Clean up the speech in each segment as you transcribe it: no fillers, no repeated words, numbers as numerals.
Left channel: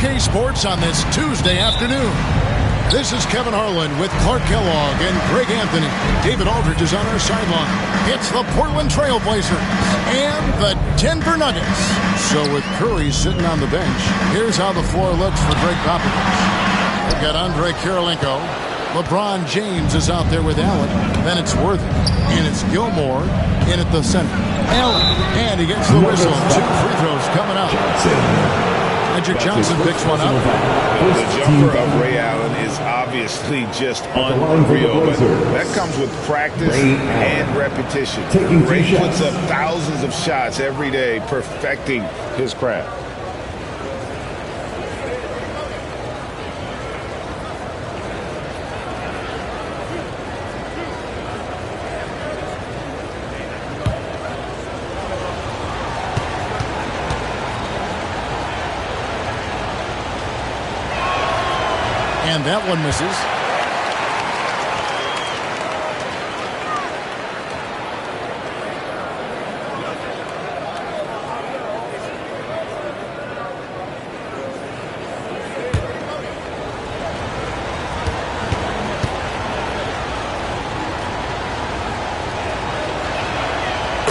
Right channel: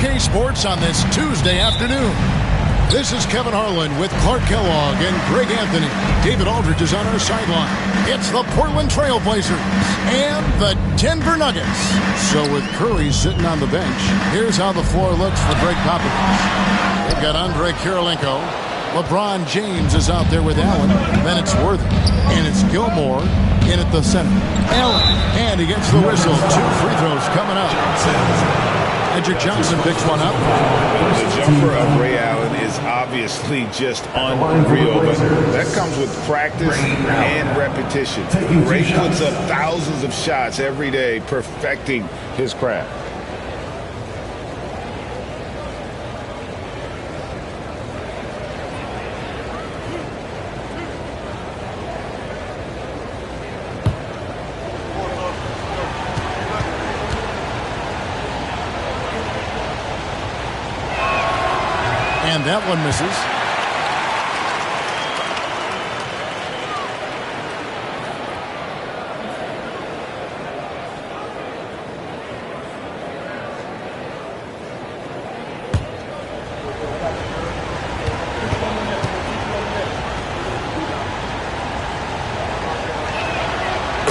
2K Sports on this Tuesday afternoon. This is Kevin Harlan with Clark Kellogg and Greg Anthony. David Aldridge is on our sideline. It's the Portland Trail Blazers and the Denver Nuggets. So with Curry sitting on the bench, here's how the floor looks for Greg Popovich. They've got Andre Kirilenko. LeBron James is out there with Allen. Then it's Worthy. And it's Gilmore in at the center. Allen. And he gets the whistle. 2 free throws coming up. Magic Johnson picks one up. The jumper of Ray Allen is obviously just unreal, but that comes with practice and repetition. Ray puts up thousands of shots every day, perfecting his craft. And that one misses.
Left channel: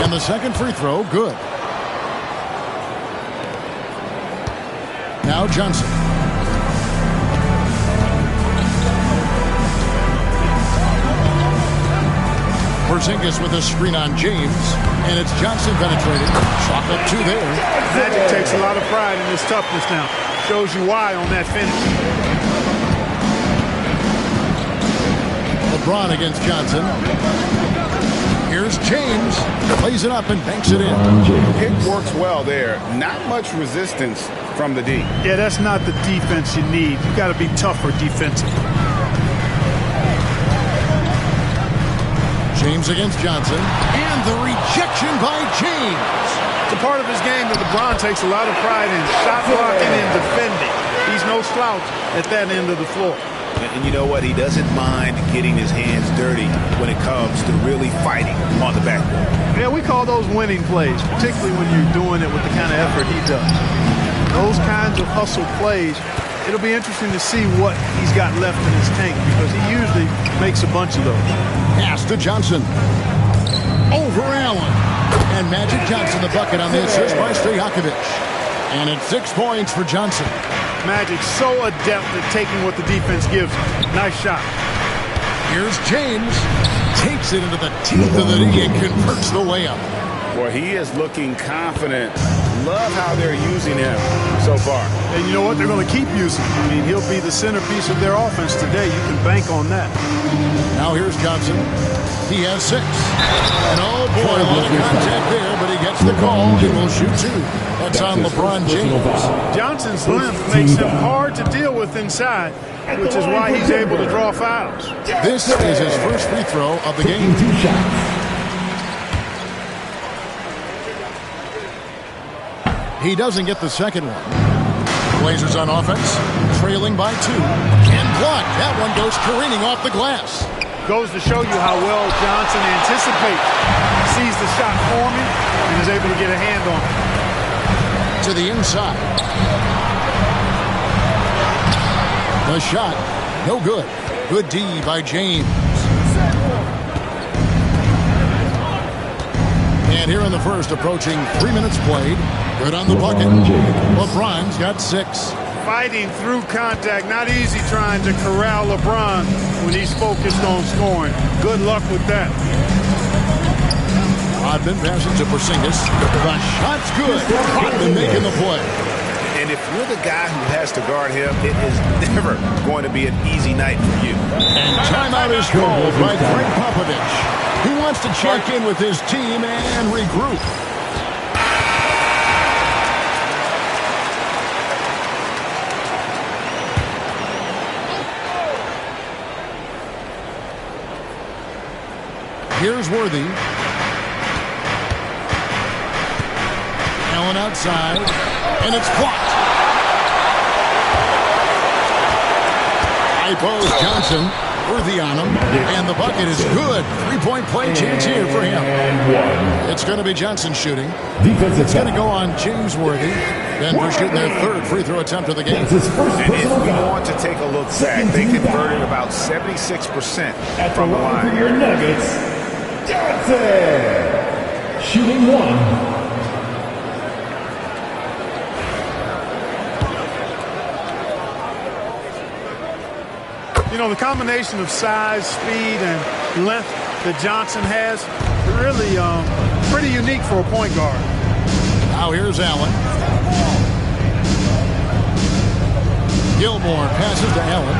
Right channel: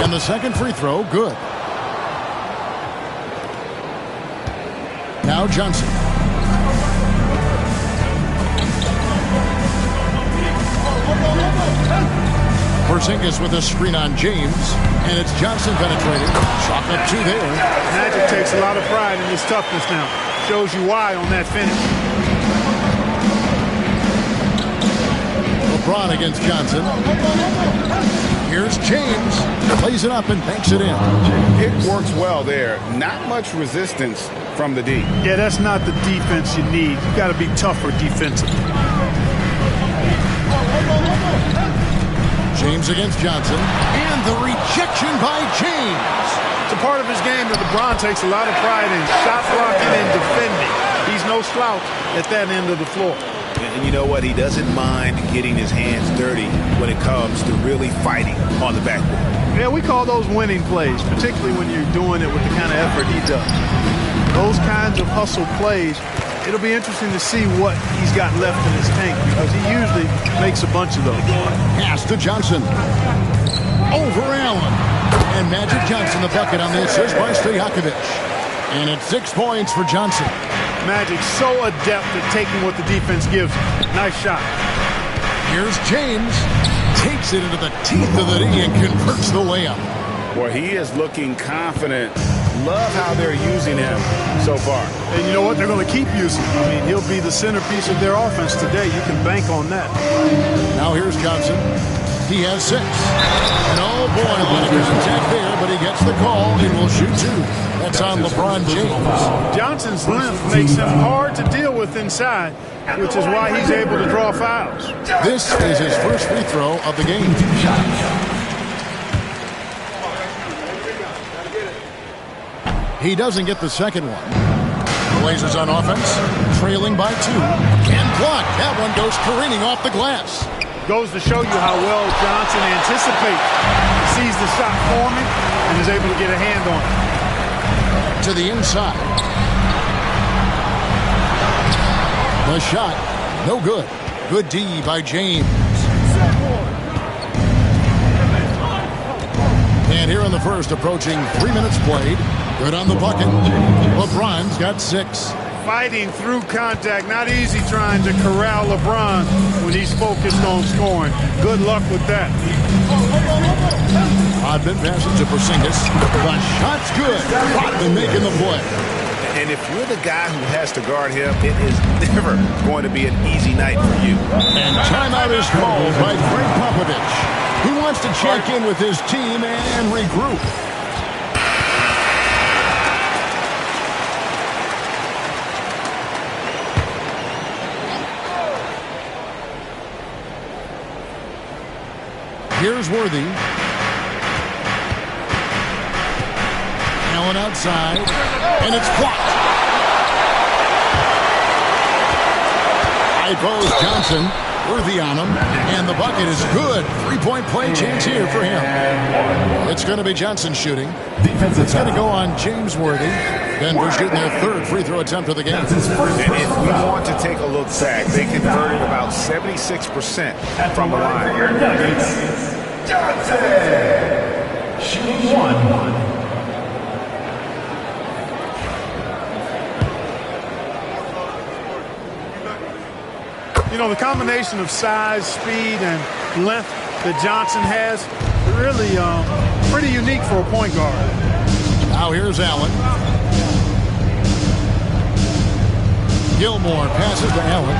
And the second free throw, good. Now Johnson. Porzingis with a screen on James, and it's Johnson penetrating. Chalk up 2 there. Magic takes a lot of pride in his toughness now. Shows you why on that finish. LeBron against Johnson. Here's James. Plays it up and banks it in. It works well there. Not much resistance from the D. Yeah, that's not the defense you need. You got to be tougher defensively. James against Johnson, and the rejection by James. It's a part of his game that LeBron takes a lot of pride in, shot blocking and defending. He's no slouch at that end of the floor. And you know what? He doesn't mind getting his hands dirty when it comes to really fighting on the backboard. Yeah, we call those winning plays, particularly when you're doing it with the kind of effort he does. Those kinds of hustle plays, it'll be interesting to see what he's got left in his tank because he usually makes a bunch of those. Pass to Johnson. Over Allen. And Magic Johnson the bucket on the assist by Stojakovic. And it's 6 points for Johnson. Magic so adept at taking what the defense gives him. Nice shot. Here's James. Takes it into the teeth of the D and converts the layup. Boy, he is looking confident. Love how they're using him so far. And you know what? They're going to keep using him. I mean, he'll be the centerpiece of their offense today. You can bank on that. Now here's Johnson. He has 6. And oh boy, a lot of contact there, but he gets the call and will shoot 2. That's on LeBron James. Johnson's length makes him hard to deal with inside, which is why he's able to draw fouls. This is his first free throw of the game. He doesn't get the second one. Blazers on offense, trailing by 2. And blocked. That one goes careening off the glass. Goes to show you how well Johnson anticipates. Sees the shot forming and is able to get a hand on it. To the inside. The shot, no good. Good D by James. And here in the first, approaching 3 minutes played. Good on the bucket. LeBron's got 6. Fighting through contact. Not easy trying to corral LeBron when he's focused on scoring. Good luck with that. Rodman passes to Porzingis. The shot's good. Rodman making the play. And if you're the guy who has to guard him, it is never going to be an easy night for you. And timeout is called by Greg Popovich. He wants to check in with his team and regroup. Here's Worthy. Allen outside, and it's blocked. High post Johnson. Worthy on him, and the bucket is good. 3-point play chance here for him. It's going to be Johnson shooting. It's going to go on James Worthy. Denver shooting their third free throw attempt of the game. And if we want to take a look back, they converted about 76% from the line. Nuggets, Johnson, shooting 1. You know, the combination of size, speed, and length that Johnson has, really pretty unique for a point guard. Now here's Allen. Gilmore passes to Allen.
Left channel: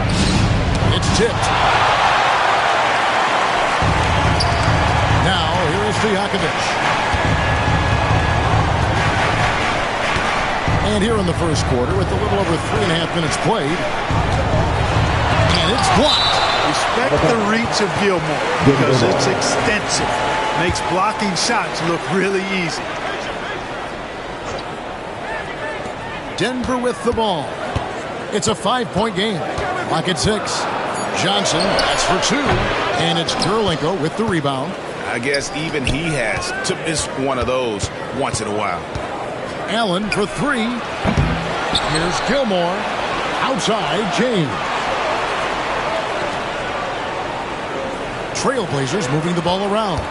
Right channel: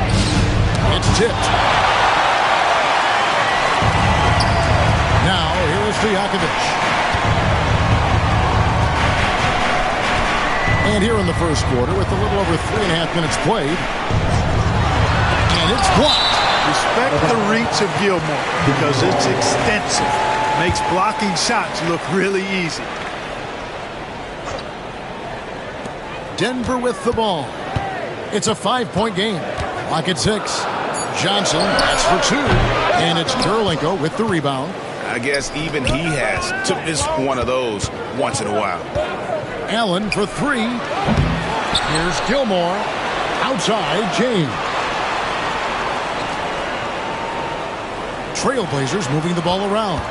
It's tipped. Now here is Stojakovic. And here in the first quarter with a little over 3.5 minutes played. And it's blocked. Respect the reach of Gilmore because it's extensive. Makes blocking shots look really easy. Denver with the ball. It's a 5-point game. Clock at 6. Johnson, that's for 2. And it's Kirilenko with the rebound. I guess even he has to miss one of those once in a while. Allen for 3. Here's Gilmore. Outside, James. Trailblazers moving the ball around.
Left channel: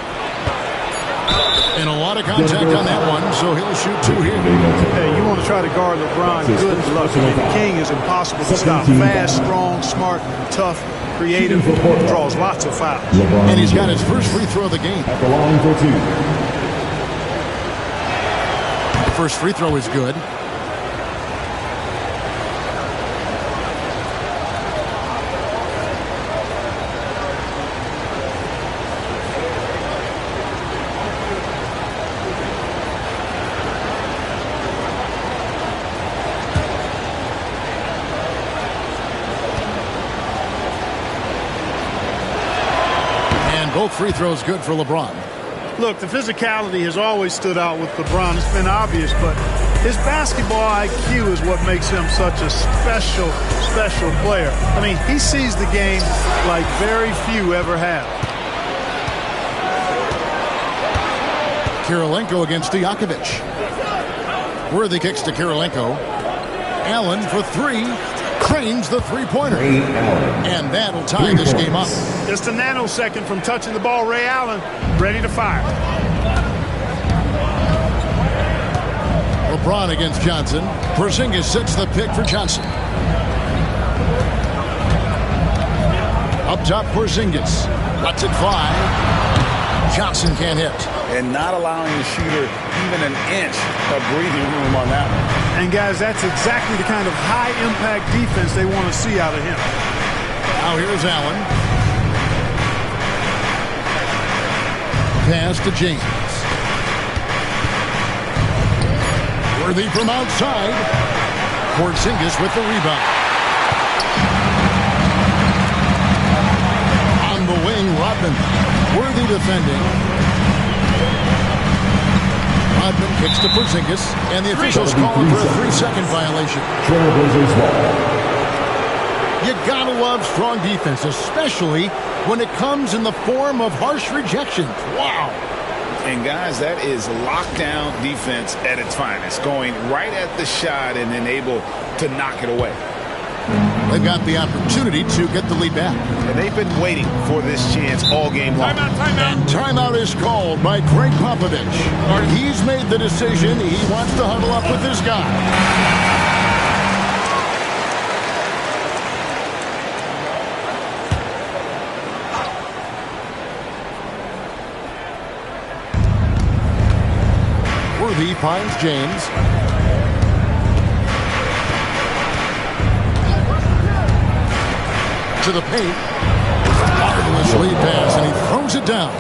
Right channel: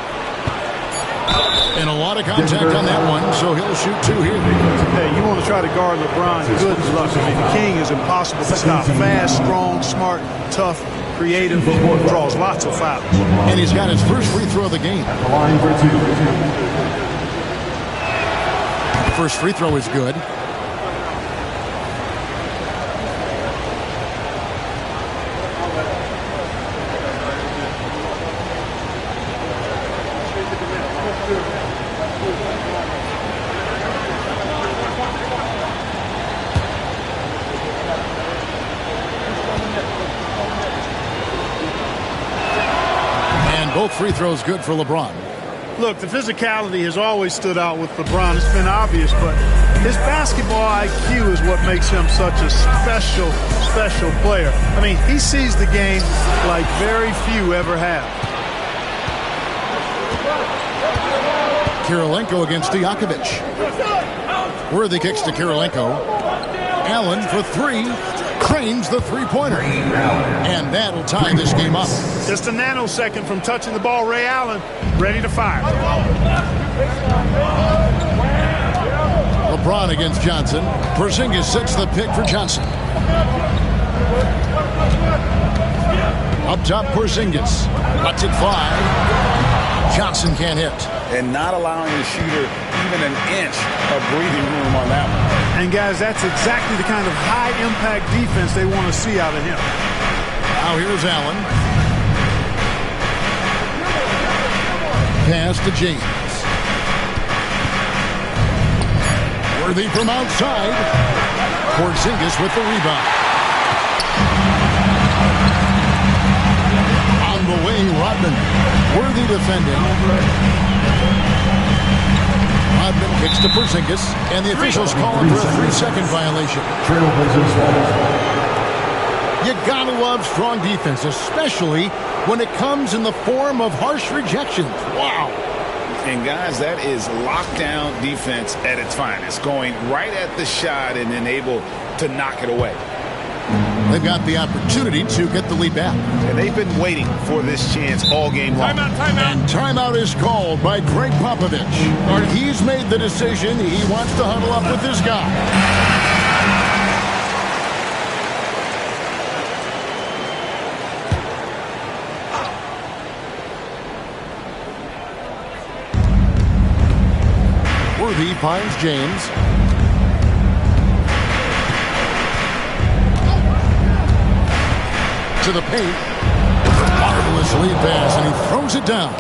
And a lot of contact on that one, so he'll shoot 2 here. Hey, you want to try to guard LeBron, good luck. I mean, the king is impossible to stop. Fast, strong, smart, tough, creative, draws lots of fouls. And he's got his first free throw of the game. At the line for 2. First free throw is good. Both free throws good for LeBron. Look, the physicality has always stood out with LeBron. It's been obvious, but his basketball IQ is what makes him such a special player. I mean, he sees the game like very few ever have. Kirilenko against Stojakovic. Worthy kicks to Kirilenko. Allen for 3. Cranes the three-pointer. And that'll tie this game up. Just a nanosecond from touching the ball. Ray Allen ready to fire. LeBron against Johnson. Porzingis sets the pick for Johnson. Up top, Porzingis. Lets it fly. Johnson can't hit. And not allowing the shooter even an inch of breathing room on that one. And, guys, that's exactly the kind of high-impact defense they want to see out of him. Now here's Allen. Pass to James. Worthy from outside. Porzingis with the rebound. On the wing, Rodman. Worthy defending. Rodman kicks to Porzingis, and the officials call him for a 3-second violation. Trailblazers ball. You gotta love strong defense, especially when it comes in the form of harsh rejections. Wow. And, guys, that is lockdown defense at its finest, going right at the shot and then able to knock it away. They've got the opportunity to get the lead back. And they've been waiting for this chance all game long. Timeout. And timeout is called by Greg Popovich. He's made the decision. He wants to huddle up with his guy. Worthy finds James. To the paint. Marvelous lead pass, and he throws it down.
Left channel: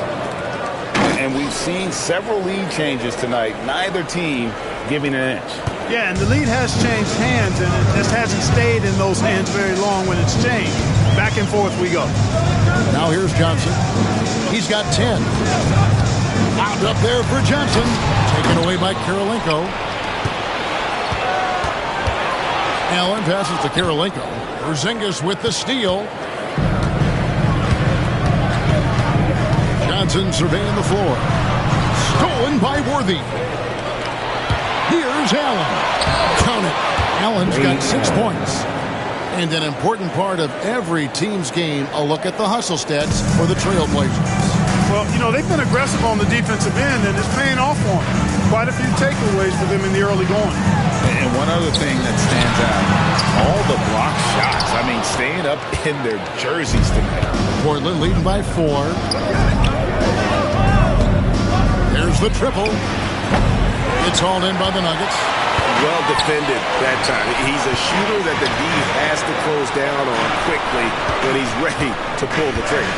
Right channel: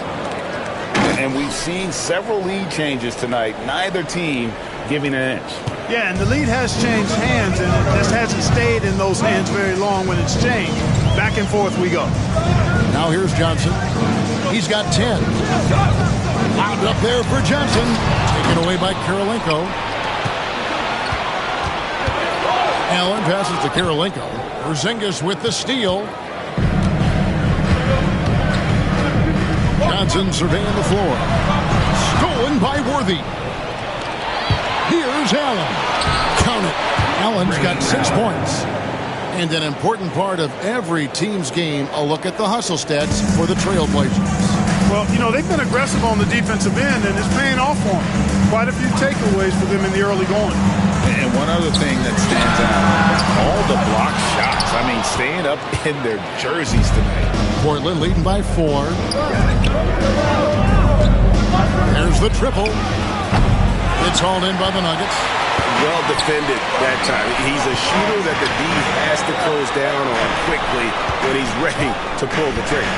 And we've seen several lead changes tonight. Neither team giving an inch. Yeah, and the lead has changed hands, and it just hasn't stayed in those hands very long when it's changed. Back and forth we go. Now here's Johnson. He's got 10. Lobbed up there for Johnson. Taken away by Kirilenko. Allen passes to Kirilenko. Porzingis with the steal. Johnson surveying the floor. Stolen by Worthy. Here's Allen. Count it. Allen's got 6 points. And an important part of every team's game, a look at the hustle stats for the Trailblazers. Well, you know, they've been aggressive on the defensive end, and it's paying off for them. Quite a few takeaways for them in the early going. And one other thing that stands out, all the block shots. I mean, staying up in their jerseys tonight. Portland leading by 4. There's the triple. It's hauled in by the Nuggets. Well defended that time. He's a shooter that the D has to close down on quickly when he's ready to pull the trigger.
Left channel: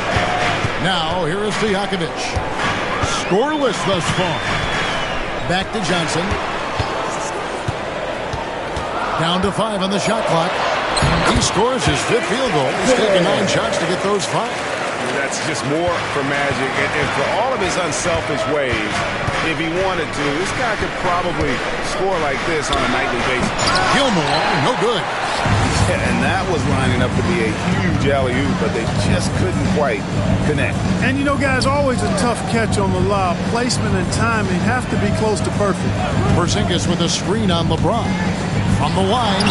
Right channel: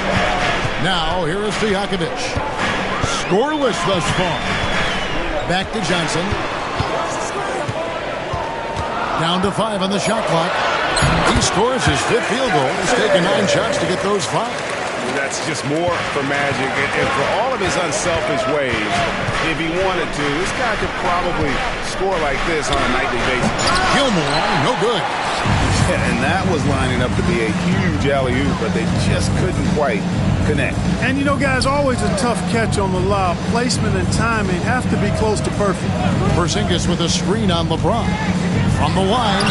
Now, here is Stojakovic. Scoreless thus far. Back to Johnson. Down to 5 on the shot clock. He scores his 5th field goal. He's taken 9 shots to get those 5. That's just more for Magic. And for all of his unselfish ways, if he wanted to, this guy could probably score like this on a nightly basis. Gilmore, no good. Yeah, and that was lining up to be a huge alley-oop, but they just couldn't quite connect. And, you know, guys, always a tough catch on the lob. Placement and timing have to be close to perfect. Porzingis with a screen on LeBron. From the line,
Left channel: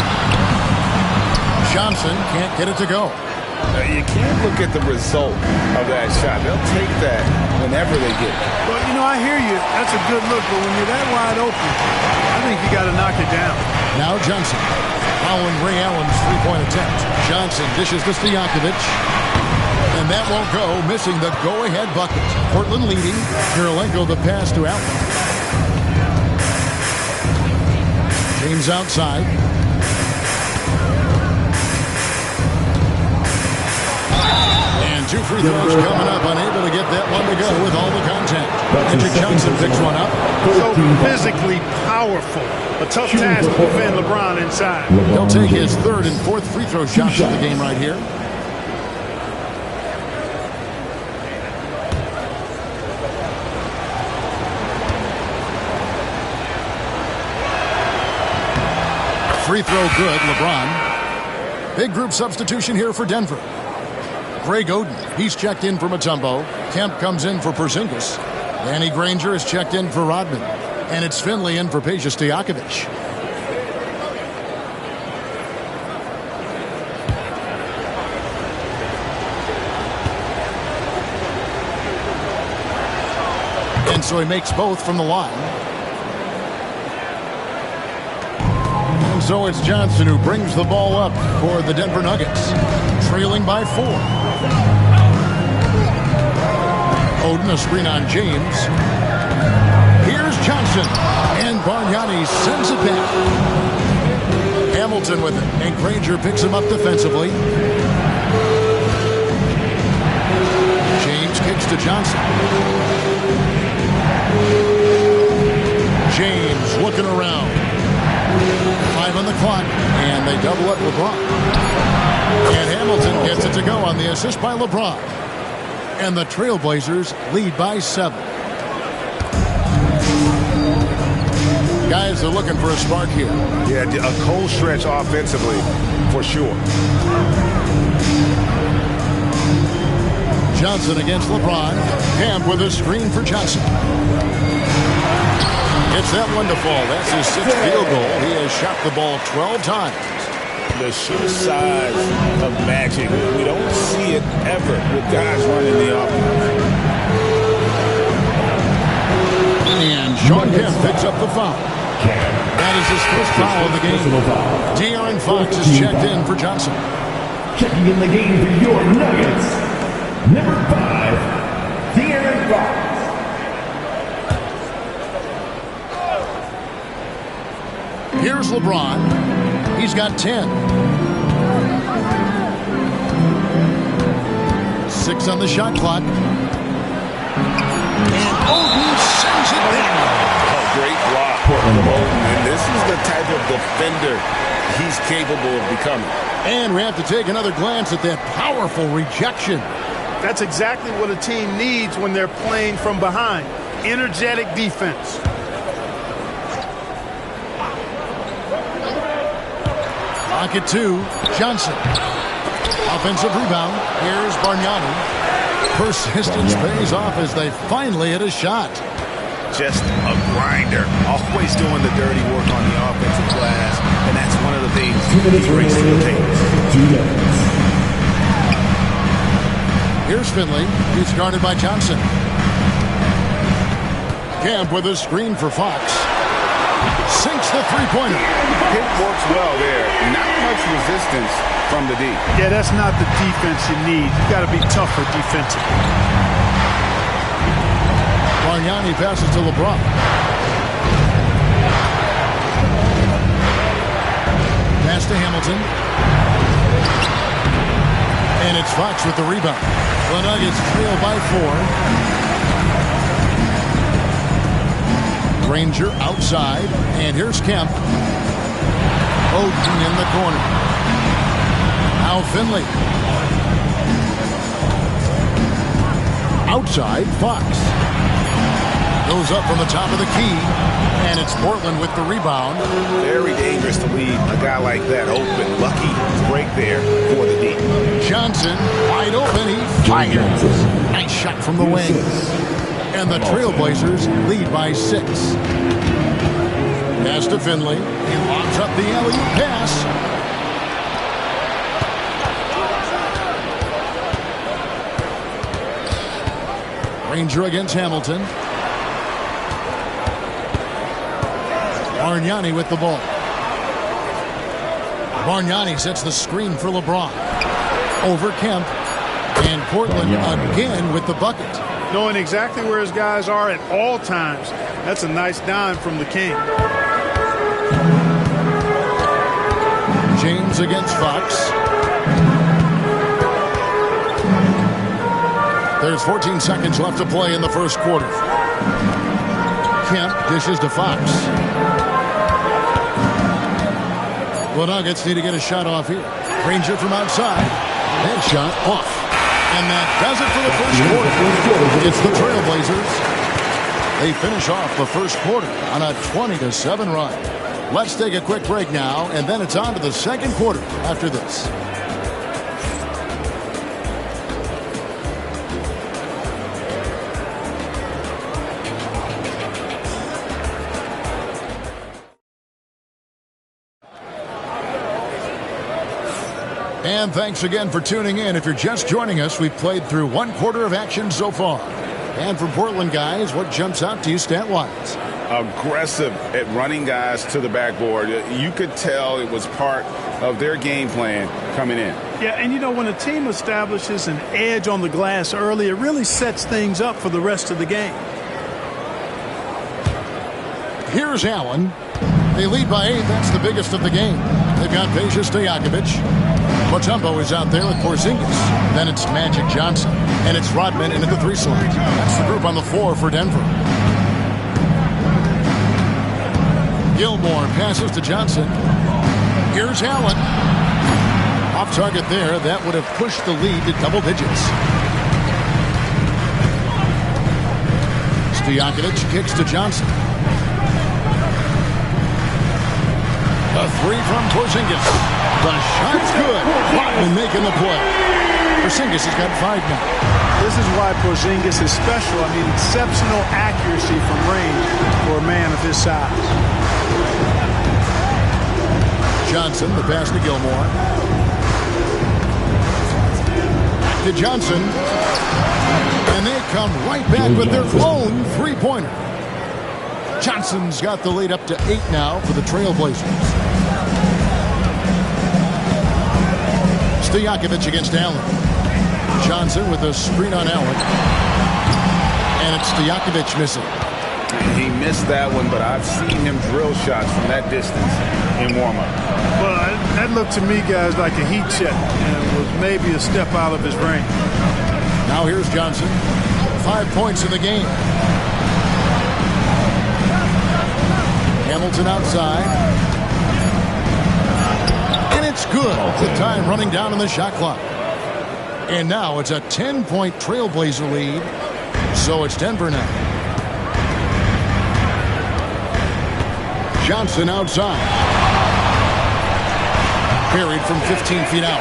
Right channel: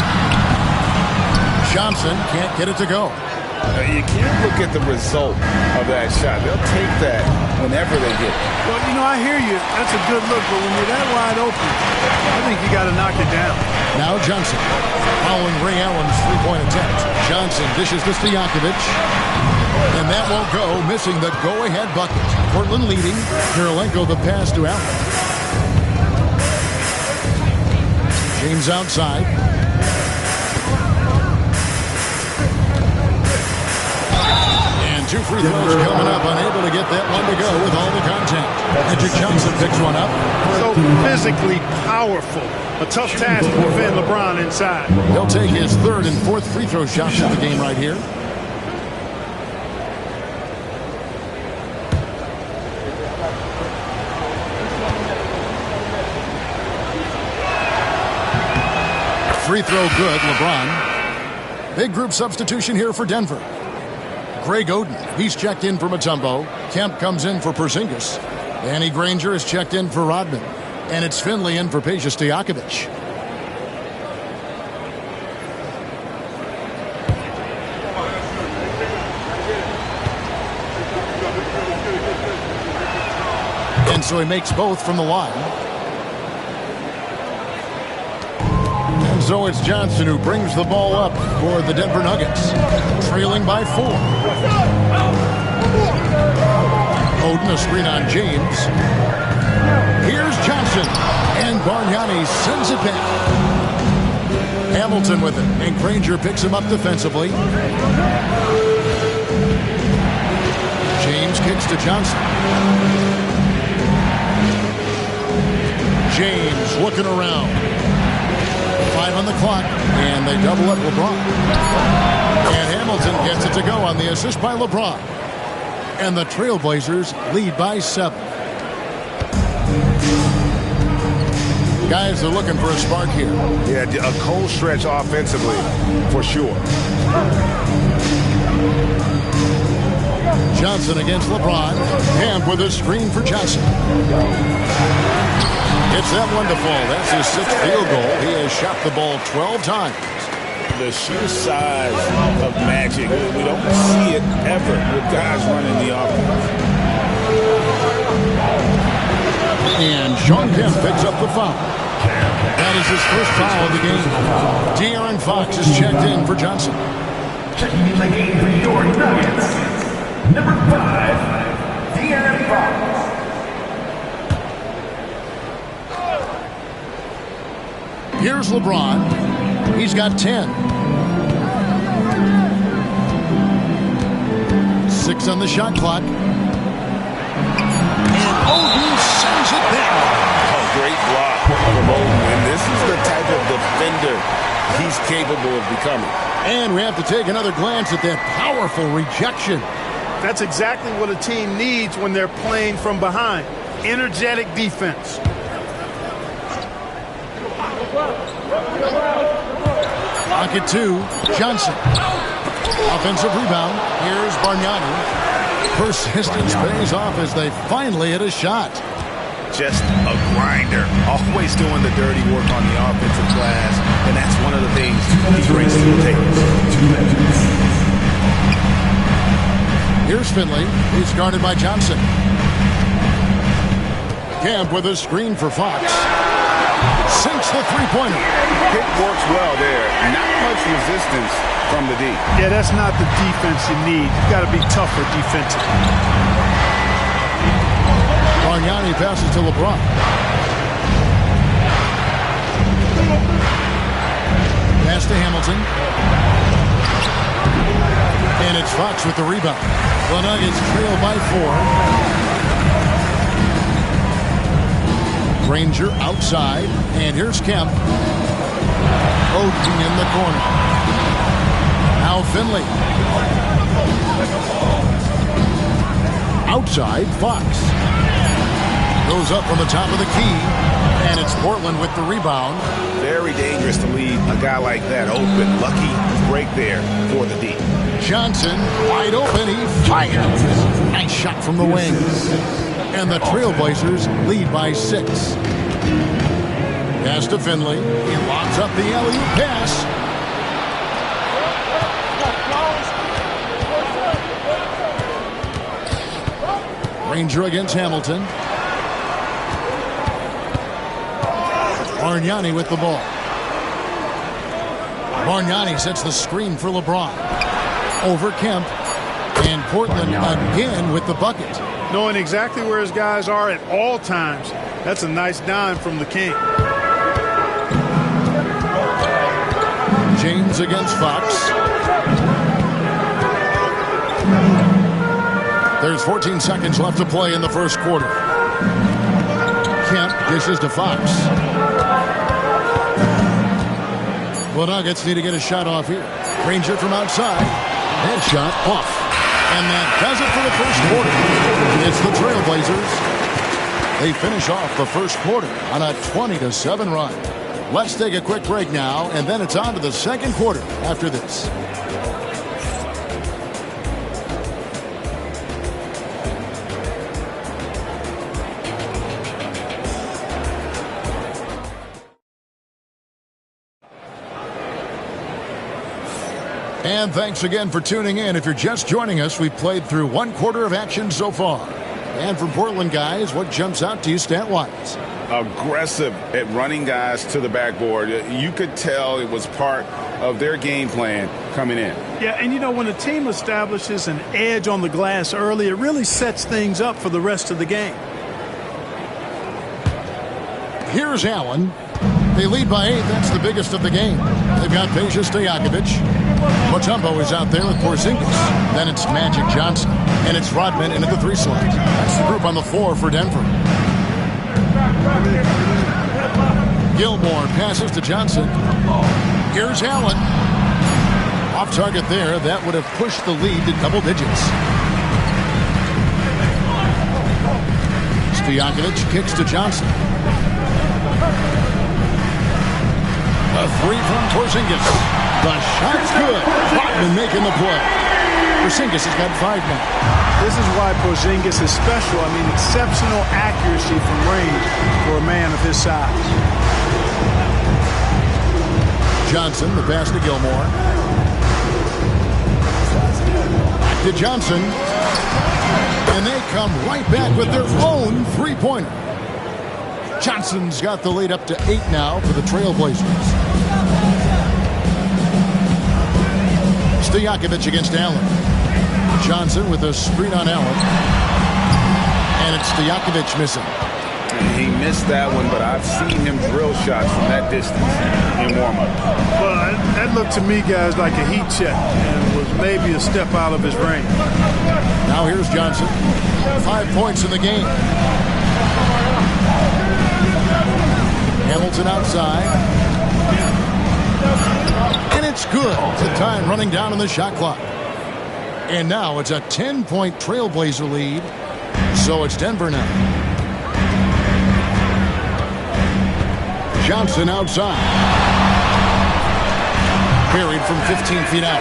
Johnson can't get it to go. You can't look at the result of that shot. They'll take that whenever they get it. Well, you know, I hear you. That's a good look, but when you're that wide open, I think you got to knock it down. Now Johnson, following Ray Allen's 3-point attempt. Johnson dishes to Stojakovic. And that won't go, missing the go-ahead bucket. Portland leading. Kirilenko the pass to Allen. James outside. And 2 free throws coming up. Unable to get that one to go with all the contact. Magic Johnson picks one up. So physically powerful. A tough task to defend LeBron inside. He'll take his 3rd and 4th free throw shots of the game right here. Free throw good, LeBron. Big group substitution here for Denver. Greg Oden, he's checked in for Mutombo. Kemp comes in for Porzingis. Danny Granger is checked in for Rodman. And it's Finley in for Peja Stojakovic. And so he makes both from the line. And so it's Johnson who brings the ball up for the Denver Nuggets, trailing by 4. Oden, a screen on James. Here's Johnson, and Bargnani sends it back. Hamilton with it, and Granger picks him up defensively. James kicks to Johnson. James looking around. 5 on the clock, and they double up LeBron. And Hamilton gets it to go on the assist by LeBron. And the Trailblazers lead by 7. Guys are looking for a spark here. Yeah, a cold stretch offensively, for sure. Johnson against LeBron. Camp with a screen for Johnson. Gets that one to fall. That's his 6th field goal. He has shot the ball 12 times. The sheer size of Magic, we don't see it ever with guys running the offense. And Sean Kemp picks up the foul. That is his first foul of the game. De'Aaron Fox is checked in for Johnson. Checking in the game for your Nuggets, number 5, De'Aaron Fox. Here's LeBron. He's got 10. 6 on the shot clock. And Oden sends it down. Oh, great block from Oden. And this is the type of defender he's capable of becoming. And we have to take another glance at that powerful rejection. That's exactly what a team needs when they're playing from behind. Energetic defense. Pocket 2, Johnson. Offensive rebound. Here's Bargnani. Persistence pays off as they finally hit a shot. just a grinder, always doing the dirty work on the offensive glass, and that's one of the things he brings to the table. 2 minutes. Here's Finley. He's guarded by Johnson. Camp with a screen for Fox. Sinks the three-pointer. Pick works well there. Not much resistance from the D. Yeah, that's not the defense you need. You've got to be tougher defensively. Bargnani passes to LeBron. Pass to Hamilton. And it's Fox with the rebound. The Nuggets trail by 4. Granger outside. And here's Kemp. Oden in the corner. Now Finley. Outside, Fox. Goes up from the top of the key. And it's Portland with the rebound. Very dangerous to leave a guy like that open. Lucky break there for the D. Johnson, wide open. He fires. Nice shot from the wing. And the Trailblazers lead by 6. Pass to Finley. He lobs up the alley-oop pass. Granger against Hamilton. Bargnani with the ball. Bargnani sets the screen for LeBron. Over Kemp. And Portland again with the bucket. Knowing exactly where his guys are at all times. That's a nice dime from the King. James against Fox. There's 14 seconds left to play in the first quarter. Kemp dishes to Fox. The Nuggets need to get a shot off here. Granger from outside. That shot off. And that does it for the first quarter. It's the Trailblazers. They finish off the first quarter on a 20-7 run. Let's take a quick break now, and then it's on to the second quarter after this. And thanks again for tuning in. If you're just joining us, we've played through one quarter of action so far. And from Portland, guys, what jumps out to you stat-wise? Aggressive at running guys to the backboard. You could tell it was part of their game plan coming in. Yeah, and you know, when a team establishes an edge on the glass early, it really sets things up for the rest of the game. Here's Allen. They lead by 8. That's the biggest of the game. They've got Peja Stojakovic. Mutombo is out there with Porzingis. Then it's Magic Johnson. And it's Rodman into the 3 slot. That's the group on the floor for Denver. Gilmore passes to Johnson. Here's Allen. Off target there. That would have pushed the lead to double digits. Stojakovic kicks to Johnson. The 3 from Porzingis. The shot's good. Rodman making the play. Porzingis has got 5 now. This is why Porzingis is special. I mean, exceptional accuracy from range for a man of his size. Johnson, the pass to Gilmore. Back to Johnson. And they come right back with their own 3-pointer. Johnson's got the lead up to 8 now for the Trailblazers. Stojakovic against Allen. Johnson with a screen on Allen. And it's Stojakovic missing. He missed that one, but I've seen him drill shots from that distance in warm-up. Well, that looked to me, guys, like a heat check and was maybe a step out of his range. Now here's Johnson. 5 points in the game. Hamilton outside. And it's good. The time running down on the shot clock. And now it's a 10-point Trailblazer lead. So it's Denver now. Johnson outside. Buried from 15 feet out.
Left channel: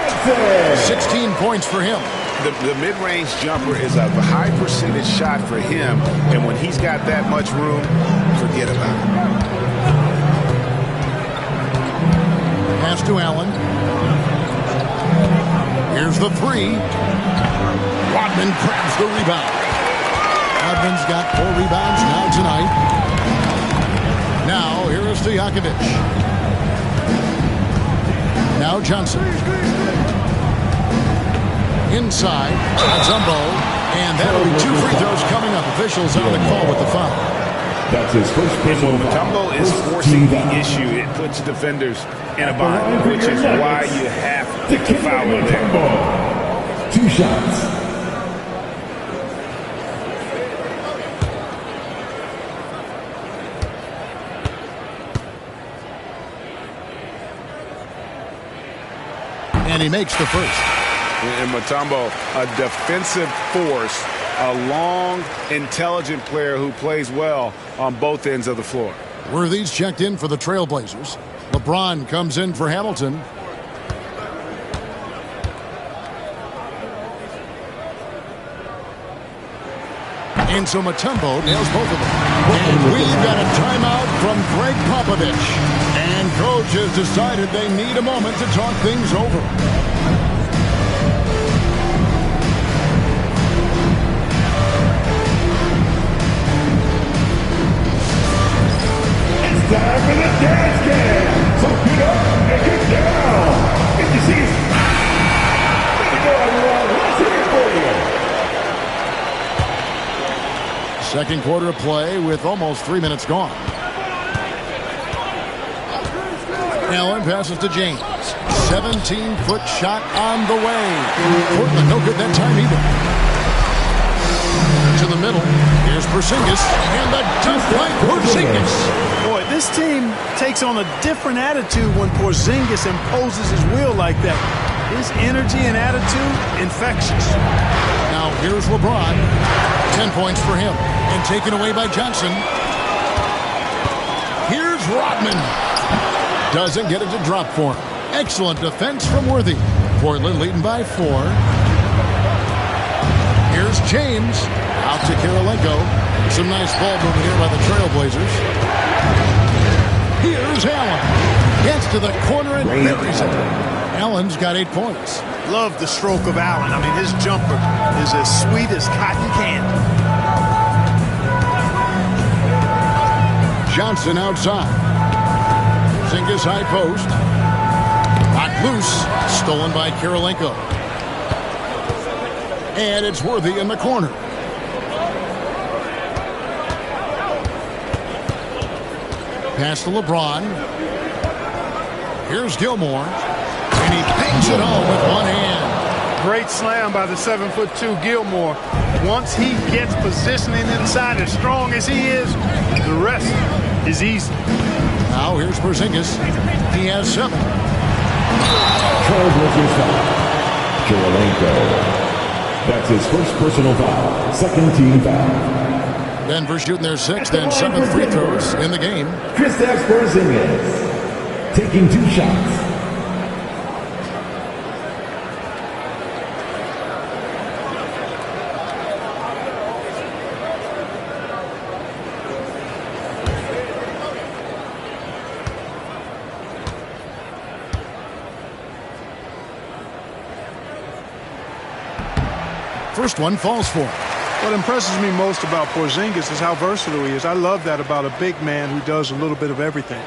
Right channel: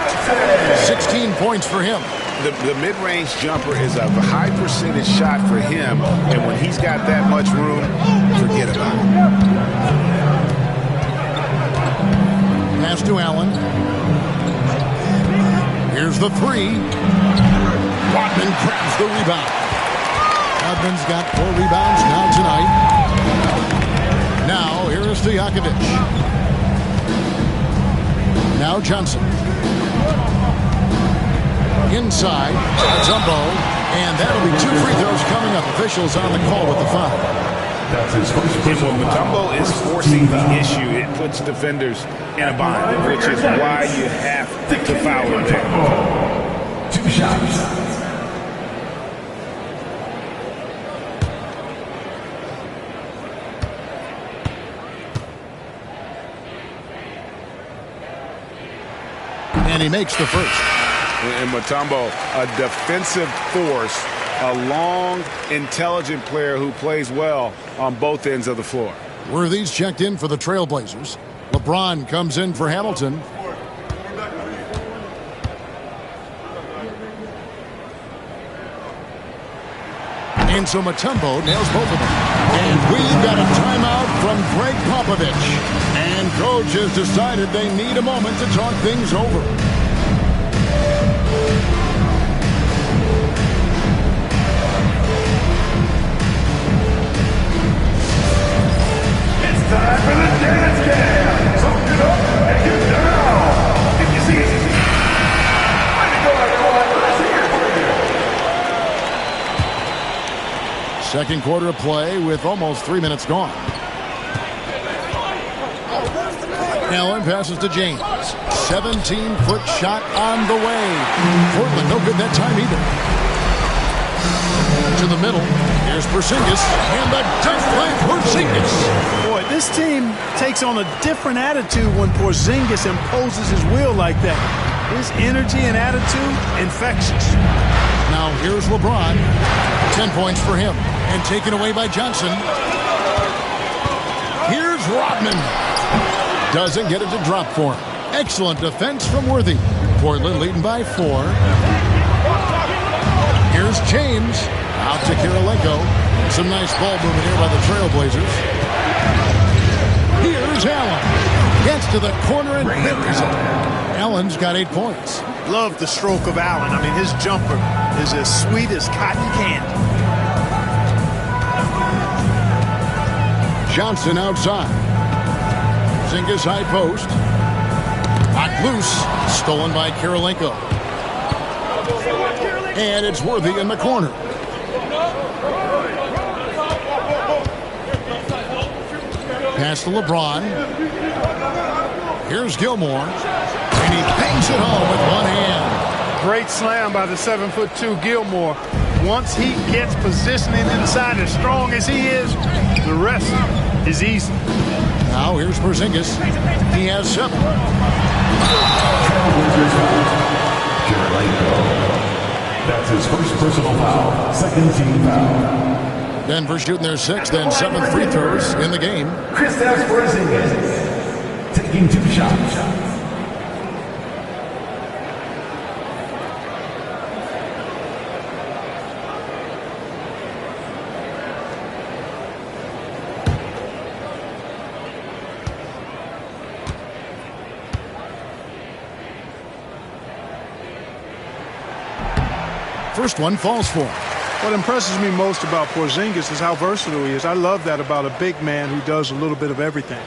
16 points for him. The mid-range jumper is a high percentage shot for him, and when he's got that much room, forget about it. Pass to Allen. Here's the three. Rodman grabs the rebound. Rodman's got 4 rebounds now tonight. Now, here is Stojakovic. Now Johnson. Inside, Mutombo, and that'll be 2 free throws coming up. Officials on the call with the foul. That's his first And personal when Mutombo is forcing the issue, it puts defenders in a bind, which is why you have to foul him there. 2 shots. And he makes the first. And Mutombo, a defensive force, a long, intelligent player who plays well on both ends of the floor. Worthy's checked in for the Trailblazers. LeBron comes in for Hamilton. And so Mutombo nails both of them. And we've got a timeout from Greg Popovich. And coach has decided they need a moment to talk things over. Time for the dance cam. So get up and get down. If you see it, ready to go, everyone. Let's hear it for you. Second quarter of play with almost 3 minutes gone. Allen passes to James. 17-foot shot on the way. Portland no good that time either. To the middle. Here's Porzingis, and the dunk by Porzingis. Boy, this team takes on a different attitude when Porzingis imposes his will like that. His energy and attitude, infectious. Now here's LeBron. 10 points for him, and taken away by Johnson. Here's Rodman. Doesn't get it to drop for him. Excellent defense from Worthy. Portland leading by 4. Here's James. Out to Kirilenko. Some nice ball movement here by the Trailblazers. Here's Allen. Gets to the corner and buries it. Allen's got 8 points. Love the stroke of Allen. I mean, his jumper is as sweet as cotton candy. Johnson outside. Porzingis high post. Knocked loose. Stolen by Kirilenko. And it's Worthy in the corner. Pass to LeBron. Here's Gilmore. And he bangs it home with one hand. Great slam by the 7'2" Gilmore. Once he gets positioning inside as strong as he is, the rest is easy. Now here's Porzingis. He has 7. Trailblazers foul. Kirilenko. That's his first personal foul. Second team foul. Denver shooting their 6th and 7th free throws in the game. Kristaps Porzingis taking 2 shots. First one falls for him. What impresses me most about Porzingis is how versatile he is. I love that about a big man who does a little bit of everything.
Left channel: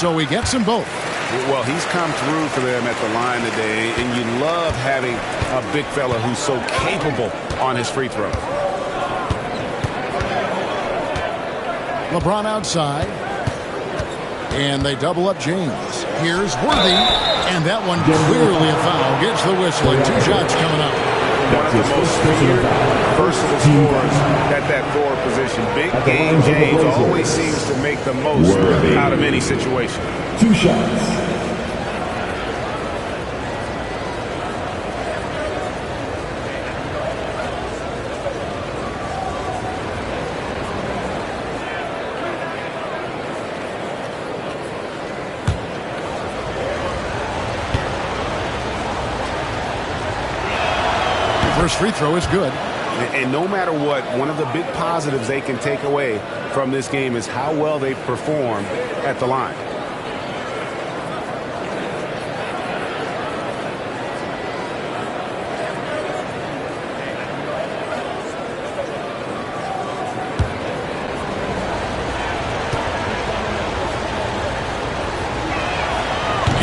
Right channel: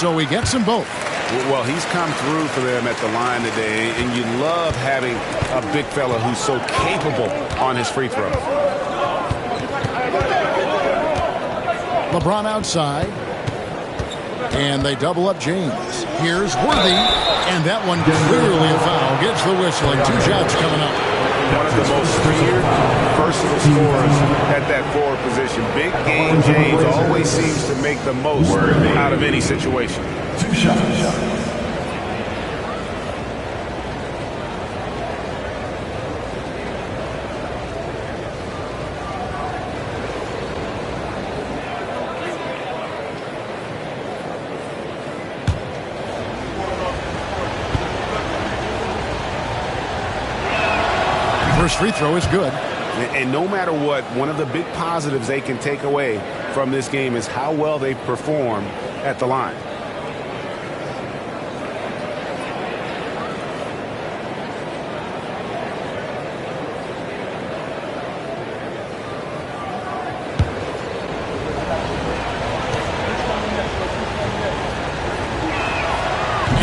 So he gets them both. Well, he's come through for them at the line today, and you love having a big fella who's so capable on his free throws. LeBron outside. And they double up James. Here's Worthy. And that one clearly a foul. Gets the whistle, and 2 shots coming up. One of the most feared, versatile scorers at that forward position. Big game James always seems to make the most out of any situation. 2 shots. First free throw is good. And no matter what, one of the big positives they can take away from this game is how well they perform at the line.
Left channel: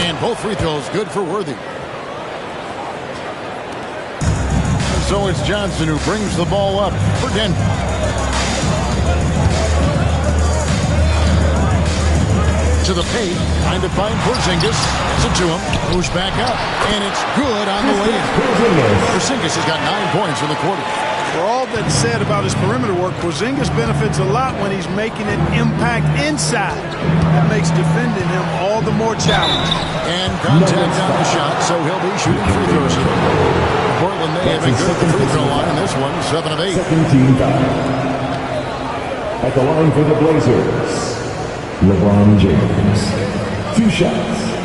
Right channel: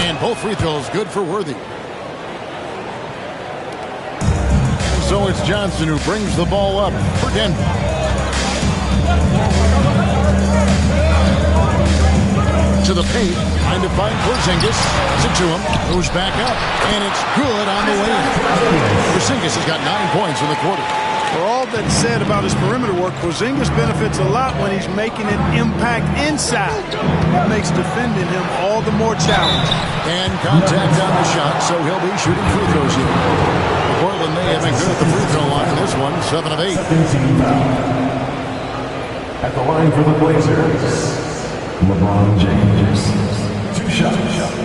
And both free throws good for Worthy. So it's Johnson who brings the ball up for Denver. To the paint, trying to find Porzingis. Does it to him. Moves back up, and it's good on the way in. Porzingis has got 9 points in the quarter. For all that's said about his perimeter work, Porzingis benefits a lot when he's making an impact inside. That makes defending him all the more challenging. And contact on the shot, so he'll be shooting free throws here. Portland may have been good at the free throw line. This one, 7 of 8. At the line for the Blazers, LeBron James. 2 shots.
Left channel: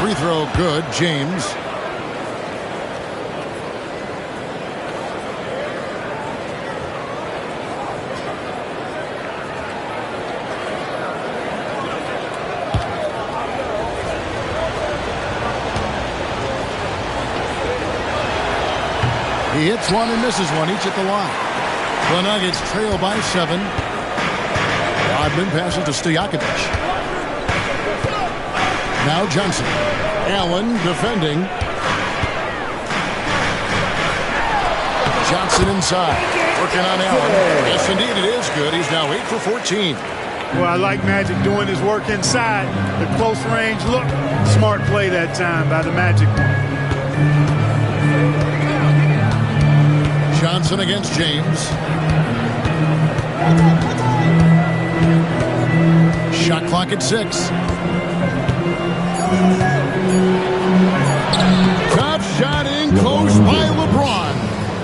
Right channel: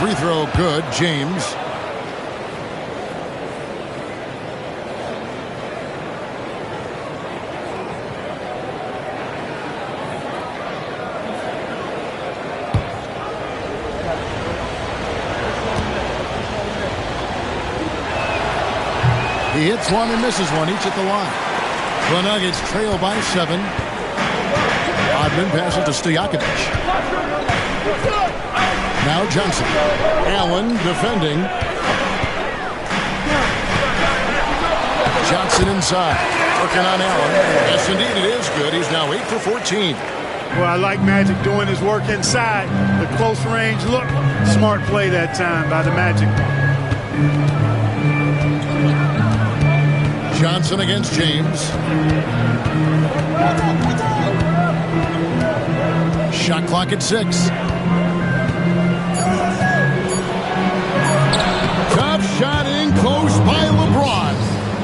Free throw good, James. He hits one and misses one, each at the line. The Nuggets trail by 7. Rodman passes to Stojakovic. Now Johnson. Allen defending. Johnson inside. Working on Allen. Yes, indeed, it is good. He's now 8 for 14. Well, I like Magic doing his work inside. The close range look. Smart play that time by the Magic. Johnson against James. Shot clock at 6. Top shot in close by LeBron.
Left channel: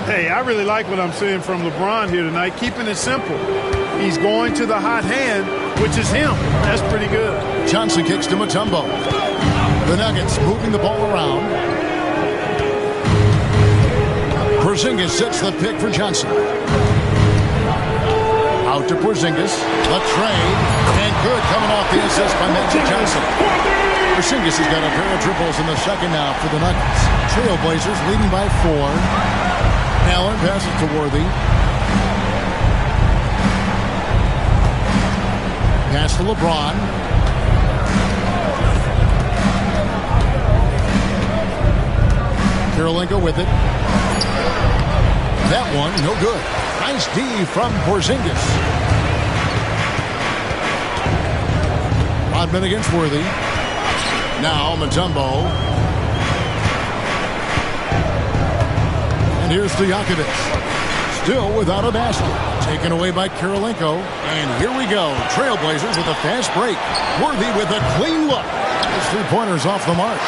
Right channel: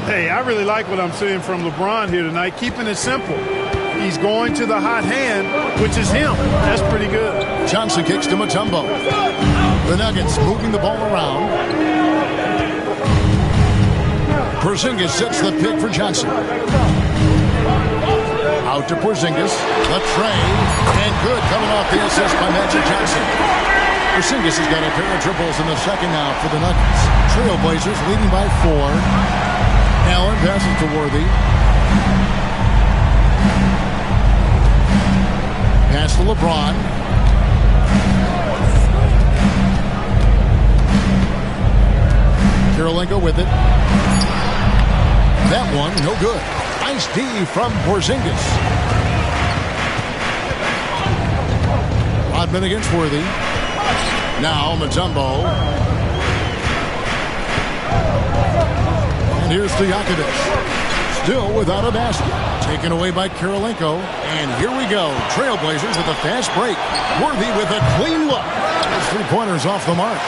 Hey, I really like what I'm seeing from LeBron here tonight. Keeping it simple. He's going to the hot hand, which is him. That's pretty good. Johnson kicks to Mutombo. The Nuggets moving the ball around. Porzingis sets the pick for Johnson. Out to Porzingis. Latre. And good coming off the assist by Magic Johnson. Porzingis has got a pair of triples in the second now for the Nuggets. Trailblazers leading by 4. Allen passes to Worthy. Pass to LeBron. Kirilenko with it. That one, no good. Nice D from Porzingis. Rodman against Worthy. Now Mutombo. And here's Stojakovic. Still without a basket. Taken away by Kirilenko. And here we go. Trailblazers with a fast break. Worthy with a clean look. His 3-pointers off the mark.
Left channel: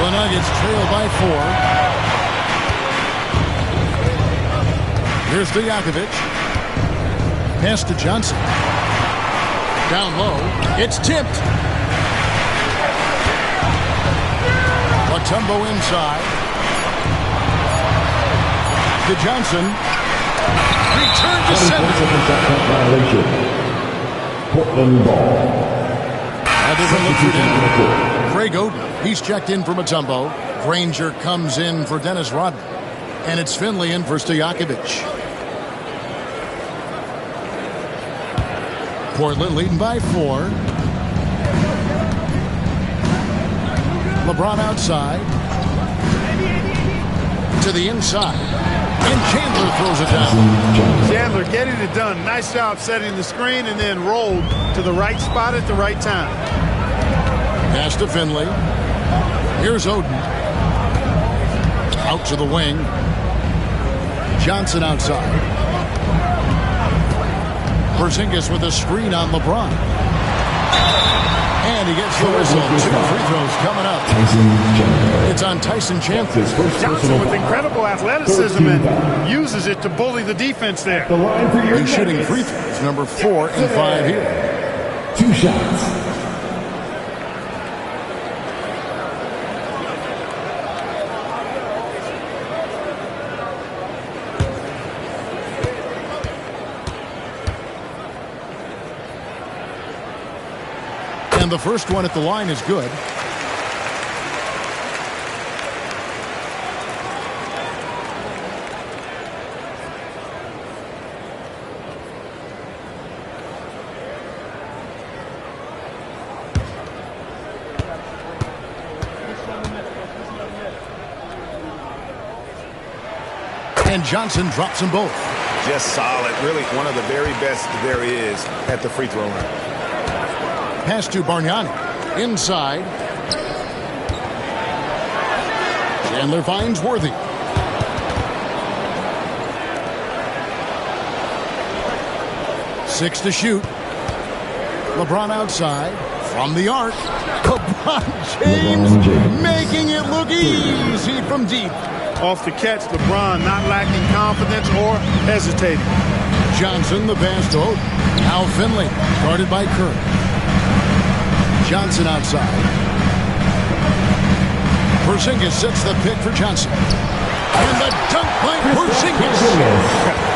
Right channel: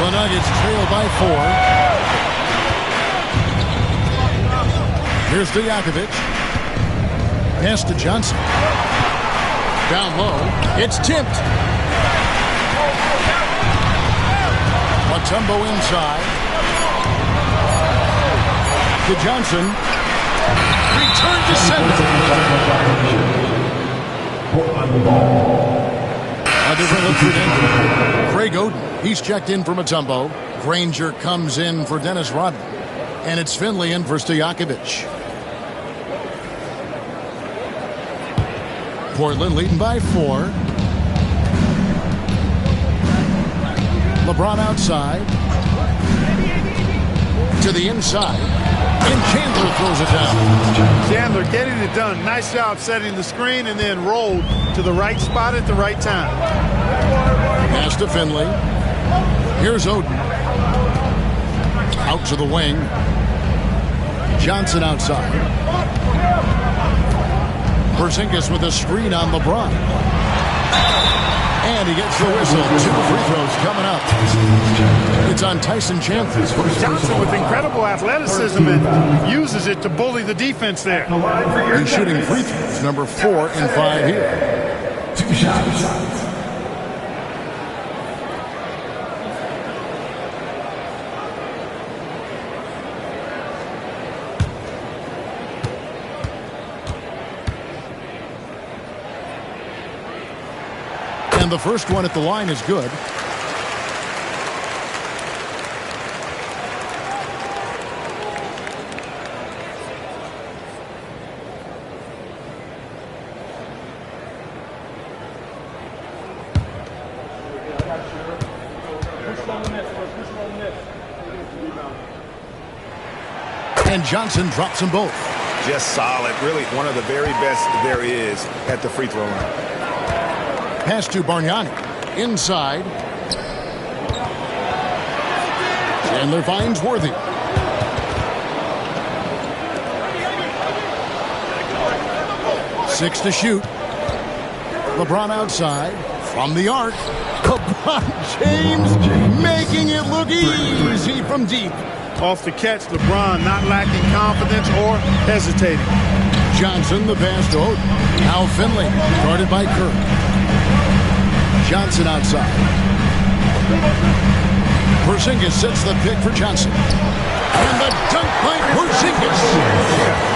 The Nuggets trail by 4. Here's Stojakovic. Pass to Johnson. Down low. It's tipped. Mutombo inside. To Johnson. Return to sender. Portland ball. A different look for Denver. Craig Oden. He's checked in for Mutombo. Granger comes in for Dennis Rodman. And it's Finley in for Stojakovic. Portland leading by 4. LeBron outside. To the inside. And Chandler throws it down. Chandler getting it done. Nice job setting the screen and then rolled to the right spot at the right time. Pass to Finley. Here's Oden. Out to the wing. Johnson outside. Porzingis with a screen on LeBron. And he gets the whistle. 2 free throws coming up. It's on Tyson Chandler. Johnson with incredible athleticism and uses it to bully the defense there. He's shooting free throws, number 4 and 5 here. 2 shots. And the first one at the line is good. And Johnson drops them both. Just solid. Really one of the very best there is at the free throw line. Pass to Bargnani. Inside. Chandler finds Worthy. Six to shoot. LeBron outside. From the arc. LeBron James making it look easy from deep. Off the catch, LeBron not lacking confidence or hesitating. Johnson, the pass to Oden. Now Finley, guarded by Kirk. Johnson outside. Porzingis sets the pick for Johnson. And the dunk by Porzingis.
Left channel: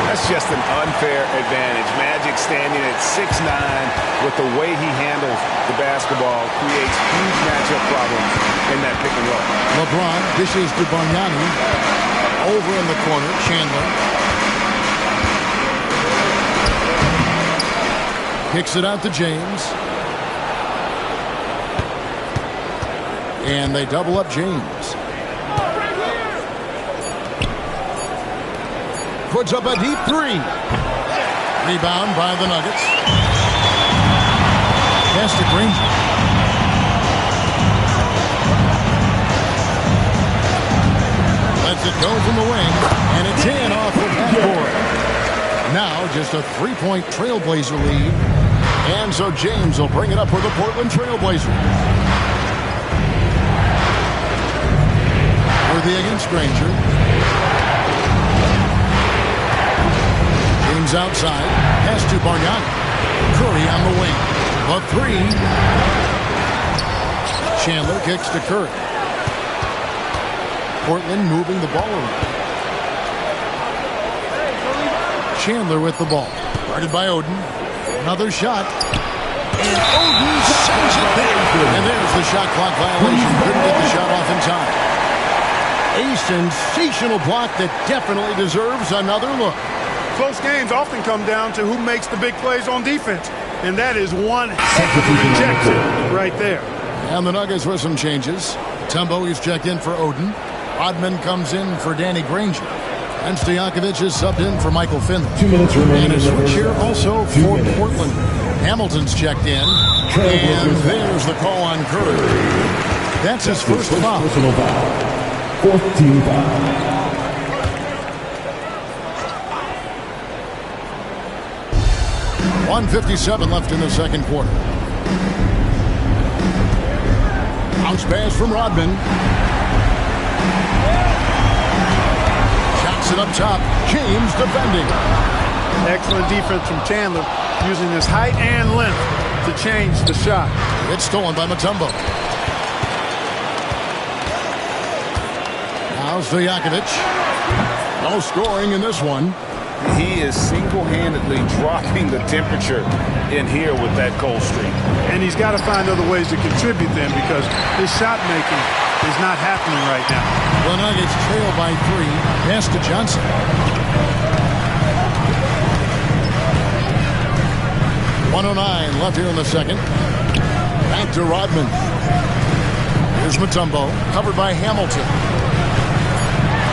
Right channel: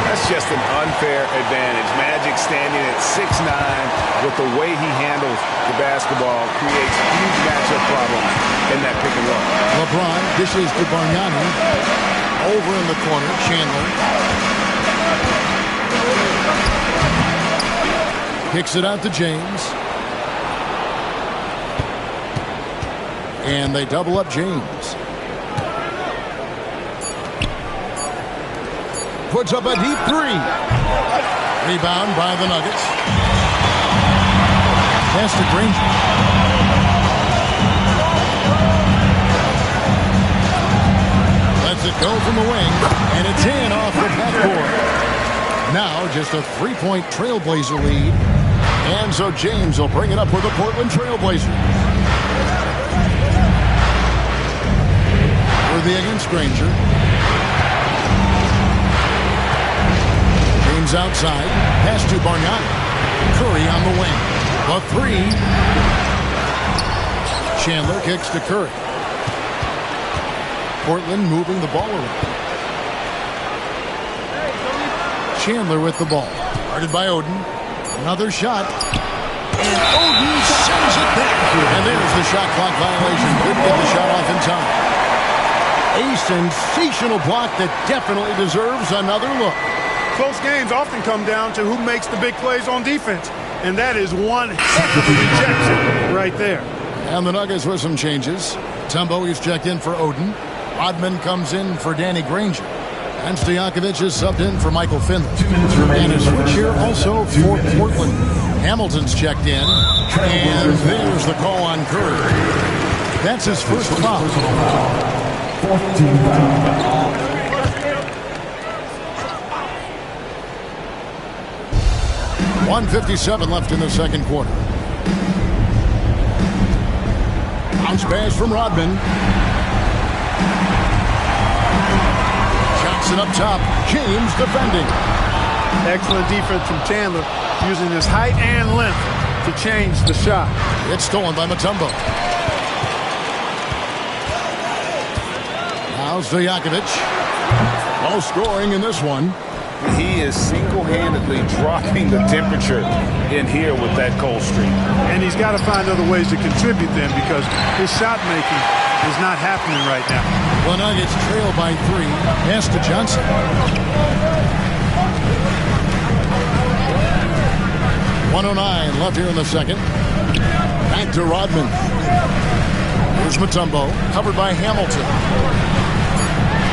That's just an unfair advantage. Magic standing at 6'9", with the way he handles the basketball creates huge matchup problems in that pick and roll. LeBron dishes to Bargnani. Over in the corner, Chandler. Kicks it out to James. And they double up James. Puts up a deep 3. Rebound by the Nuggets. Pass to Granger. Lets it go from the wing. And it's in off the backboard. Now just a 3-point Trailblazer lead. And so James will bring it up for the Portland Trailblazers. Worthy against Granger. James outside. Pass to Bargnani. Curry on the wing. The 3. Chandler kicks to Curry. Portland moving the ball around. Chandler with the ball. Guarded by Oden. Another shot. And Oden sends it back. And there's the shot clock violation. Couldn't get the shot off in time. A sensational block that definitely deserves another look. Close games often come down to who makes the big plays on defense. And that is one heck of a rejection right there. And the Nuggets with some changes. Tumbo is checked in for Oden. Rodman comes in for Danny Granger. And Stojakovic is subbed in for Michael Finley. 2 minutes remaining. And a switch here also for Portland. Hamilton's checked in. And there's the call on Curry. That's his first foul. 4th team foul. .157 left in the second quarter. Bounce pass from Rodman. Johnson up top. James defending. Excellent defense from Chandler, using his height and length to change the shot. It's stolen by Mutombo. Now Stojakovic. No scoring in this one. He is single-handedly dropping the temperature in here with that cold streak. And he's got to find other ways to contribute then, because his shot making is not happening right now. The Nuggets trail by 3. Pass to Johnson. .109 left here in the second. Back to Rodman. Here's Mutombo, covered by Hamilton.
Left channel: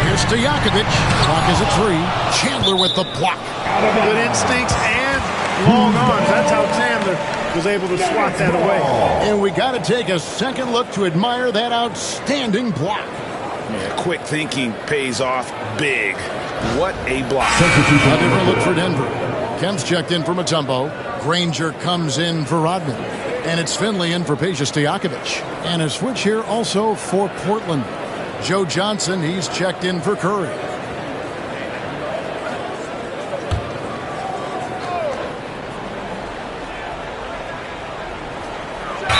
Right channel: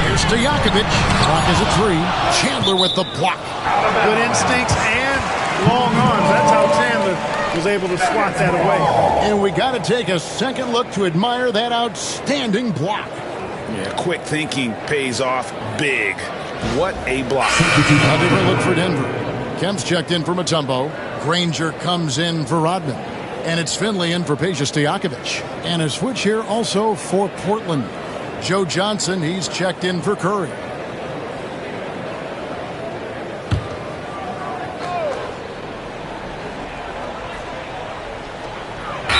Here's Stojakovic. Clock is at 3. Chandler with the block. Good instincts and long arms. That's how Chandler was able to swat that away. And we got to take a second look to admire that outstanding block. Yeah, quick thinking pays off big. What a block. A different look for Denver. Kemp's checked in for Mutombo. Granger comes in for Rodman. And it's Finley in for Peja Stojakovic. And a switch here also for Portland. Joe Johnson, he's checked in for Curry.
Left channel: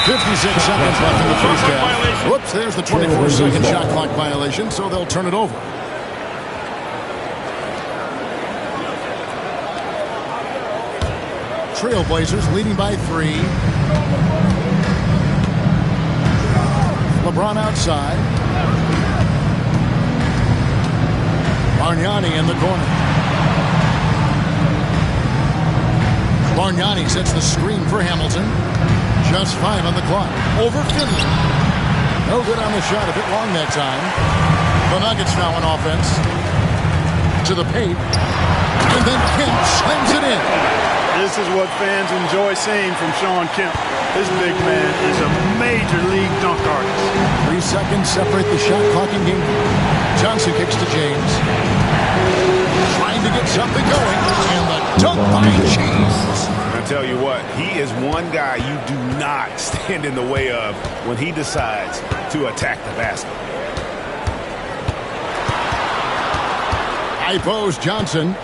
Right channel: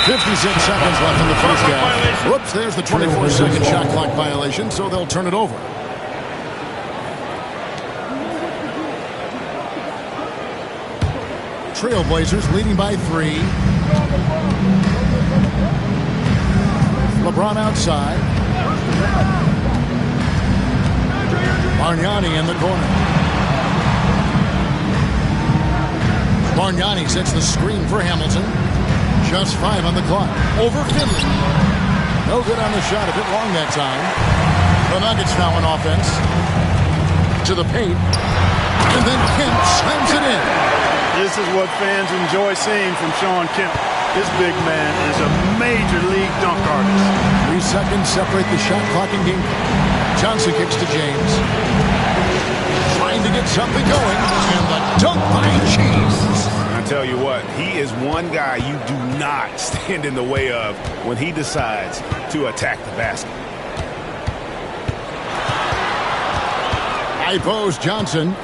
.56 seconds left in the first half. Whoops, there's the 24-second shot clock violation, so they'll turn it over. Trailblazers leading by 3. LeBron outside. Bargnani in the corner. Bargnani sets the screen for Hamilton. Just 5 on the clock. Over Finley. No good on the shot. A bit long that time. The Nuggets now on offense. To the paint. And then Kemp slams it in. This is what fans enjoy seeing from Shawn Kemp. This big man is a major league dunk artist. 3 seconds separate the shot clock and game clock. Johnson kicks to James. Trying to get something going. And the dunk by James. I tell you what, he is one guy you do not stand in the way of when he decides to attack the basket. High post Johnson.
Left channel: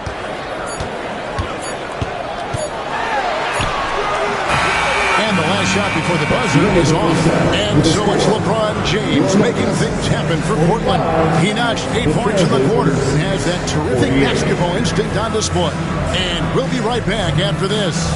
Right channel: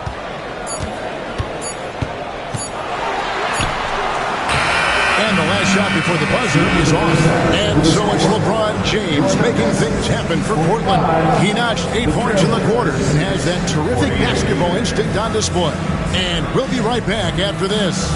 And the last shot before the buzzer is off. And so it's LeBron James making things happen for Portland. He notched 8 points in the quarter and has that terrific basketball instinct on display. And we'll be right back after this.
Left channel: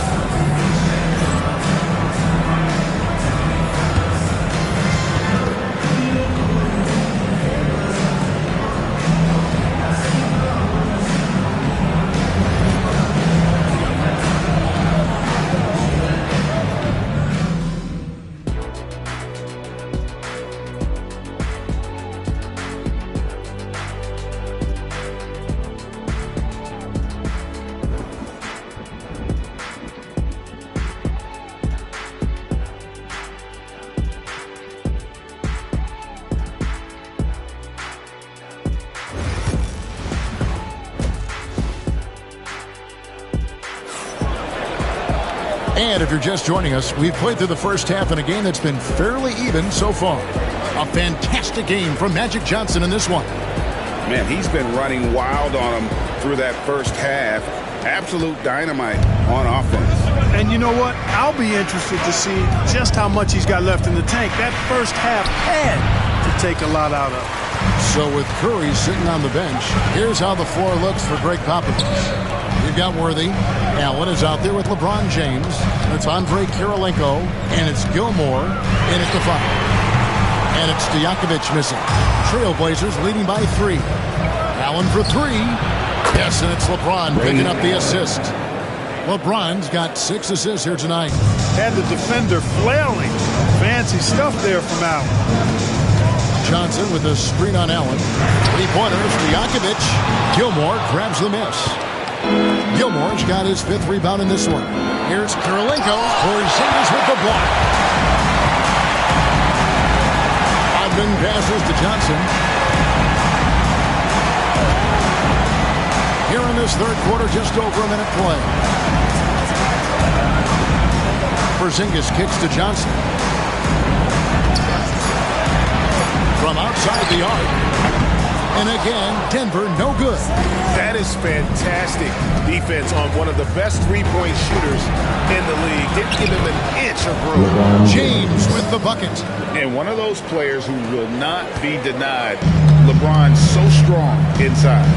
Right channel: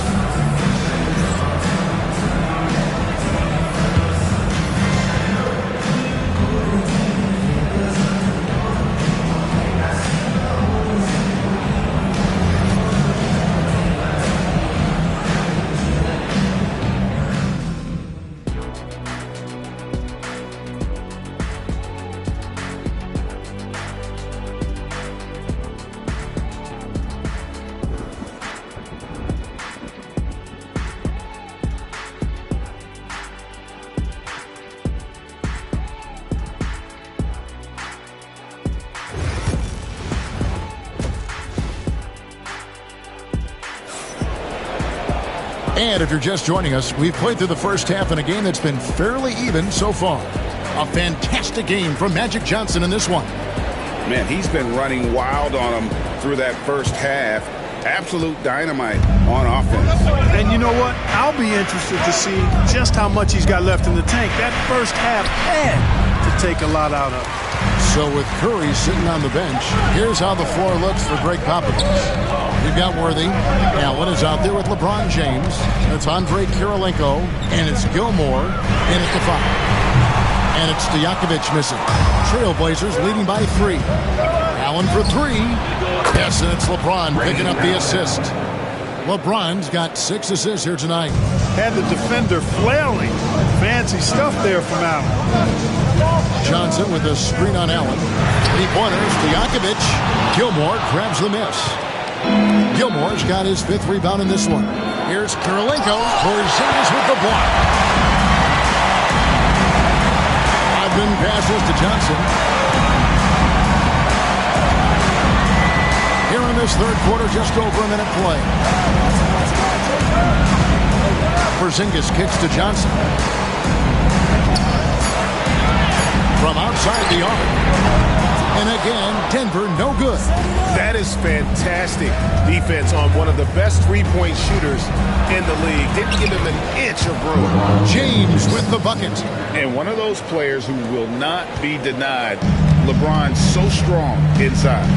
And if you're just joining us, we've played through the first half in a game that's been fairly even so far. A fantastic game from Magic Johnson in this one. Man, he's been running wild on him through that first half. Absolute dynamite on offense. And you know what? I'll be interested to see just how much he's got left in the tank. That first half had to take a lot out of it. So with Curry sitting on the bench, here's how the floor looks for Greg Popovich. You've got Worthy. Allen is out there with LeBron James. It's Andre Kirilenko. And it's Gilmore in at the 5. And it's Stojakovic missing. Trailblazers leading by 3. Allen for 3. Yes, and it's LeBron picking up the assist. LeBron's got 6 assists here tonight. Had the defender flailing. Fancy stuff there from Allen. Johnson with a screen on Allen. 3-pointers, Stojakovic. Gilmore grabs the miss. Gilmore's got his 5th rebound in this one. Here's Kirilenko. Porzingis with the block. Odman passes to Johnson. Here in this third quarter, just over a minute play. Porzingis kicks to Johnson. From outside the arc. And again, Denver no good. That is fantastic defense on one of the best three-point shooters in the league. Didn't give him an inch of room. James with the bucket. And one of those players who will not be denied. LeBron's so strong inside.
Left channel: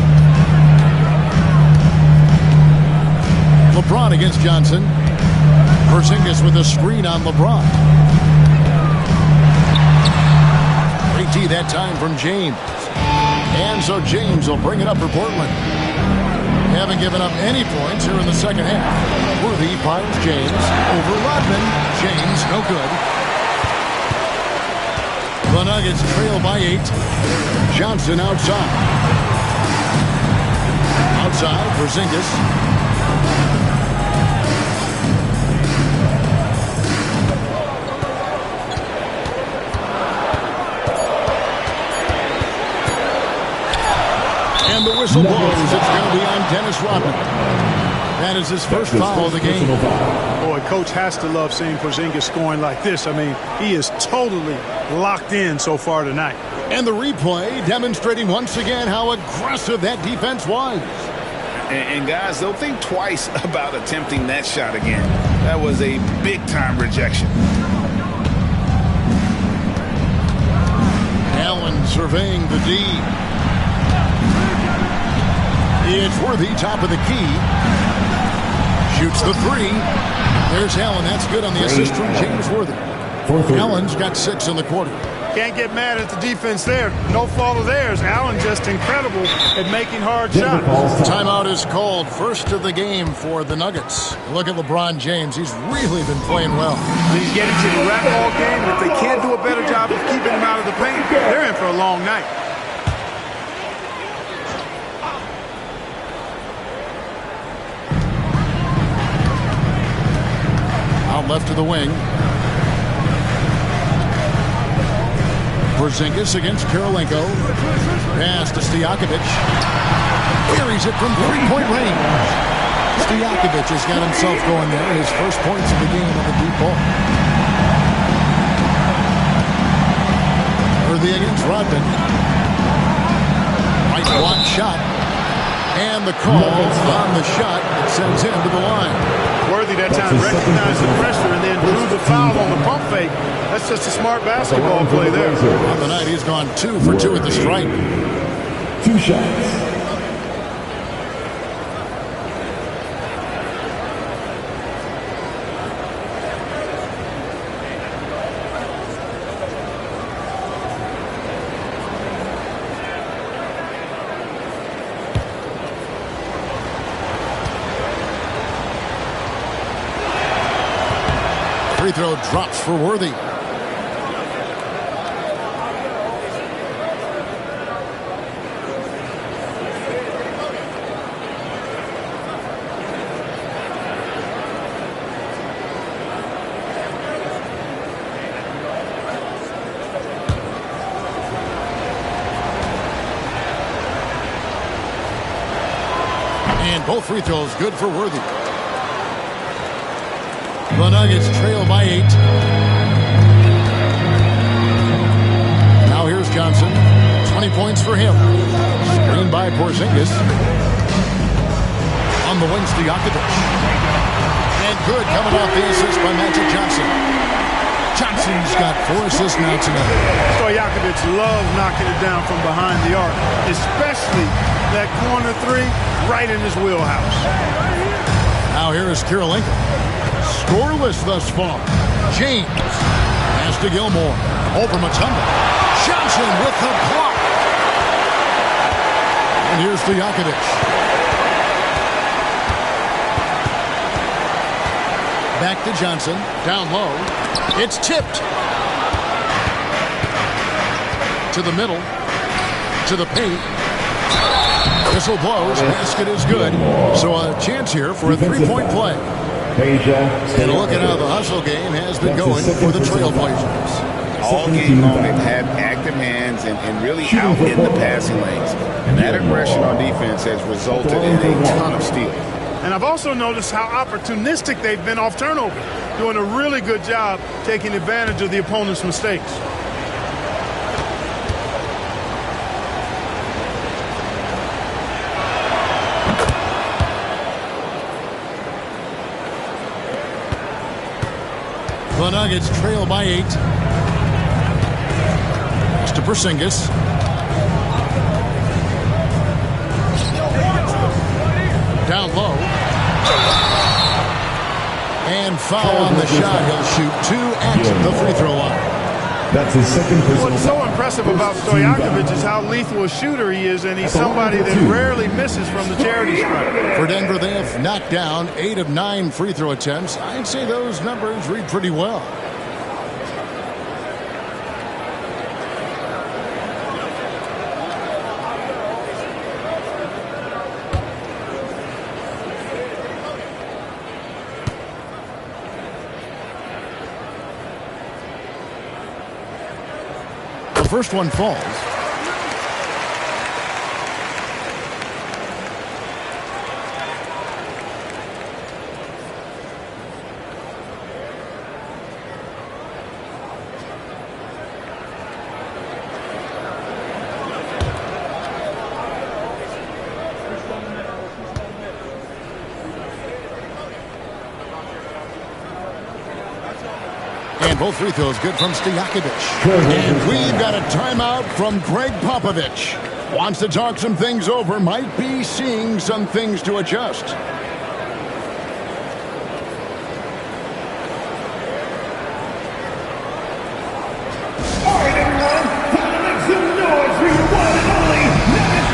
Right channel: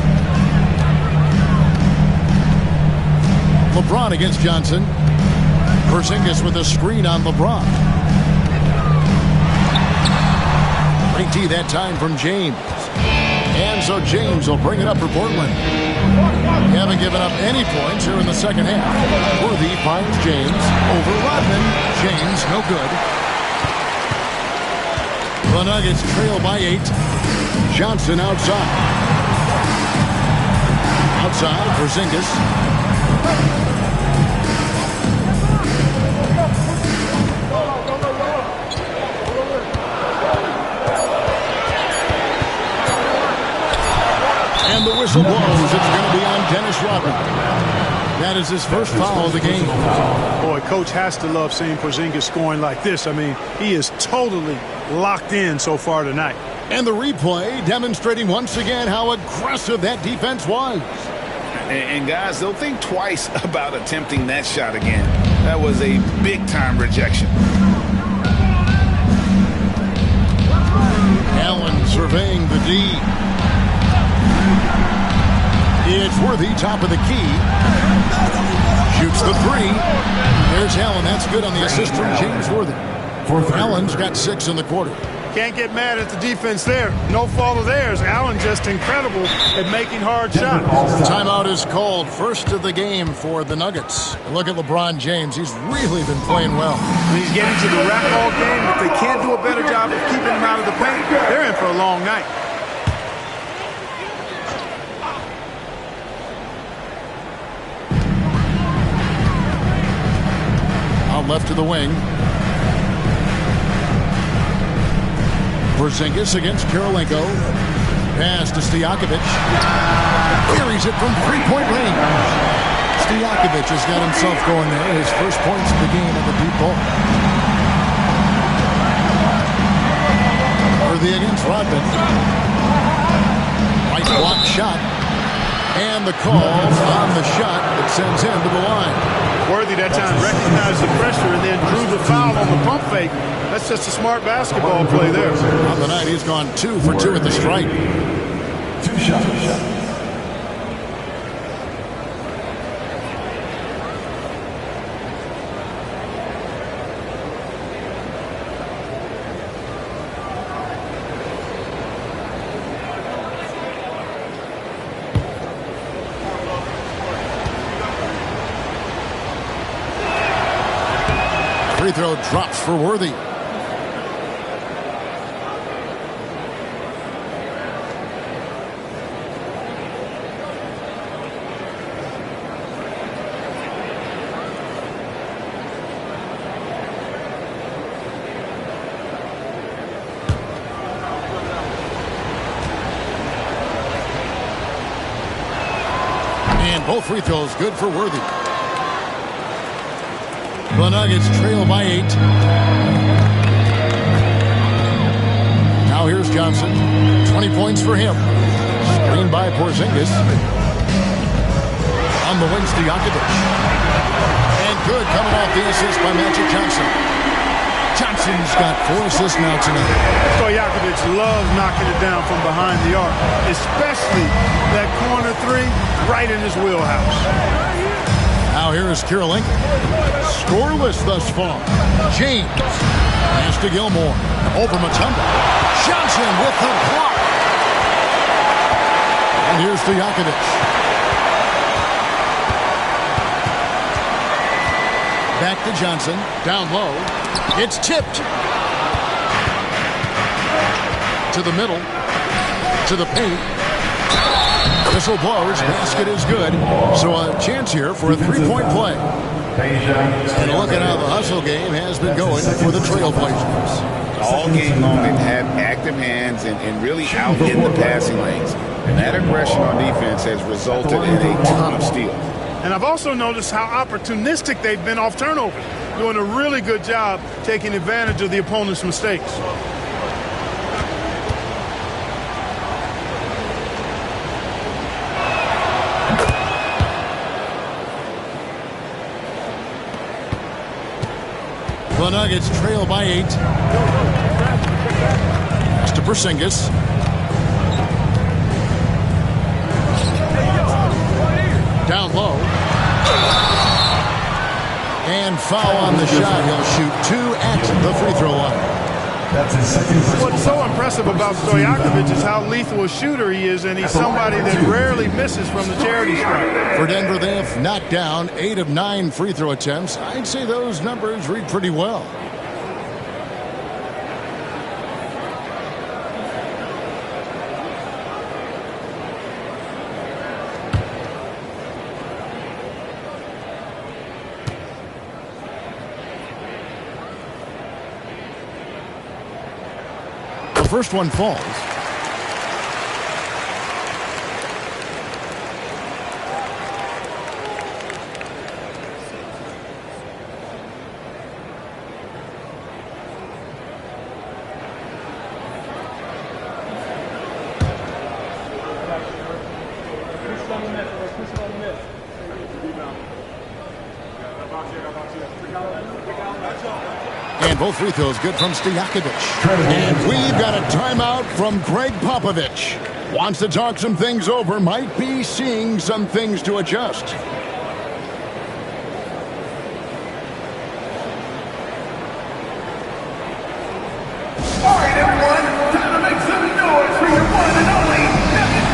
LeBron against Johnson. Porzingis with a screen on LeBron. Great D that time from James. And so James will bring it up for Portland. Haven't given up any points here in the second half. Worthy finds James over Rodman. James no good. The Nuggets trail by 8. Johnson outside. Outside, Porzingis. And the whistle blows. It's going to be on Dennis Rodman. That is his first foul of the game. Boy, coach has to love seeing Porzingis scoring like this. I mean, he is totally locked in so far tonight. And the replay demonstrating once again how aggressive that defense was. And guys, they'll think twice about attempting that shot again. That was a big-time rejection. Allen surveying the D. It's Worthy, top of the key. Shoots the three. There's Allen. That's good on the assist from James Worthy. Allen's got 6 in the quarter. Can't get mad at the defense there. No fault of theirs. Allen just incredible at making hard shots. Timeout is called. First of the game for the Nuggets. Look at LeBron James. He's really been playing well. He's getting to the rack all game. If they can't do a better job of keeping him out of the paint, they're in for a long night. Out left to the wing. Porzingis against Karolinko. Pass to Stojakovic. Carries it from three-point range. Stojakovic has got himself going there. His first points of the game on the deep ball. Worthy against Rodman. Right block shot. And the call on the shot that sends him to the line. Worthy that time recognized the pressure and then drew the foul on the pump fake. That's just a smart basketball play there. On the night, he's gone 2 for 2 at the stripe. 2 shots. Free throw drops for Worthy. And both free throws good for Worthy. The Nuggets trail by 8. Now here's Johnson. 20 points for him. Screened by Porzingis. On the wing, Stojakovic. And good coming off the assist by Magic Johnson. Johnson's got 4 assists now tonight. Stojakovic loves knocking it down from behind the arc, especially that corner 3 right in his wheelhouse. Now here is Karolinko. Scoreless thus far. James. Pass to Gilmore. Over Mutombo. Johnson with the block. And here's Stojakovic. Back to Johnson. Down low. It's tipped. To the middle. To the paint. Whistle blows. Basket is good. So a chance here for a 3-point play. And look at how the hustle game has been going for the Trailblazers. All game long, they've had active hands and really out in the passing lanes. And that aggression on defense has resulted in a ton of steals. And I've also noticed how opportunistic they've been off turnovers, doing a really good job taking advantage of the opponent's mistakes. The Nuggets trail by 8. Pass to Porzingis. Down low. And foul on the shot. He'll shoot 2 at the free throw line. That's his second personal. What's so impressive about Stojakovic is how lethal a shooter he is, and he's somebody that rarely misses from the charity stripe. For Denver, they have knocked down 8 of 9 free throw attempts. I'd say those numbers read pretty well. The first one falls. And both free throws good from Stojakovic. And we've got a timeout from Greg Popovich. Wants to talk some things over. Might be seeing some things to adjust. All right, everyone, time to make some noise for your one and only team.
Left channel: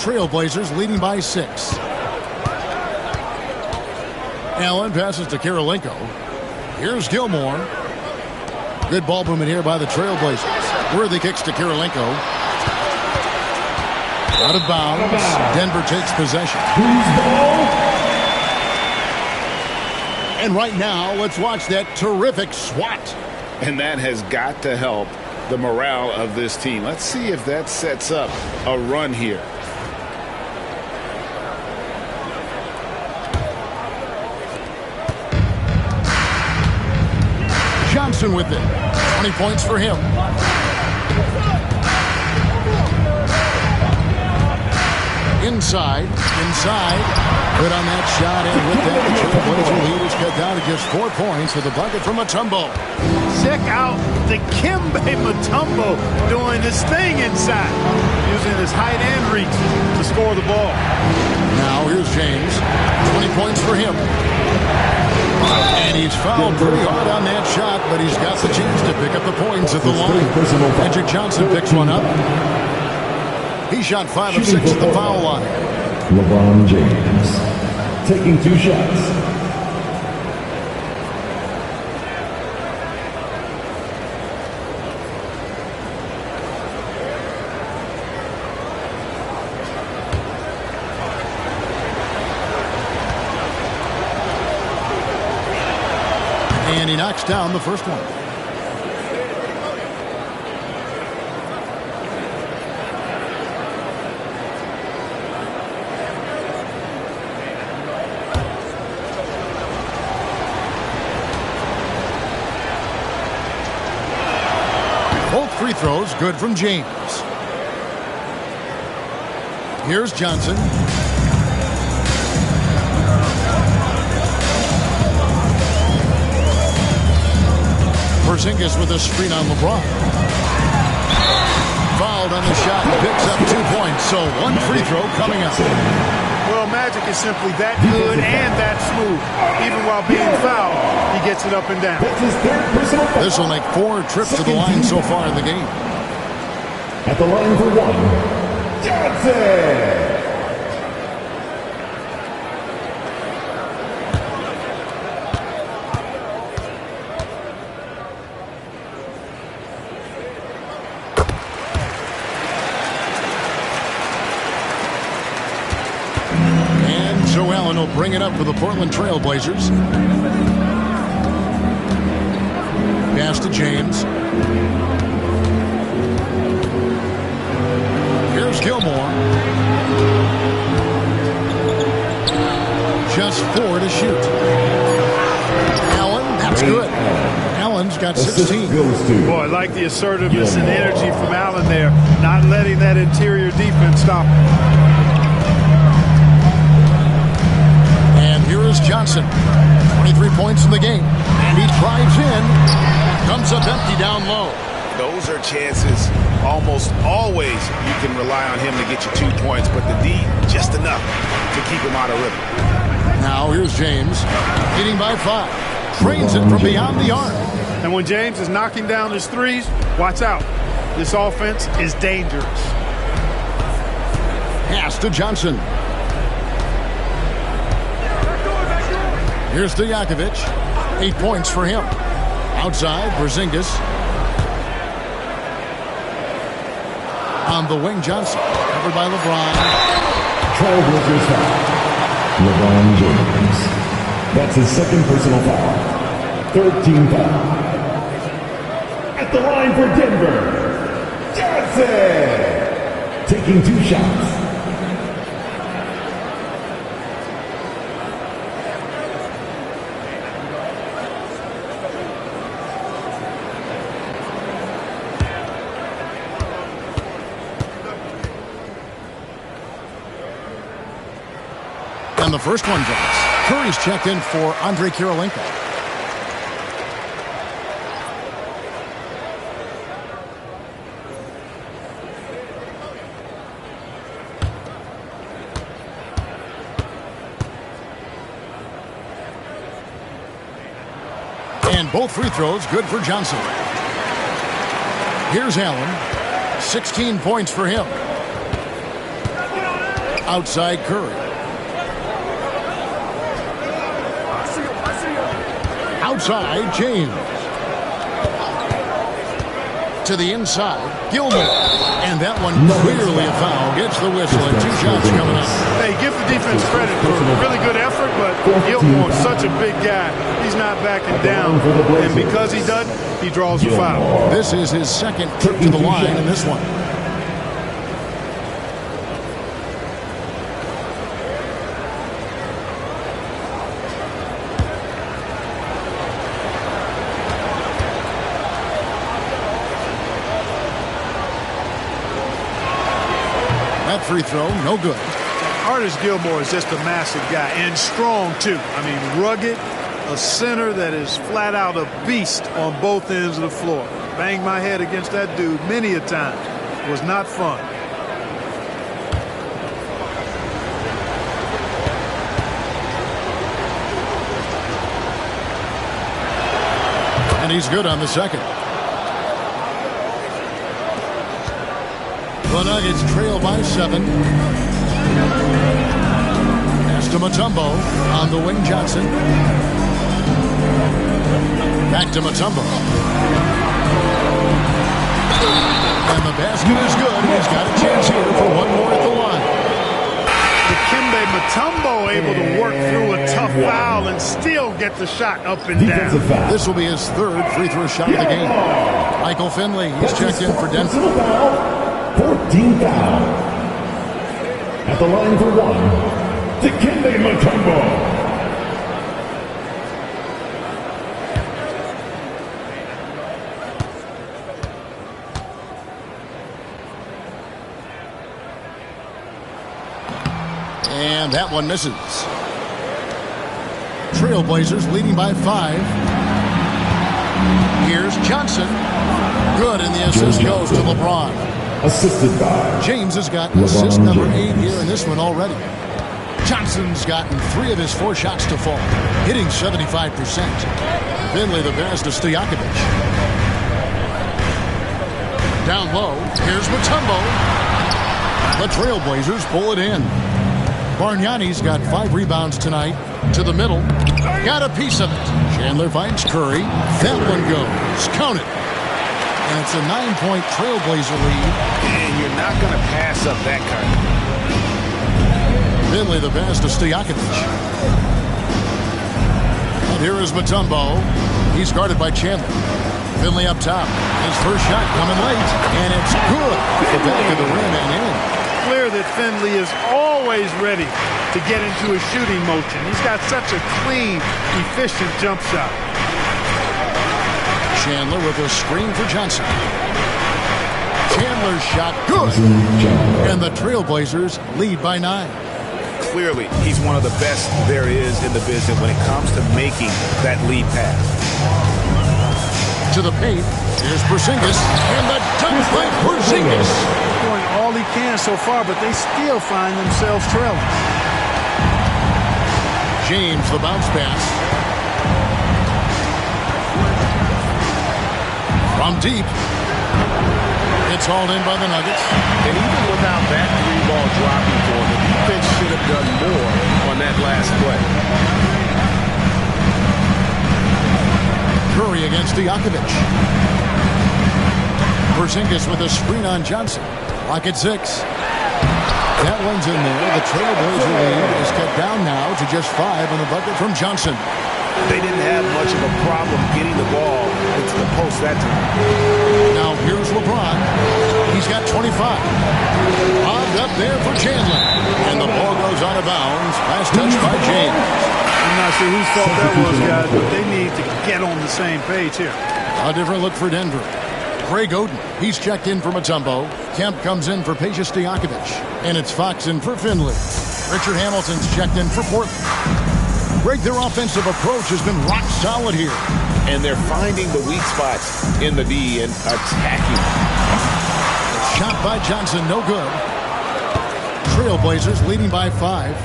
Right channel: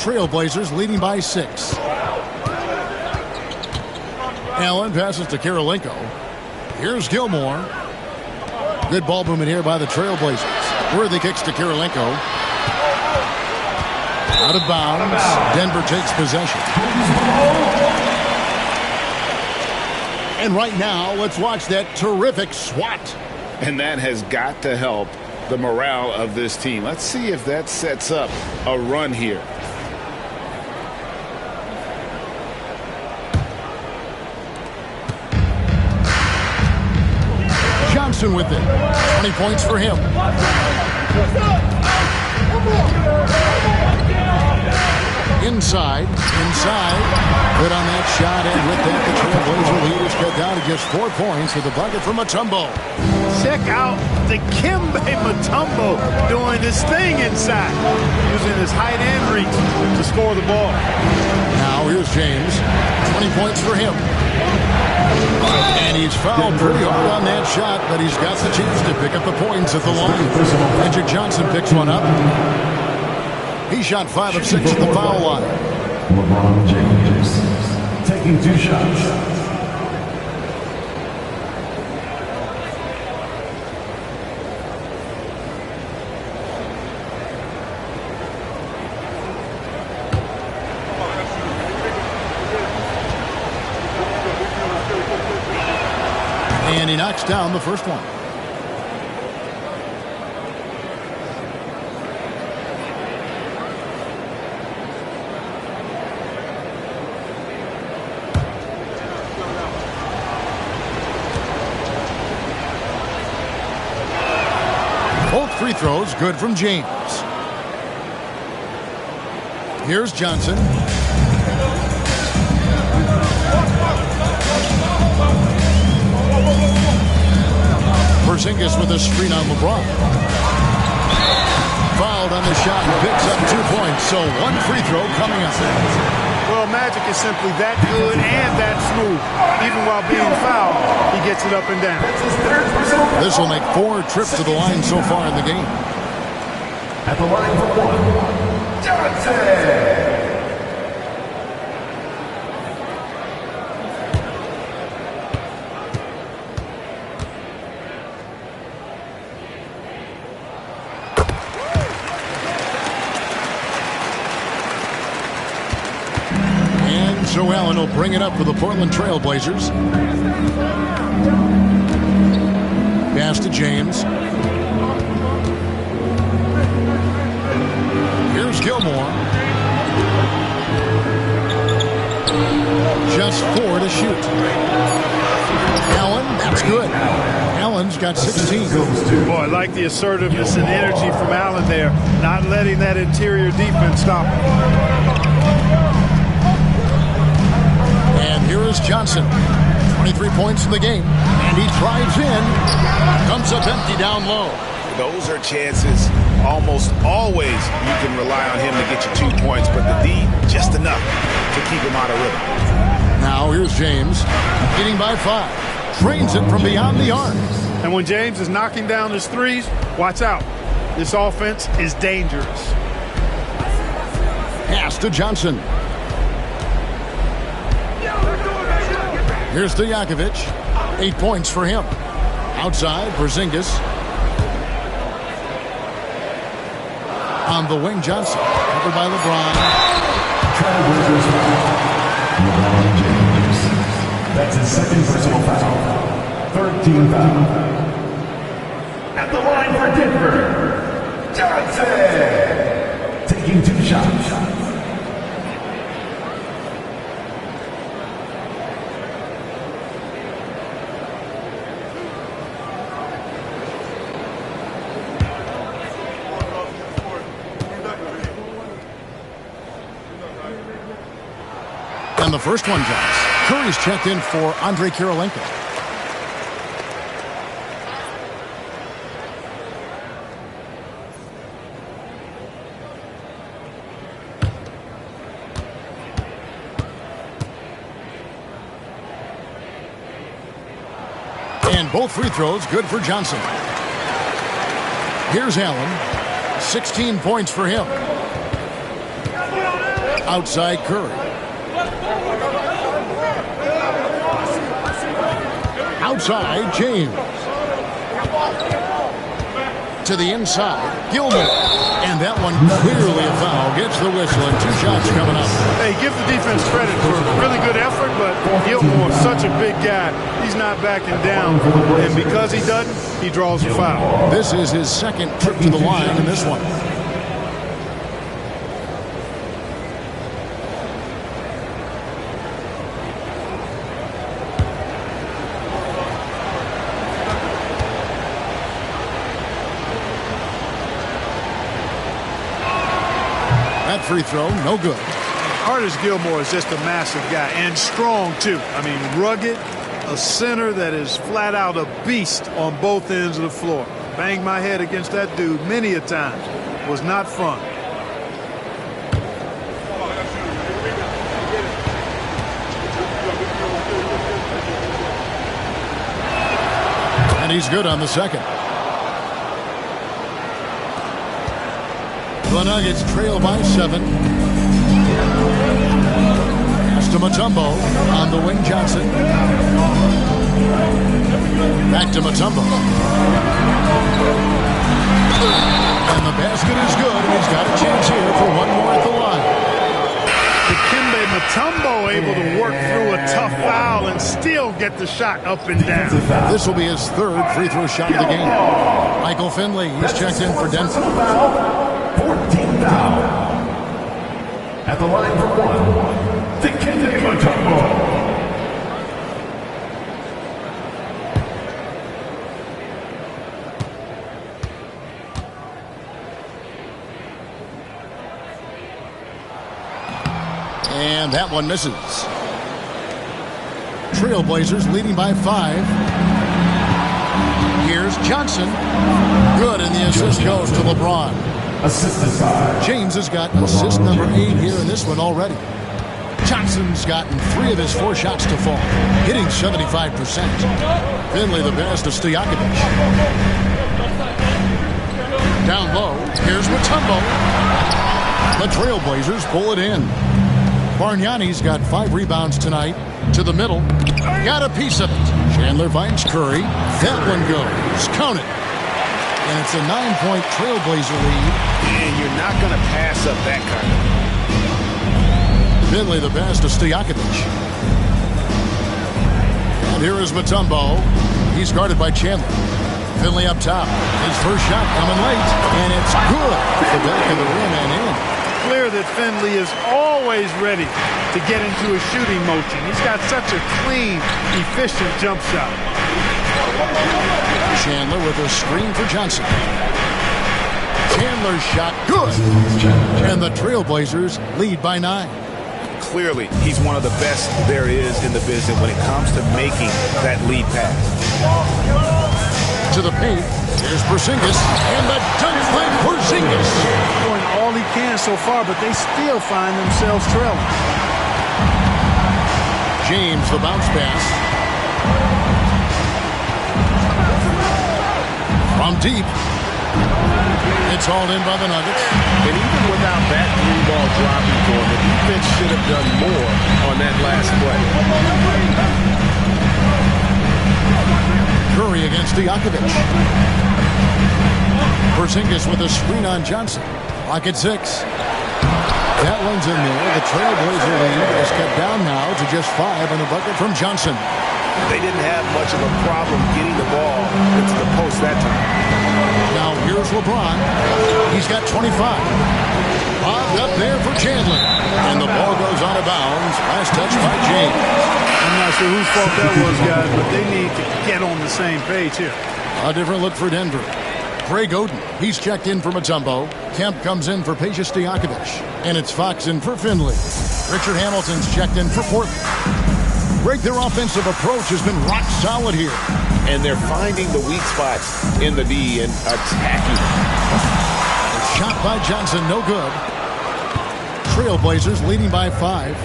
Trailblazers leading by 6. Allen passes to Kirilenko. Here's Gilmore. Good ball movement here by the Trailblazers. Worthy kicks to Kirilenko. Out of bounds. Denver takes possession. And right now, let's watch that terrific swat. And that has got to help the morale of this team. Let's see if that sets up a run here. Johnson with it. 20 points for him. Inside. Good on that shot, and with that, the Trailblazer lead is cut down to just 4 points with a bucket from Mutombo. Check out Dikembe Mutombo doing his thing inside, using his height and reach to score the ball. Now here's James. 20 points for him. And he's fouled pretty hard on that shot, but he's got the chance to pick up the points at the line. Magic Johnson picks one up. He shot 5 of 6 at the foul line. LeBron James taking 2 shots. And he knocks down the first one. Both free throws good from James. Here's Johnson. Porzingis with a screen on LeBron. Fouled on the shot and picks up 2 points. So 1 free throw coming up. Well, Magic is simply that good and that smooth. Even while being fouled, he gets it up and down. This will make 4 trips to the line so far in the game. At the line for 1, Johnson. So Allen will bring it up for the Portland Trailblazers. Pass to James. Here's Gilmore. Just 4 to shoot. Allen, that's good. Allen Allen's got 16. Boy, I like the assertiveness and energy from Allen there, not letting that interior defense stop him. And here is Johnson. 23 points in the game. And he drives in. Comes up empty down low. Those are chances almost always you can rely on him to get you 2 points, but the D just enough to keep him out of rhythm. Now here's James, leading by 5. Drains it from beyond the arc. And when James is knocking down his threes, watch out. This offense is dangerous. Pass to Johnson. Here's Stojakovic. 8 points for him. Outside, Porzingis. On the wing, Johnson. Covered by LeBron. Trailblazers foul. LeBron James. That's his second personal foul. Third team foul. At the line for Denver, Johnson. Taking 2 shots. And the first one drops. Curry's checked in for Andrei Kirilenko. And both free throws good for Johnson. Here's Allen. 16 points for him. Outside Curry. Outside, James. To the inside, Gilmore. And that one clearly a foul. Gets the whistle and 2 shots coming up. Hey, give the defense credit for a really good effort, but Gilmore, such a big guy, he's not backing down. And because he doesn't, he draws a foul. This is his second trip to the line in this one. That free throw, no good. Artis Gilmore is just a massive guy and strong, too. I mean, rugged, a center that is flat out a beast on both ends of the floor. Banged my head against that dude many a times. Was not fun. And he's good on the second. The Nuggets trail by 7. Pass to Mutombo. On the wing, Johnson. Back to Mutombo. And the basket is good, and he's got a chance here for one more at the line. Dikembe Mutombo able to work through a tough foul and still get the shot up and down. This will be his 3rd free throw shot of the game. Michael Finley, he's checked in for Denver. 14 foul. At the line for 1, Dikembe Mutombo. And that one misses. Trailblazers leading by 5. Here's Johnson. Good, and the assist goes to LeBron. Assisted by James has got assist number 8 here in this one already. Johnson's gotten 3 of his 4 shots to fall, hitting 75%. Finley the best of Stojakovic. Down low, here's Mutombo. The Trailblazers pull it in. Bargnani's got 5 rebounds tonight. To the middle, got a piece of it. Chandler finds Curry. That one goes. Count it. And it's a 9-point Trailblazer lead. And you're not going to pass up that kind of thing. Finley the best of Stojakovic. And here is Mutombo. He's guarded by Chandler. Finley up top. His first shot coming late. And it's good off the back of the rim and in. Clear that Finley is always ready to get into a shooting motion. He's got such a clean, efficient jump shot. Chandler with a screen for Johnson. Chandler's shot, good. And the Trailblazers lead by 9. Clearly, he's one of the best there is in the business when it comes to making that lead pass. To the paint, here's Porzingis, and the dunk by Porzingis. Doing all he can so far, but they still find themselves trailing. James, the bounce pass. From deep. It's hauled in by the Nuggets. And even without that 3-ball dropping for him, the defense should have done more on that last play. Curry against Stojakovic. Porzingis with a screen on Johnson. Clock at 6. Gatlin's in there. The Trailblazer lead is cut down now to just 5 on the bucket from Johnson. They didn't have much of a problem getting the ball into the post that time. Now here's LeBron. He's got 25. Lobbed up there for Chandler. And the ball goes out of bounds. Last touch by James. I'm not sure whose fault that was, guys, but they need to get on the same page here. A different look for Denver. Greg Oden, he's checked in for Mutombo. Kemp comes in for Peja Stojakovic. And it's Fox in for Finley. Richard Hamilton's checked in for Portland. Greg, their offensive approach has been rock solid here. And they're finding the weak spots in the D and attacking them. A shot by Johnson, no good. Trailblazers leading by 5.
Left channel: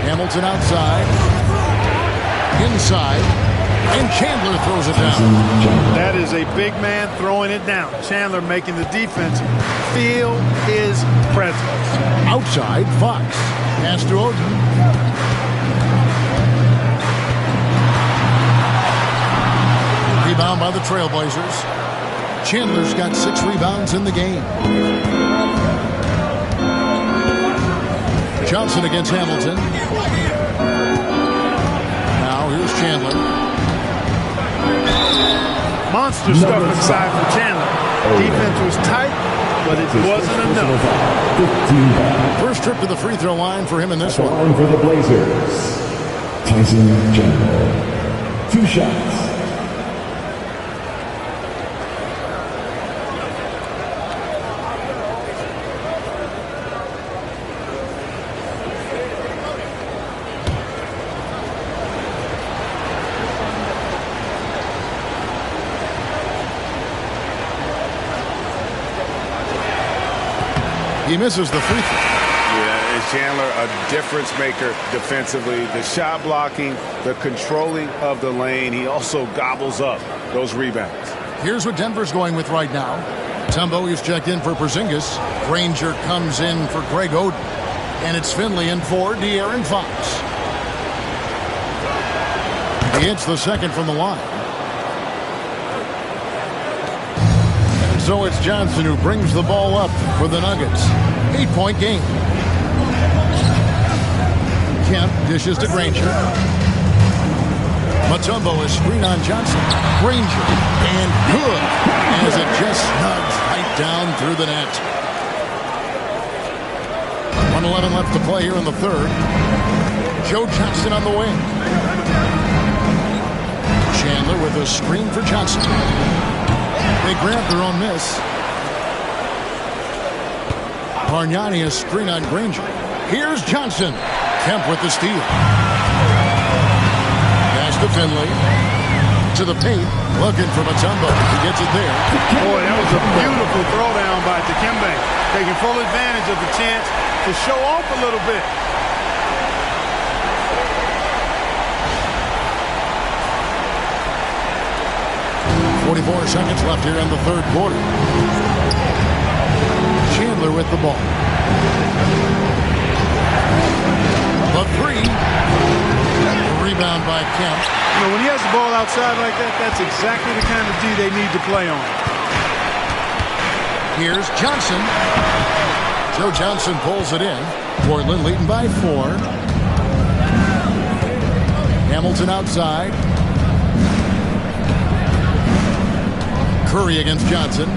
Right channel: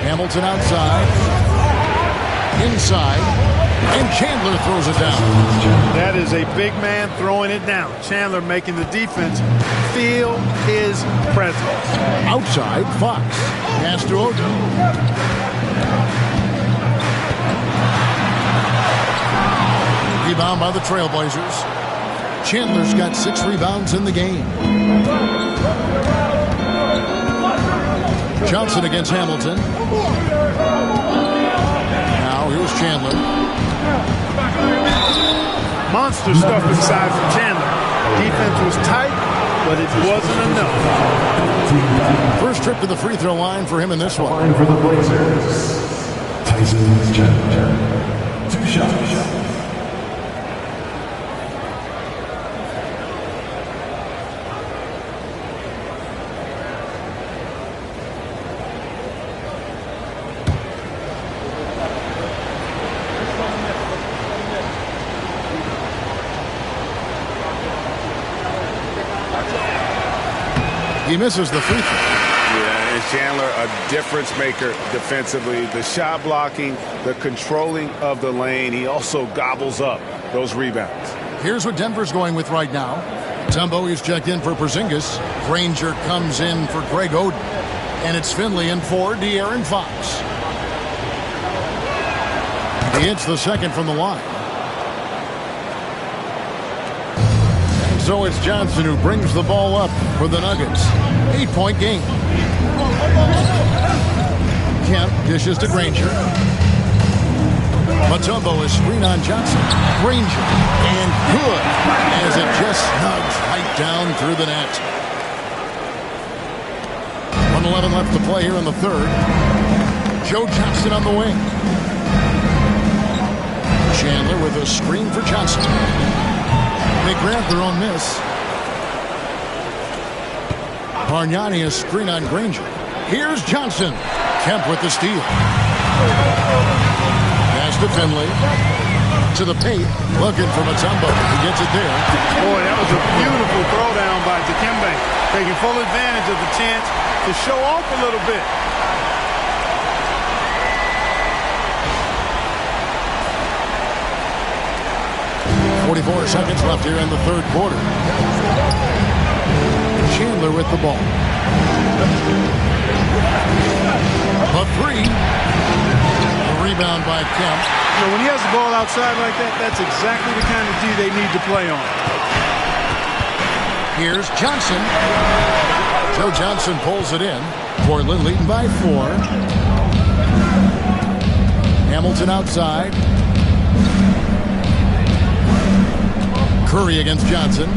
Hamilton outside. Inside. And Chandler throws it down. That is a big man throwing it down. Chandler making the defense feel his presence. Outside, Fox. Pass to Oden. Rebound by the Trailblazers. Chandler's got 6 rebounds in the game. Johnson against Hamilton. Now here's Chandler. Monster stuff inside from Chandler. Defense was tight, but it wasn't enough. First trip to the free throw line for him in this one. Line for the Blazers. Tyson Chandler. 2 shots. He misses the free throw. Yeah, and Chandler, a difference maker defensively. The shot blocking, the controlling of the lane. He also gobbles up those rebounds. Here's what Denver's going with right now. Mutombo is checked in for Porzingis. Granger comes in for Greg Oden. And it's Finley in for De'Aaron Fox. He hits the second from the line. And so it's Johnson who brings the ball up for the Nuggets. 8-point game. Kemp dishes to Granger. Mutombo is screen on Johnson. Granger. And good. As it just snugs right down through the net. 1:11 left to play here in the third. Joe Johnson on the wing. Chandler with a screen for Johnson. They grab their own miss. Bargnani a screen on Granger. Here's Johnson. Kemp with the steal. Pass to Finley. To the paint. Looking for Mutombo. He gets it there. Boy, that was a beautiful throwdown by Dikembe. Taking full advantage of the chance to show off a little bit. .44 seconds left here in the third quarter. Chandler with the ball. The three. The rebound by Kemp. You know, when he has the ball outside like that, that's exactly the kind of D they need to play on. Here's Johnson. Joe Johnson pulls it in. Portland leading by 4. Hamilton outside. Curry against Johnson.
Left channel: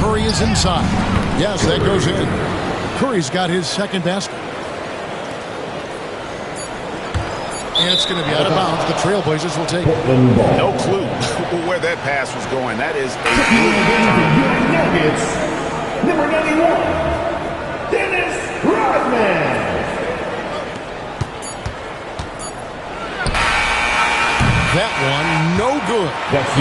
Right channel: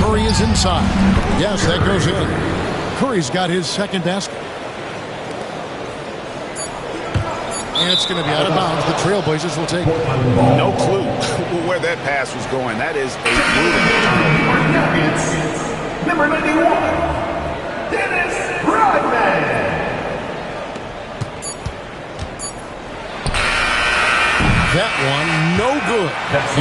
Curry is inside. Yes, that goes in. Curry's got his second basket. And it's going to be out of bounds. The Trailblazers will take it. No clue where that pass was going. That is a brutal turnover. It's number 91, Dennis Rodman. That one, no good.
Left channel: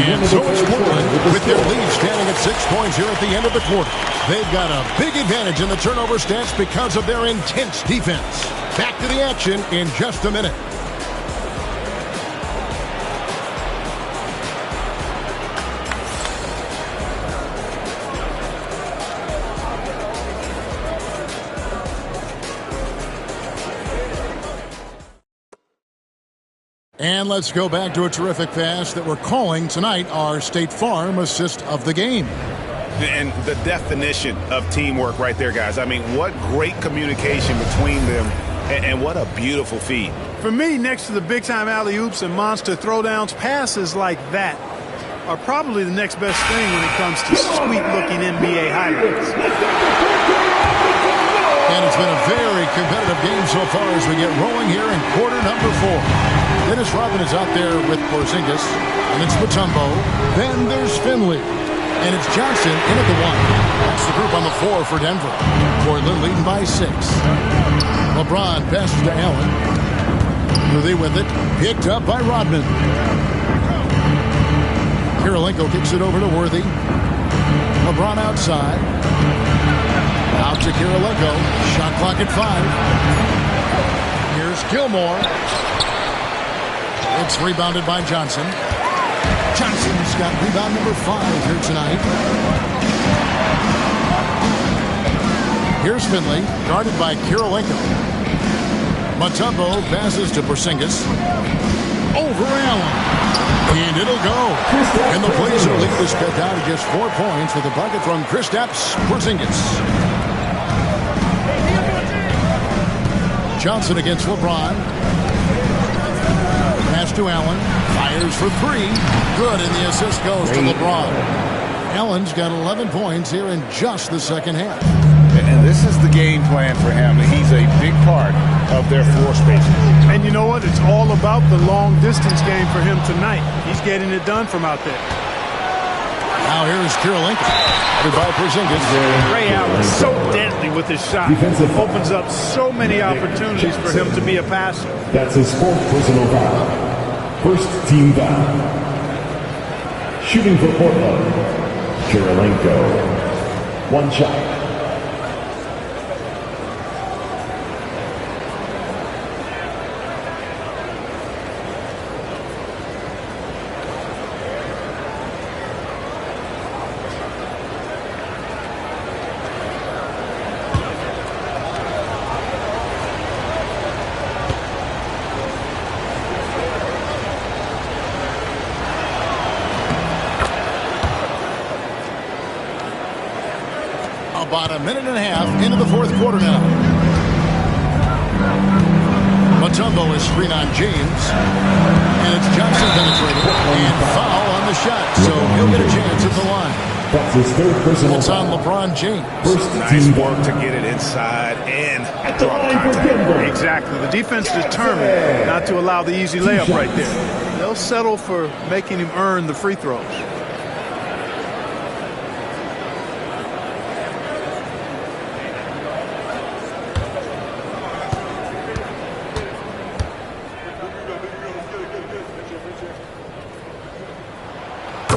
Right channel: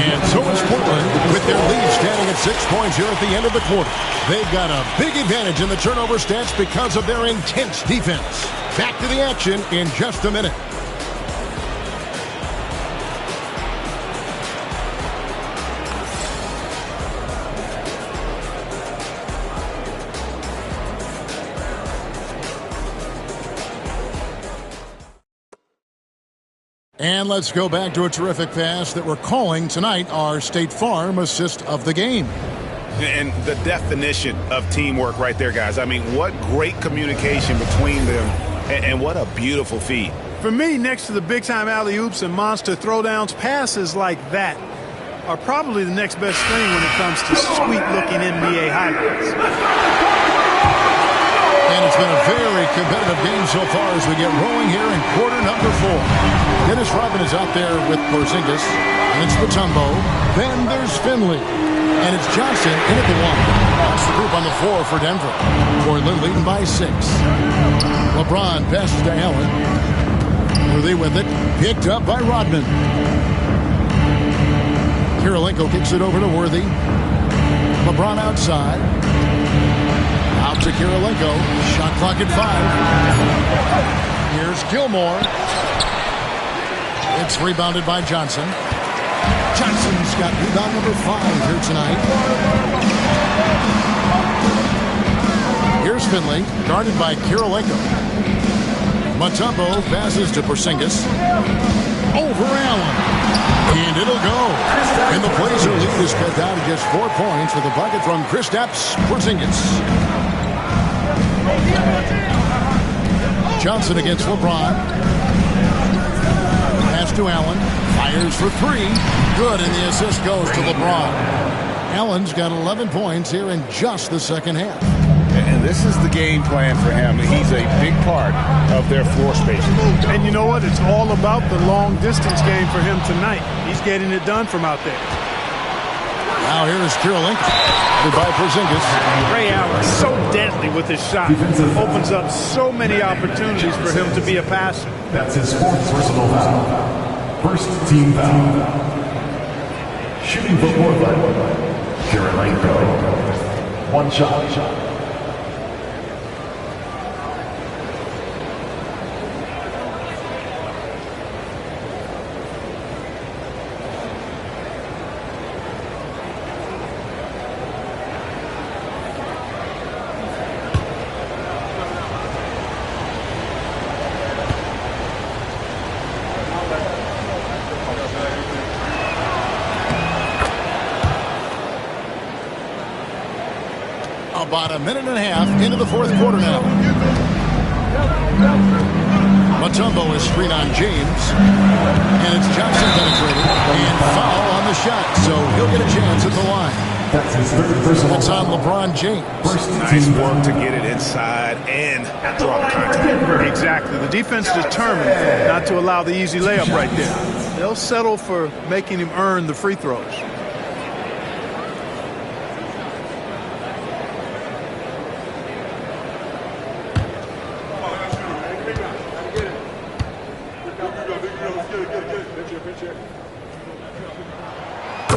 And so it's Portland with their lead standing at 6 points here at the end of the quarter. They've got a big advantage in the turnover stats because of their intense defense. Back to the action in just a minute. And let's go back to a terrific pass that we're calling tonight our State Farm assist of the game. And the definition of teamwork right there, guys. I mean, what great communication between them, and what a beautiful feed. For me, next to the big-time alley-oops and monster throwdowns, passes like that are probably the next best thing when it comes to sweet-looking NBA highlights. And it's been a very competitive game so far as we get rolling here in quarter number 4. Dennis Rodman is out there with Porzingis, and it's Mutombo. Then there's Finley, and it's Johnson in at the 1. That's the group on the floor for Denver. Portland leading by 6. LeBron passes to Allen. Worthy with it, picked up by Rodman. Kirilenko kicks it over to Worthy. LeBron outside. Out to Kirilenko. Shot clock at 5. Here's Gilmore. It's rebounded by Johnson. Johnson's got rebound number 5 here tonight. Here's Finley, guarded by Kirilenko. Mutombo passes to Porzingis. Over Allen. And it'll go. And the Blazer lead is cut down to just 4 points with a bucket from Kristaps Porzingis. Johnson against LeBron. Pass to Allen. Fires for 3. Good, and the assist goes to LeBron. Allen's got 11 points here in just the second half. And this is the game plan for him. He's a big part of their floor spacing. And you know what? It's all about the long-distance game for him tonight. He's getting it done from out there. Now here's Kirilenko. Headed by Porzingis. Ray Allen so deadly with his shot. Opens up so many opportunities for him to be a passer. That's his 4th personal foul. First team foul. Shooting for Portland, Kirilenko. 1 shot. About a minute and a half into the 4th quarter now. Mutombo is screen on James. And it's Johnson penetrating. And foul on the shot. So he'll get a chance at the line. That's his 3rd personal. It's on LeBron James. Nice work to get it inside and draw the contact. Exactly. The defense determined not to allow the easy layup right there. They'll settle for making him earn the free throws.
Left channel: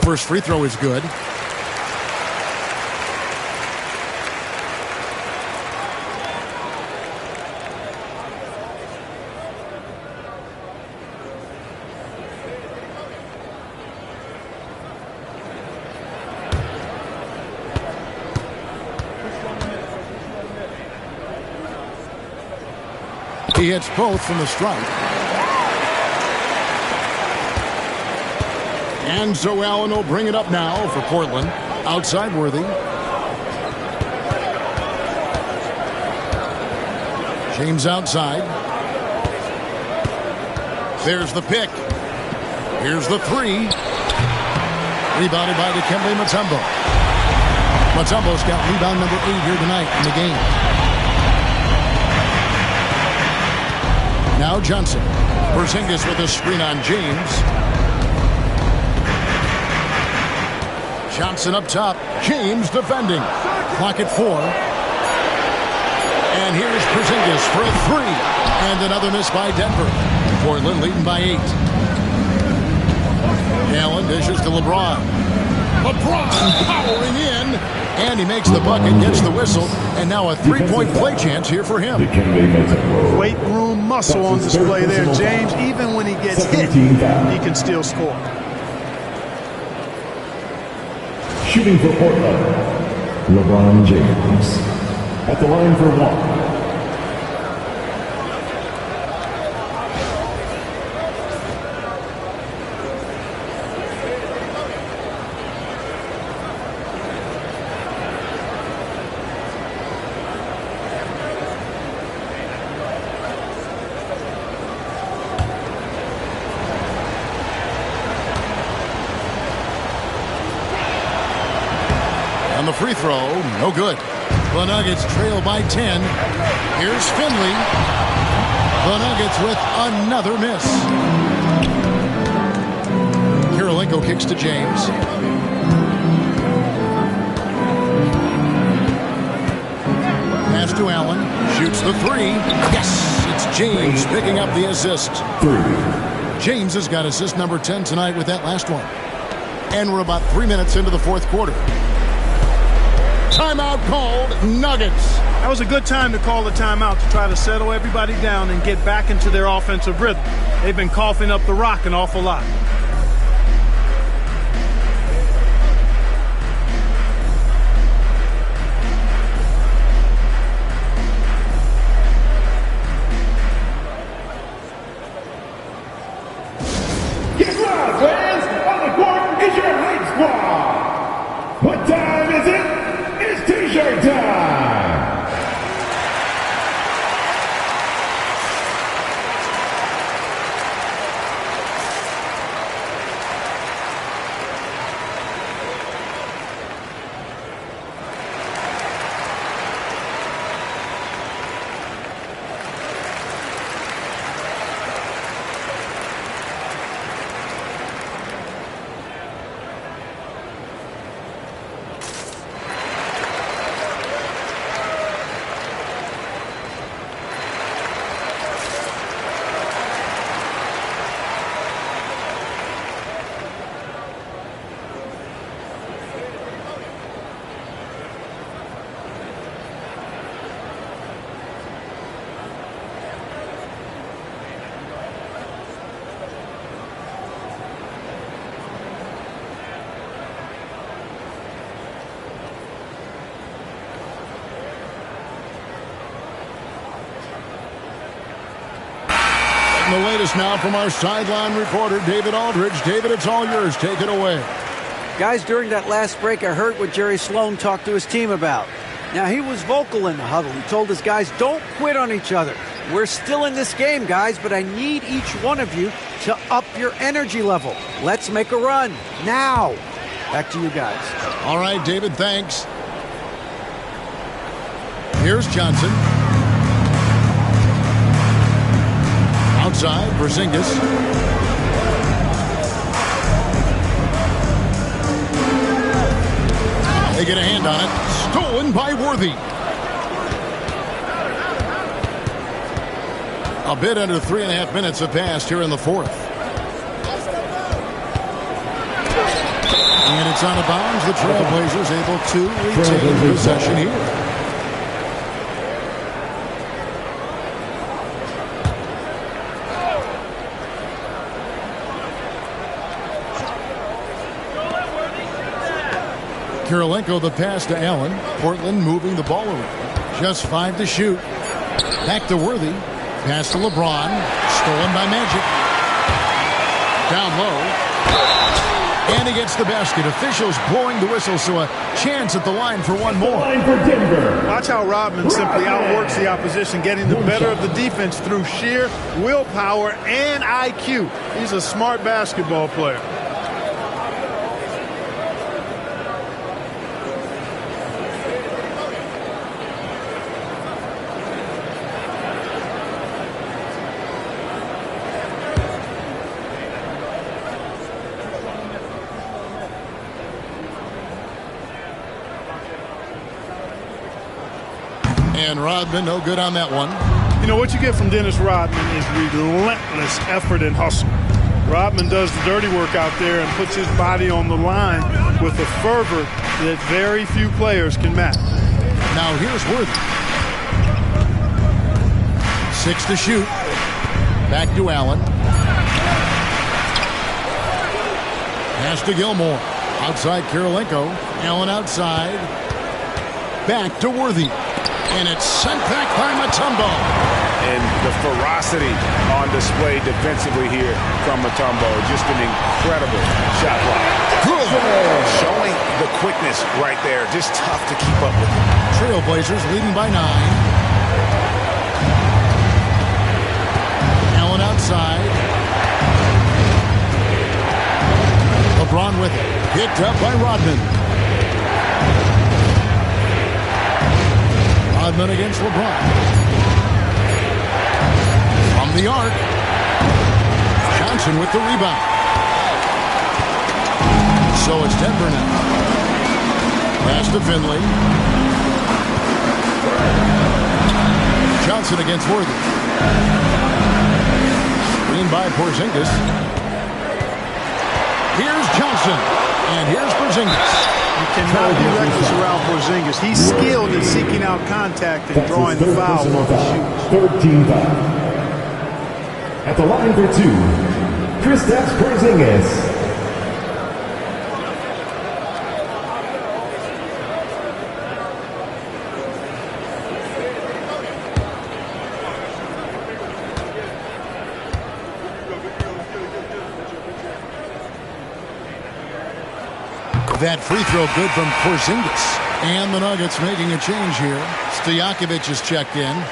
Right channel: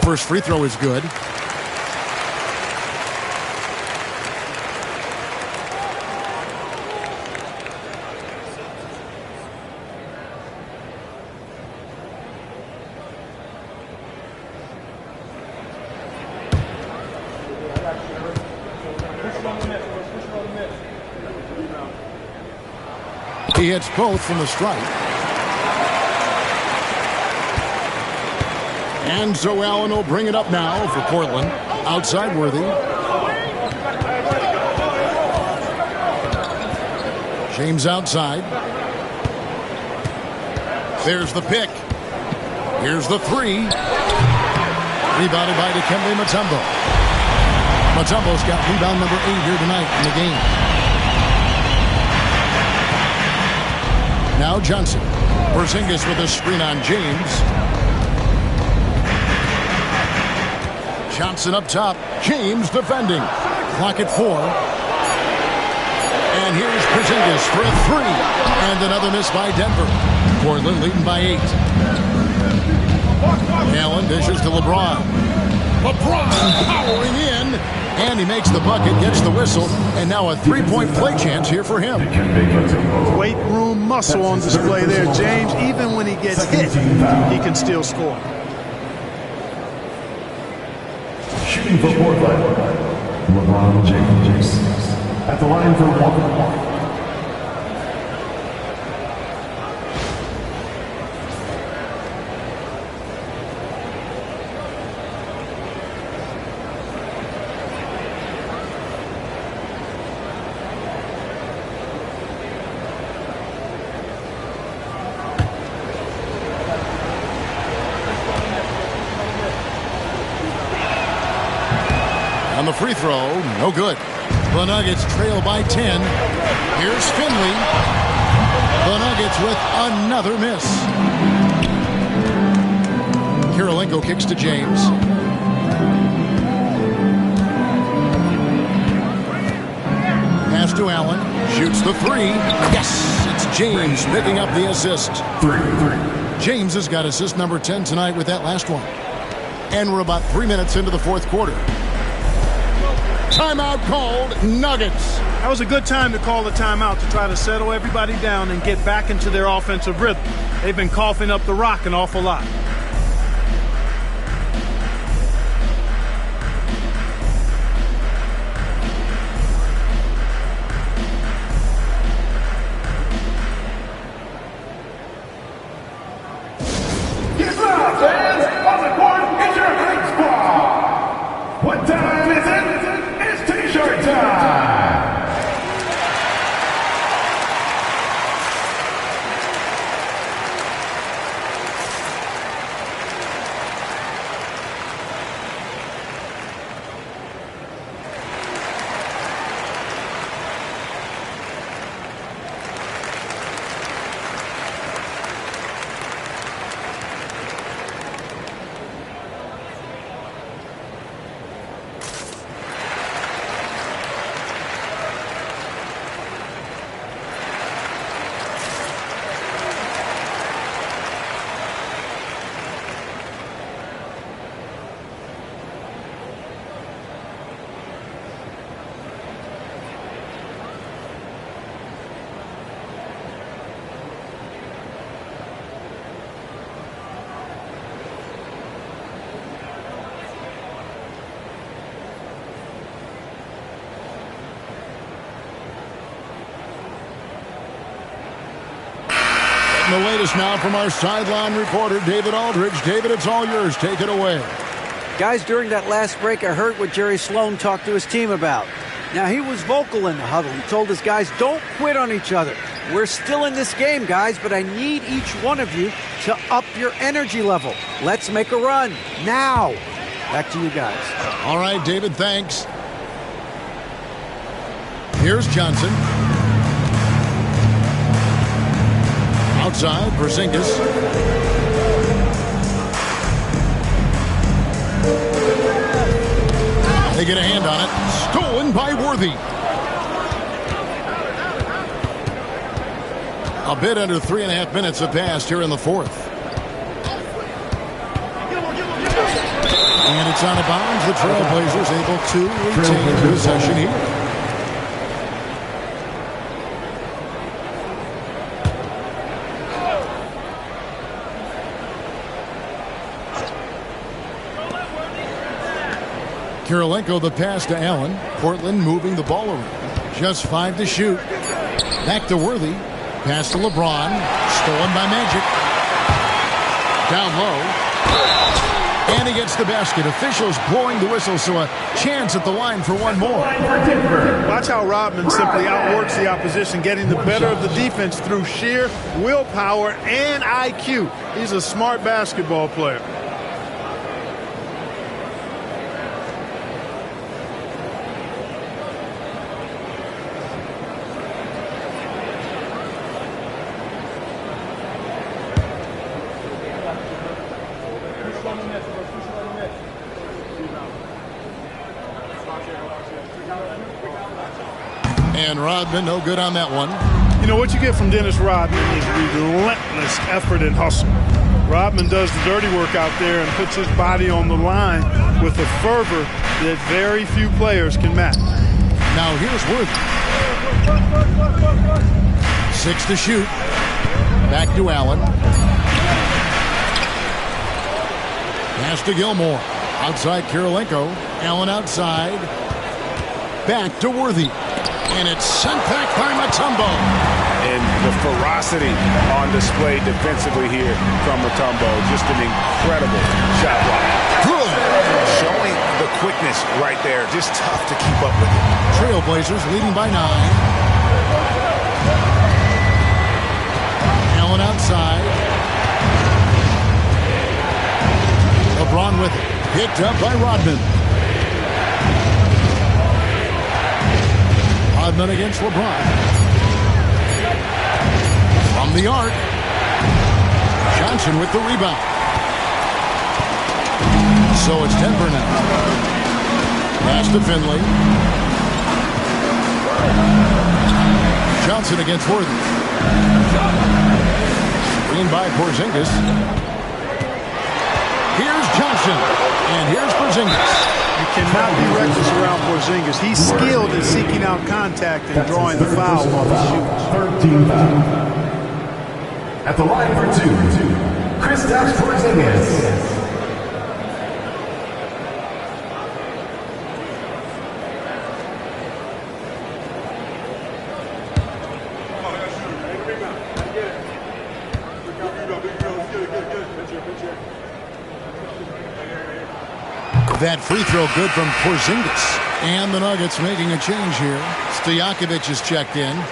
First free throw is good. He hits both from the stripe. And so Allen will bring it up now for Portland. Outside Worthy. James outside. There's the pick. Here's the 3. Rebounded by Dikembe Mutombo. Mutombo's got rebound number 8 here tonight in the game. Now Johnson. Porzingis with a screen on James. Johnson up top. James defending. Clock at 4. And here's Porzingis for a 3. And another miss by Denver. Portland leading by 8. Allen dishes to LeBron. LeBron powering in. And he makes the bucket, gets the whistle. And now a 3-point play chance here for him. Weight room muscle on display there, James. Even when he gets hit, he can still score. Shooting for Portland, LeBron James. At the line for 1. On the free throw, no good. The Nuggets trail by 10. Here's Finley. The Nuggets with another miss. Kirilenko kicks to James. Pass to Allen. Shoots the 3. Yes! It's James picking up the assist. 3. James has got assist number 10 tonight with that last one. And we're about 3 minutes into the fourth quarter. Timeout called, Nuggets. That was a good time to call the timeout to try to settle everybody down and get back into their offensive rhythm. They've been coughing up the rock an awful lot. Get loud, fans! On the court is your hype squad! What time is it? It's T-shirt time! The latest now from our sideline reporter, David Aldridge. David, it's all yours. Take it away. Guys, during that last break, I heard what Jerry Sloan talked to his team about. Now, he was vocal in the huddle. He told his guys, don't quit on each other. We're still in this game, guys, but I need each one of you to up your energy level. Let's make a run now. Back to you guys. All right, David, thanks. Here's Johnson. Outside, Porzingis. They get a hand on it. Stolen by Worthy. A bit under 3.5 minutes have passed here in the fourth. And it's out of bounds. The Trailblazers able to retain possession here. Kirilenko the pass to Allen. Portland moving the ball around. Just 5 to shoot. Back to Worthy. Pass to LeBron. Stolen by Magic. Down low. And he gets the basket. Officials blowing the whistle, so a chance at the line for one more. Watch how Rodman simply outworks the opposition, getting the better of the defense through sheer willpower and IQ. He's a smart basketball player. And Rodman, no good on that one. You know, what you get from Dennis Rodman is relentless effort and hustle. Rodman does the dirty work out there and puts his body on the line with a fervor that very few players can match. Now here's Worthy. 6 to shoot. Back to Allen. Pass to Gilmore. Outside Kirilenko. Allen outside. Back to Worthy. And it's sent back by Mutombo. And the ferocity on display defensively here from Mutombo. Just an incredible shot block. Good. Showing the quickness right there. Just tough to keep up with it. Trailblazers leading by 9. Allen outside. LeBron with it. Picked up by Rodman. Rodman against LeBron. From the arc. Johnson with the rebound. So it's Denver now. Pass to Finley. Johnson against Worthy. Screen by Porzingis. Here's Johnson. And here's Porzingis. You cannot be reckless around Porzingis. He's skilled at seeking out contact and drawing the foul when he shoots. 13 foul. At the line for 2, Kristaps Porzingis. That free throw good from Porzingis. And the Nuggets making a change here. Stojakovic is checked in.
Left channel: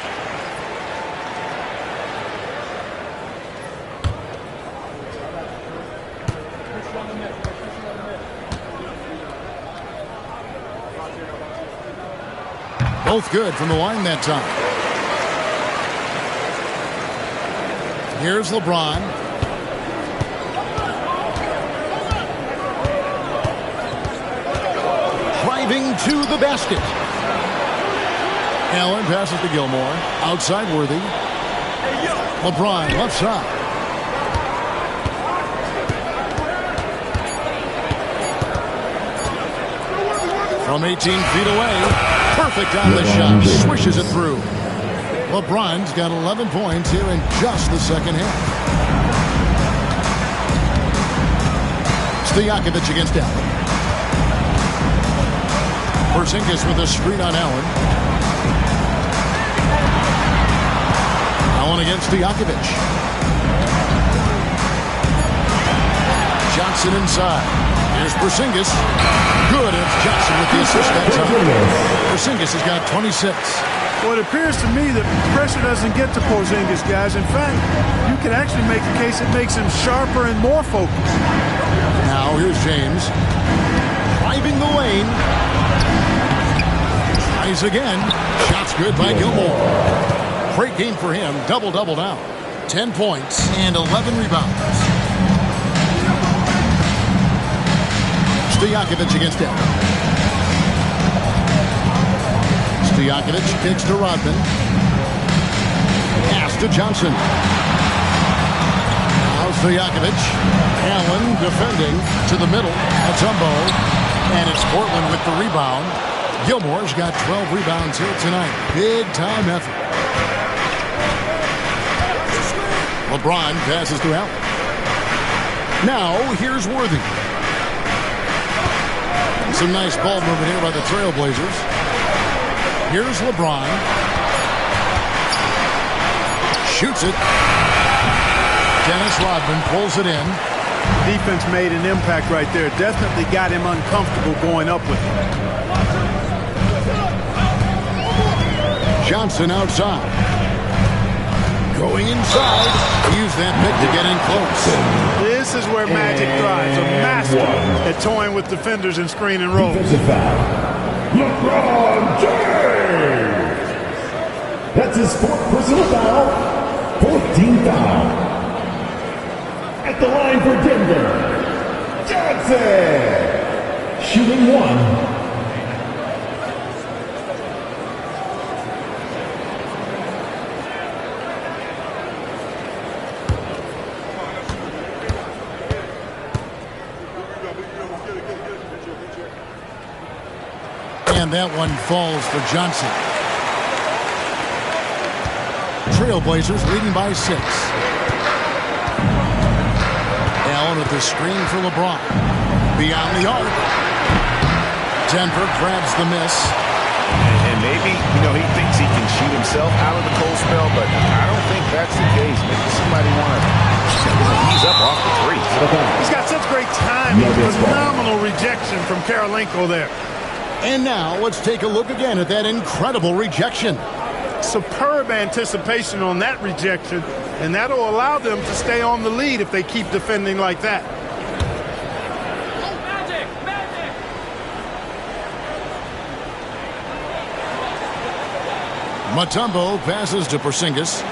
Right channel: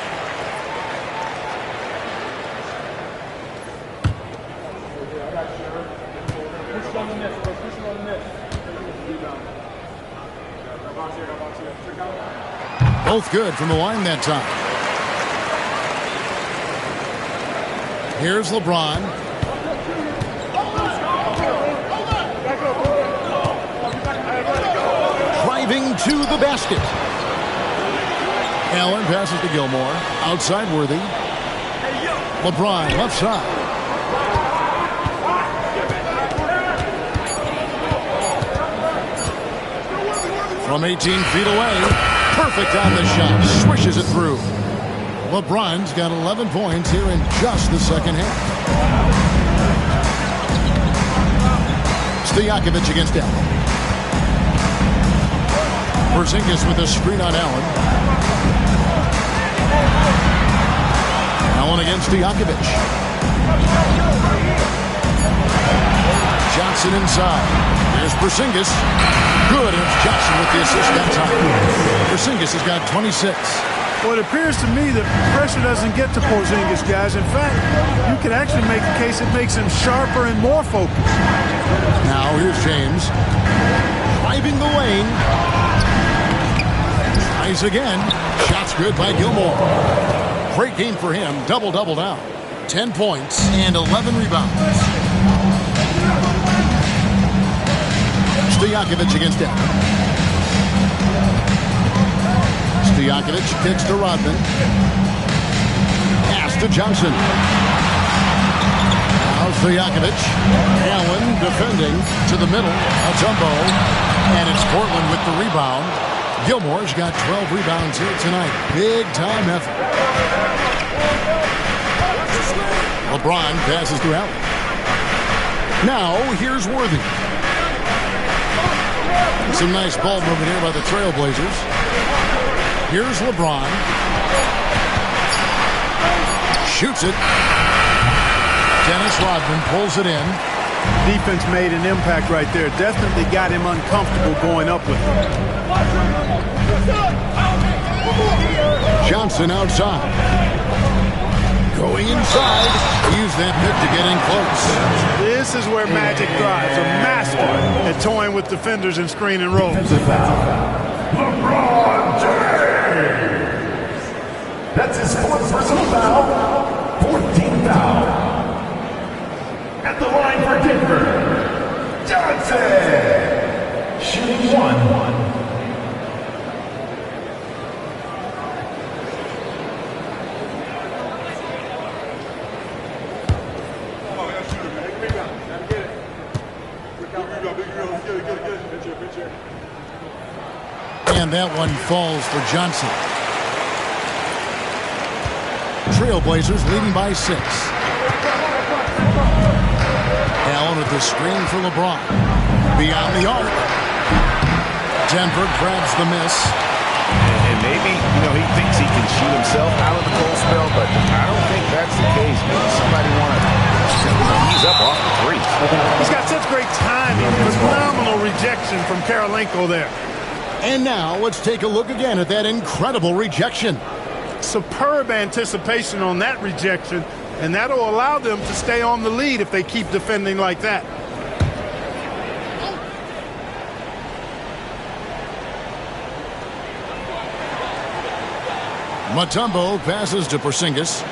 Both good from the line that time. Here's LeBron. Driving to the basket. Allen passes to Gilmore. Outside Worthy. LeBron left side. From 18 feet away. Perfect on the shot. Swishes it through. LeBron's got 11 points here in just the second half. Stojakovic against Allen. Porzingis with a screen on Allen. Allen against Stojakovic. Johnson inside. Here's Porzingis. Good, and it's Johnson with the assist that time. Porzingis has got 26. Well, it appears to me that pressure doesn't get to Porzingis, guys. In fact, you could actually make the case it makes him sharper and more focused. Now here's James. Driving the lane. Tries again. Shots good by Gilmore. Great game for him. Double-double now. 10 points and 11 rebounds. Stojakovic against Allen. Stojakovic kicks to Rodman. Pass to Johnson. Now Stojakovic. Allen defending to the middle. Mutombo. And it's Portland with the rebound. Gilmore's got 12 rebounds here tonight. Big time effort. LeBron passes to Allen. Now here's Worthy. Some nice ball movement here by the Trailblazers. Here's LeBron. Shoots it. Dennis Rodman pulls it in. Defense made an impact right there. Definitely got him uncomfortable going up with it. Johnson outside. Going inside. Use that pick to get in close. This is where Magic thrives. A master at toying with defenders and screen and roll. Defensive foul. LeBron James. That's his 4th personal foul. 14th foul. At the line for Denver, Johnson. Shooting 1. And that one falls for Johnson. Trailblazers leading by 6. Allen with the screen for LeBron. Beyond the arc. Denver grabs the miss. And maybe, he thinks he can shoot himself out of the cold spell, but I don't think that's the case. Maybe somebody want to ease up off the threes. He's got such great timing. Phenomenal rejection from Karolinko there. And now let's take a look again at that incredible rejection. Superb anticipation on that rejection, and that'll allow them to stay on the lead if they keep defending like that. Mutombo passes to Porzingis.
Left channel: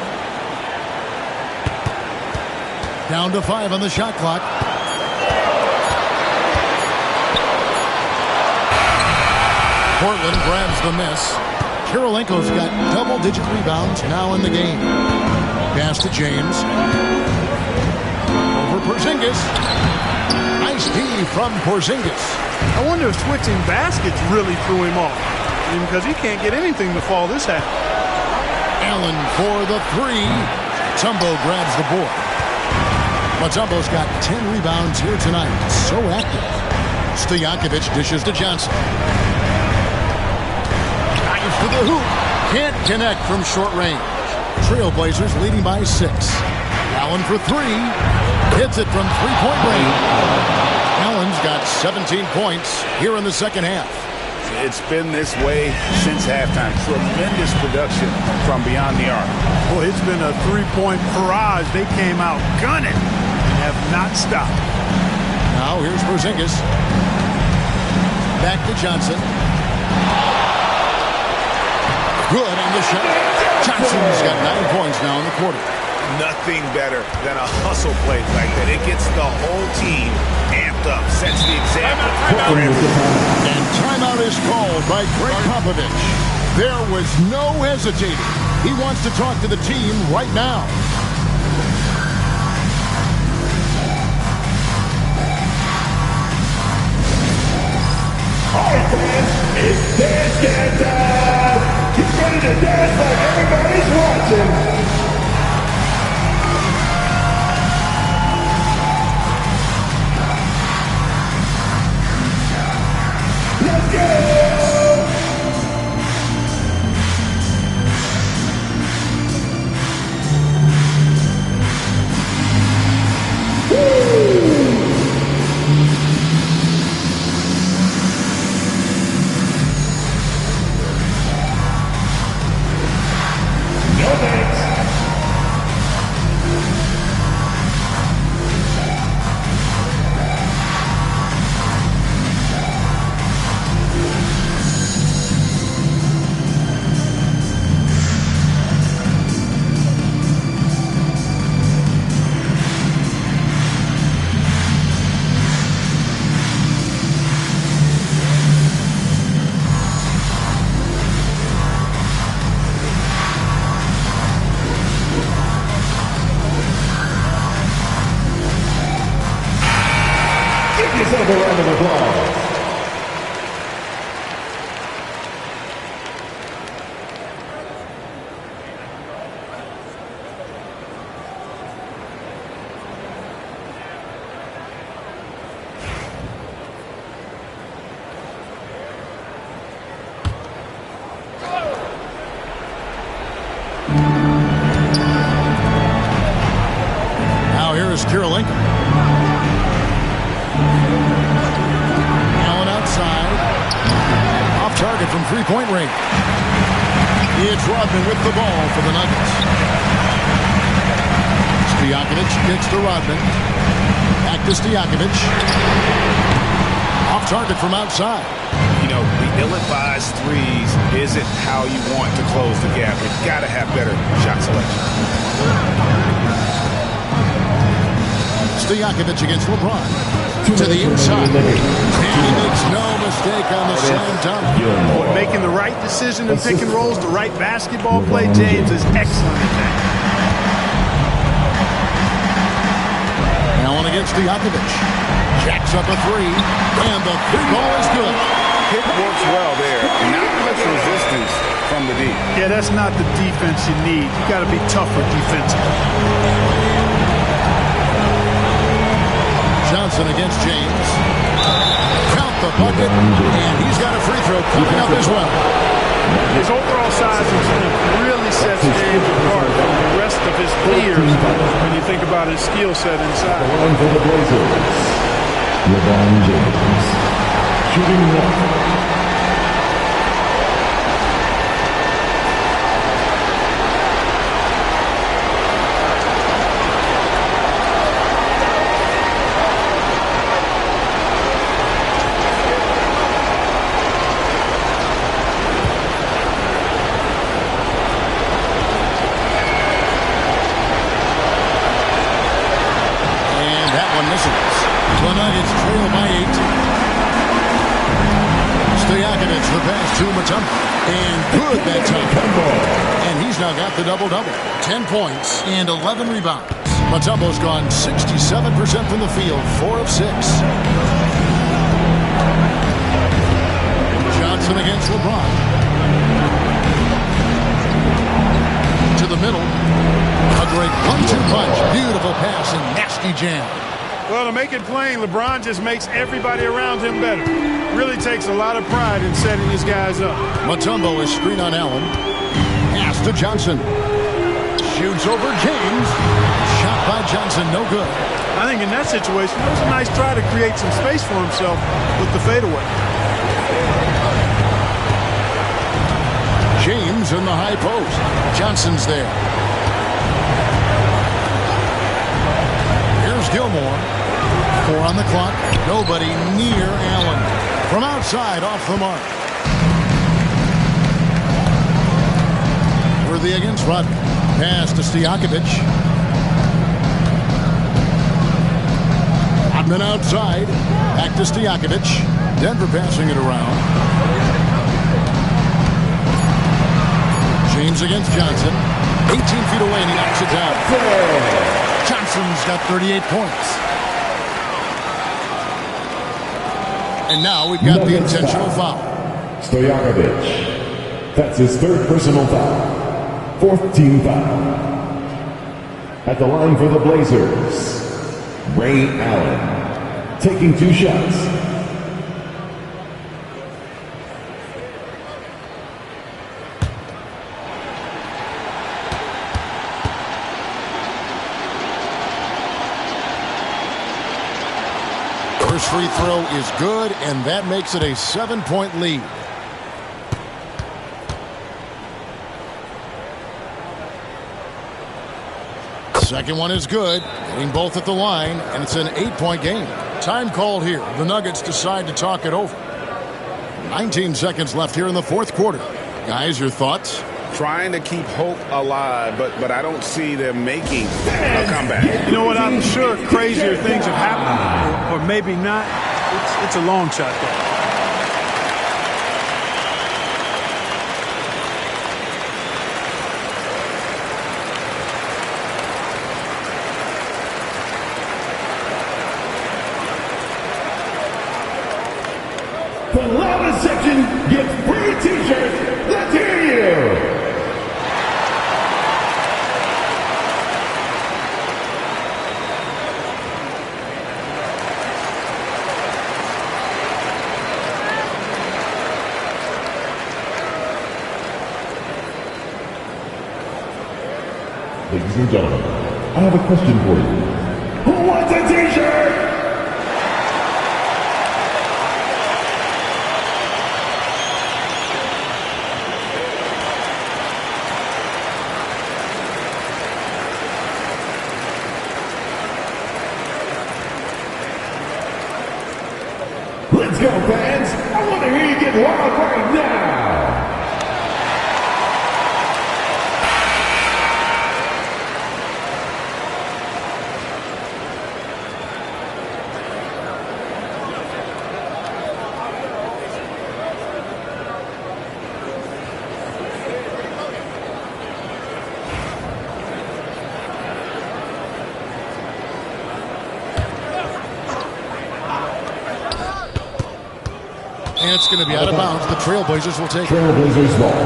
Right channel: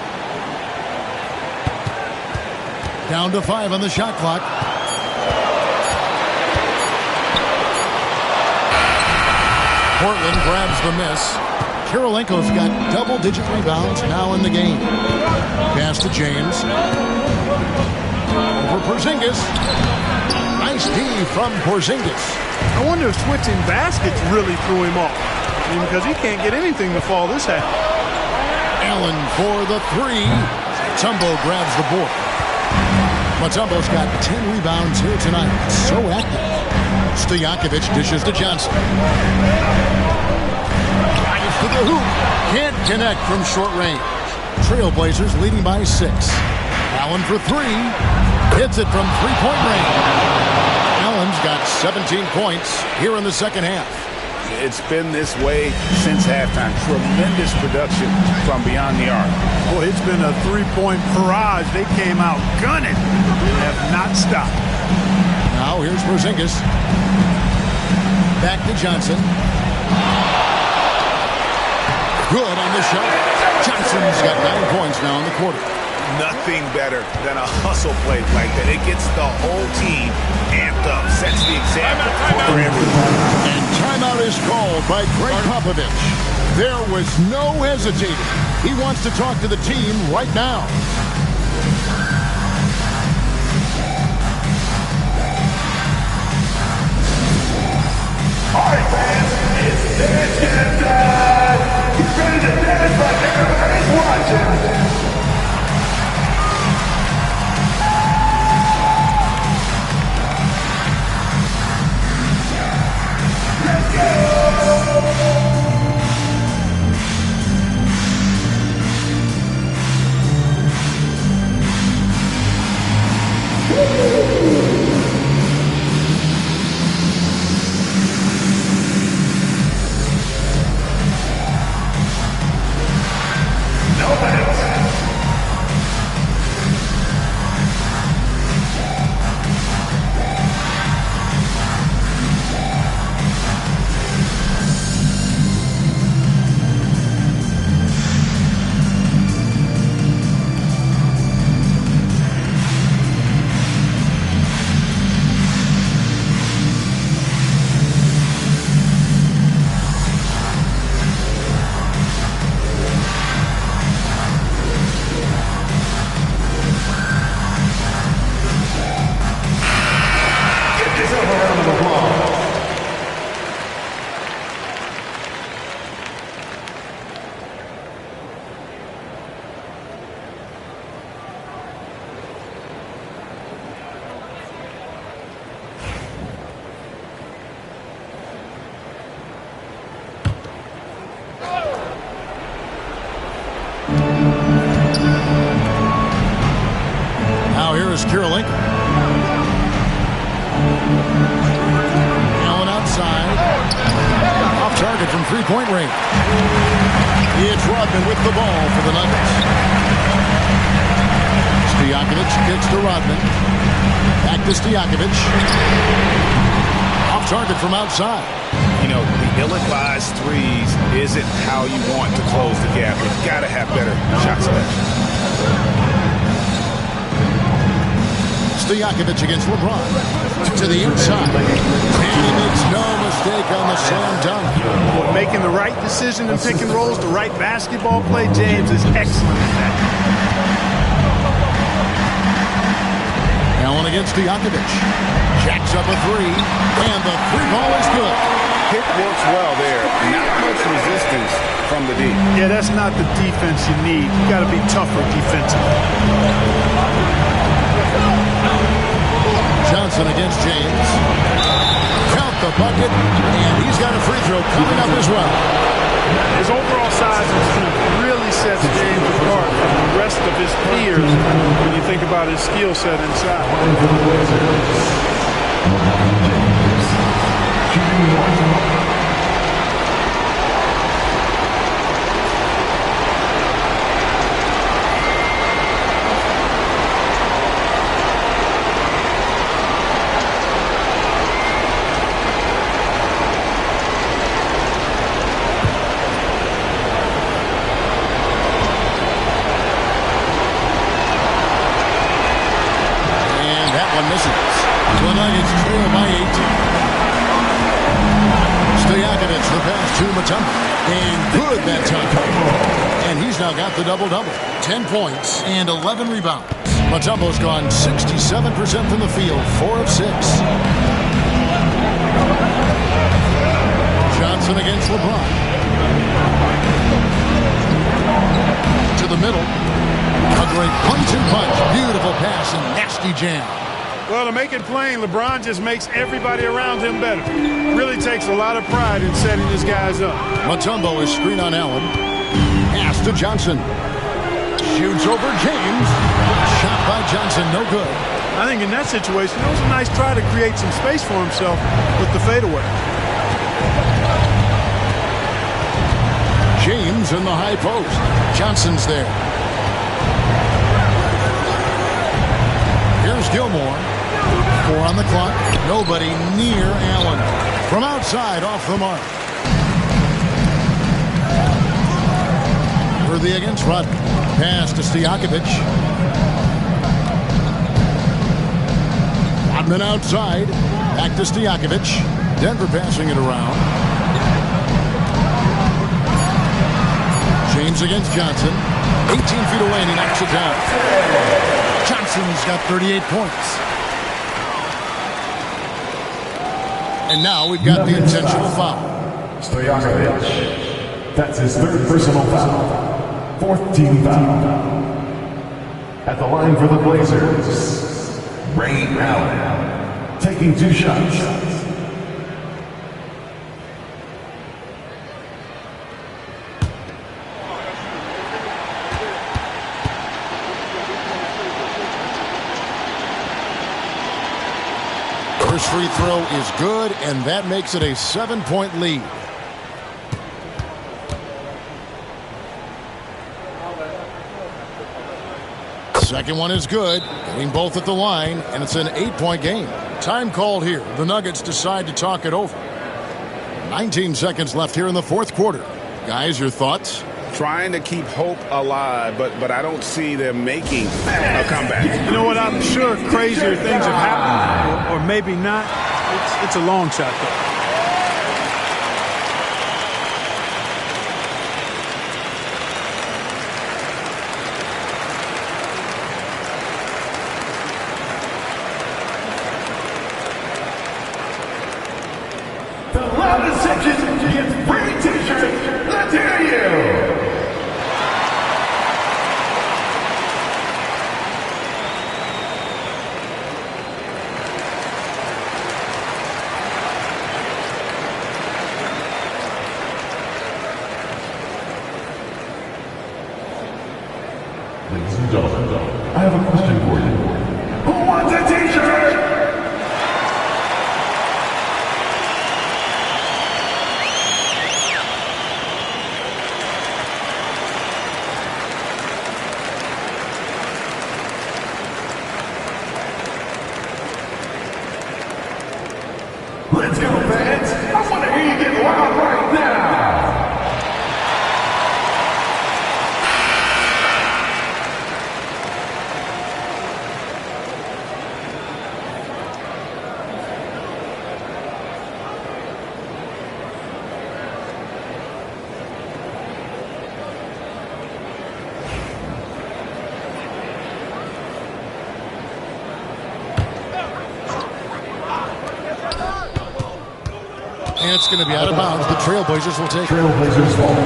Down to 5 on the shot clock. Portland grabs the miss. Karolinko's got double-digit rebounds now in the game. Pass to James. Over Porzingis. Nice D from Porzingis. I wonder if switching baskets really threw him off, because he can't get anything to fall this half. Allen for the 3. Mutombo grabs the board. Mutombo's got 10 rebounds here tonight. So active. Stojakovic dishes to Johnson. Drives to the hoop. Can't connect from short range. Trailblazers leading by 6. Allen for 3. Hits it from three-point range. Allen's got 17 points here in the second half. It's been this way since halftime. Tremendous production from beyond the arc. Boy, it's been a three-point barrage. They came out gunning and have not stopped. Now here's Porzingis. Back to Johnson. Good on the shot. Johnson's got 9 points now in the quarter. Nothing better than a hustle play like that. It gets the whole team amped up, sets the example for everyone. And timeout is called by Greg Popovich. There was no hesitating. He wants to talk to the team right now. All right, fans, it's dance time. Get ready to dance like everybody's watching. Let's go! No thanks. Give yourself a round of applause. Now here is Karolinko. Allen outside. Off target from three-point range. It's Rodman with the ball for the Nuggets. Stojakovic kicks to Rodman. Back to Stojakovic. Off target from outside. You know, the ill-advised threes isn't how you want to close the gap. You've got to have better shot selection. Stojakovic against LeBron. To the inside. And he makes no mistake on the slam dunk. Boy, making the right decision in pick and rolls, the right basketball play. James is excellent at that. Allen against Stojakovic. Jacks up a three, and the three ball is good. Pick works well there. Not much resistance from the D. Yeah, that's not the defense you need. You got to be tougher defensively. Johnson against James. Count the bucket, and he's got a free throw coming up as well. His overall size and strength really sets James apart from the rest of his peers when you think about his skill set inside. Line for the Blazers. LeBron James. Shooting one. Misses. The Nuggets trail by 18. Stojakovic, the pass to Mutombo. And good that time. And he's now got the double-double. 10 points and 11 rebounds. Mutombo's gone 67% from the field, 4 of 6. Johnson against LeBron. To the middle. A great 1-2 punch. Beautiful pass and nasty jam. Well, to make it plain, LeBron just makes everybody around him better. Really takes a lot of pride in setting his guys up. Mutombo is screen on Allen. Pass to Johnson. Shoots over James. Shot by Johnson, no good. I think in that situation, it was a nice try to create some space for himself with the fadeaway. James in the high post. Johnson's there. Here's Gilmore. 4 on the clock. Nobody near Allen. From outside, off the mark. Worthy against Rodman. Pass to Stojakovic. Rodman outside. Back to Stojakovic. Denver passing it around. James against Johnson. 18 feet away, and he knocks it down. Johnson's got 38 points. And now we've got the intentional foul. Stojakovic. That's his 3rd personal foul. 4th team foul. At the line for the Blazers, Ray Allen. Taking 2 shots. First free throw is good, and that makes it a 7-point lead. Second one is good, getting both at the line, and it's an 8-point game. Time called here. The Nuggets decide to talk it over. 19 seconds left here in the 4th quarter. Guys, your thoughts? Trying to keep hope alive, but I don't see them making a comeback. You know what? I'm sure crazier things have happened, or maybe not. It's a long shot, though. The loudest section gets free t-shirts. Let's hear you. Ladies and gentlemen, I have a question for you. Who wants a t-shirt? Let's go, fans! I want to hear you get loud right now! And it's going to be out of bounds. The Trailblazers will take it. Trailblazers ball.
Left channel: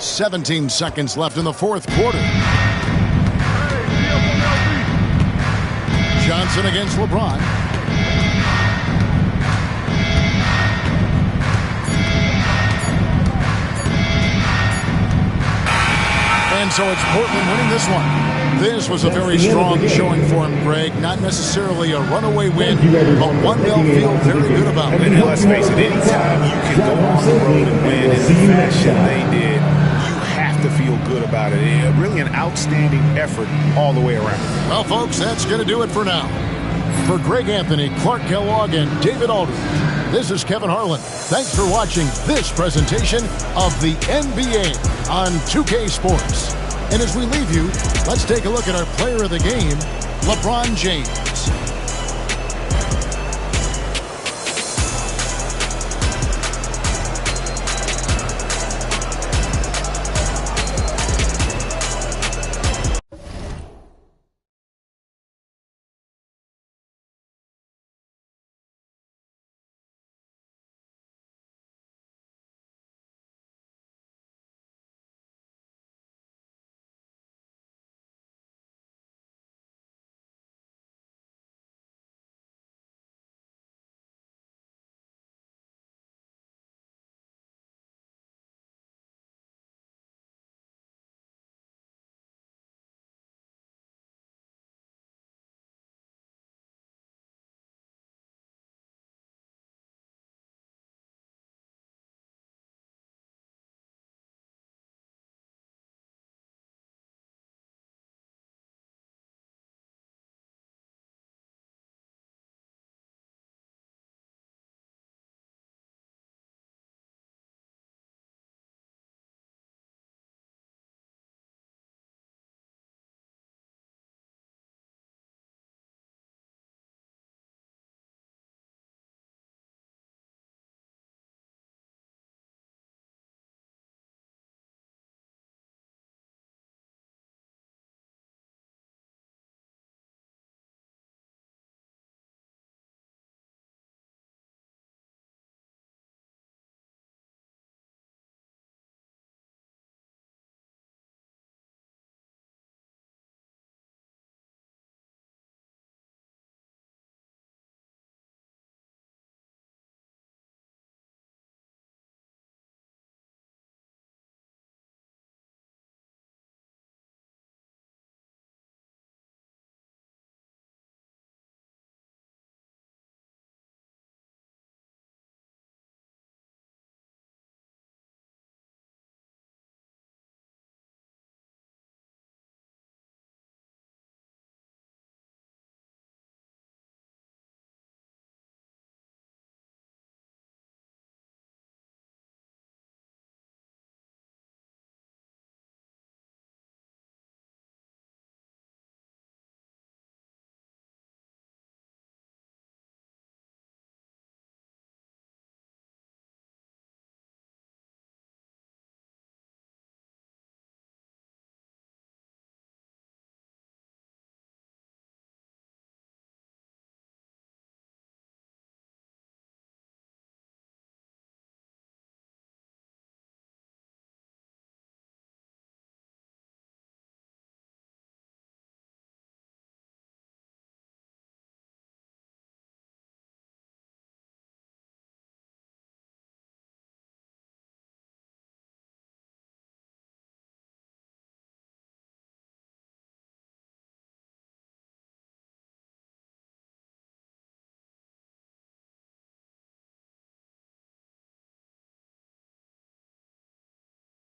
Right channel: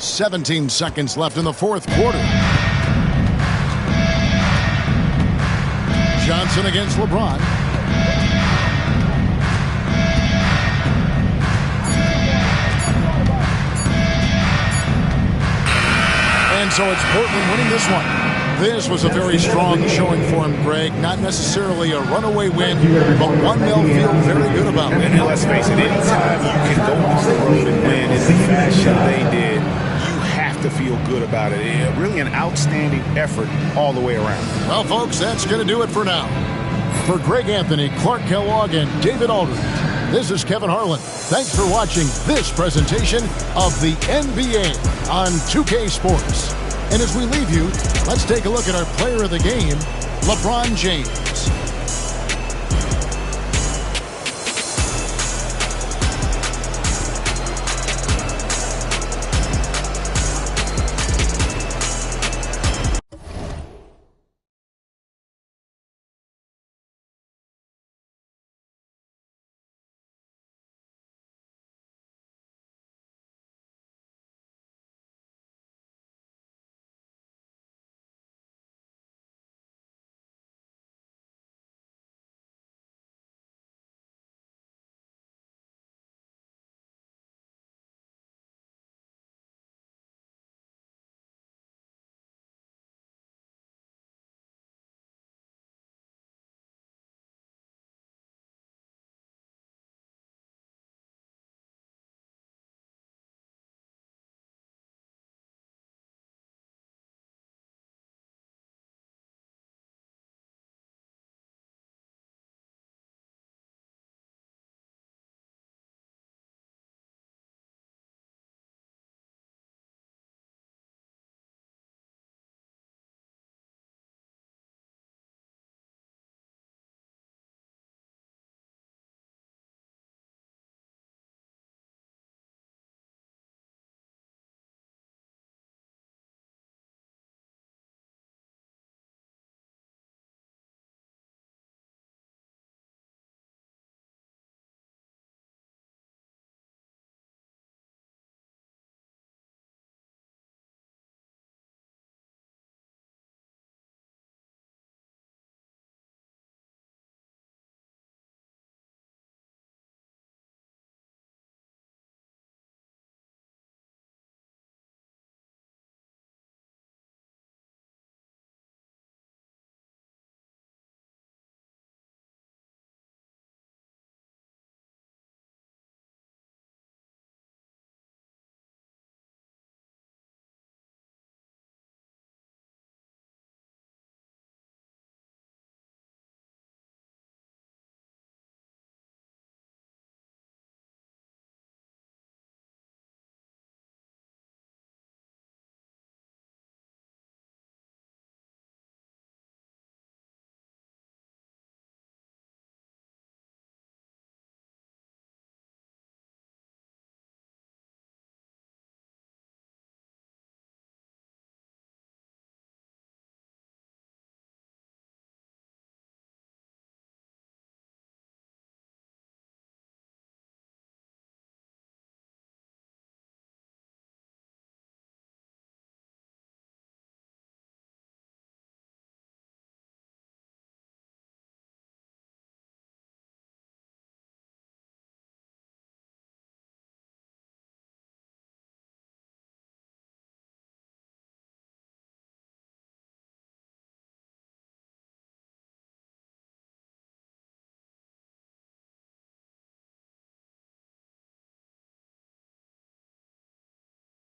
"17 seconds left in the fourth quarter. Johnson against LeBron. And so it's Portland winning this one. This was a very strong showing for him, Greg. Not necessarily a runaway win, but one they'll feel very good about. And let's face it, anytime you can go on the road and win in the fashion they did, you have to feel good about it. Really an outstanding effort all the way around. Well, folks, that's going to do it for now. For Greg Anthony, Clark Kellogg, and David Aldridge, this is Kevin Harlan. Thanks for watching this presentation of the NBA on 2K Sports. And as we leave you, let's take a look at our player of the game, LeBron James.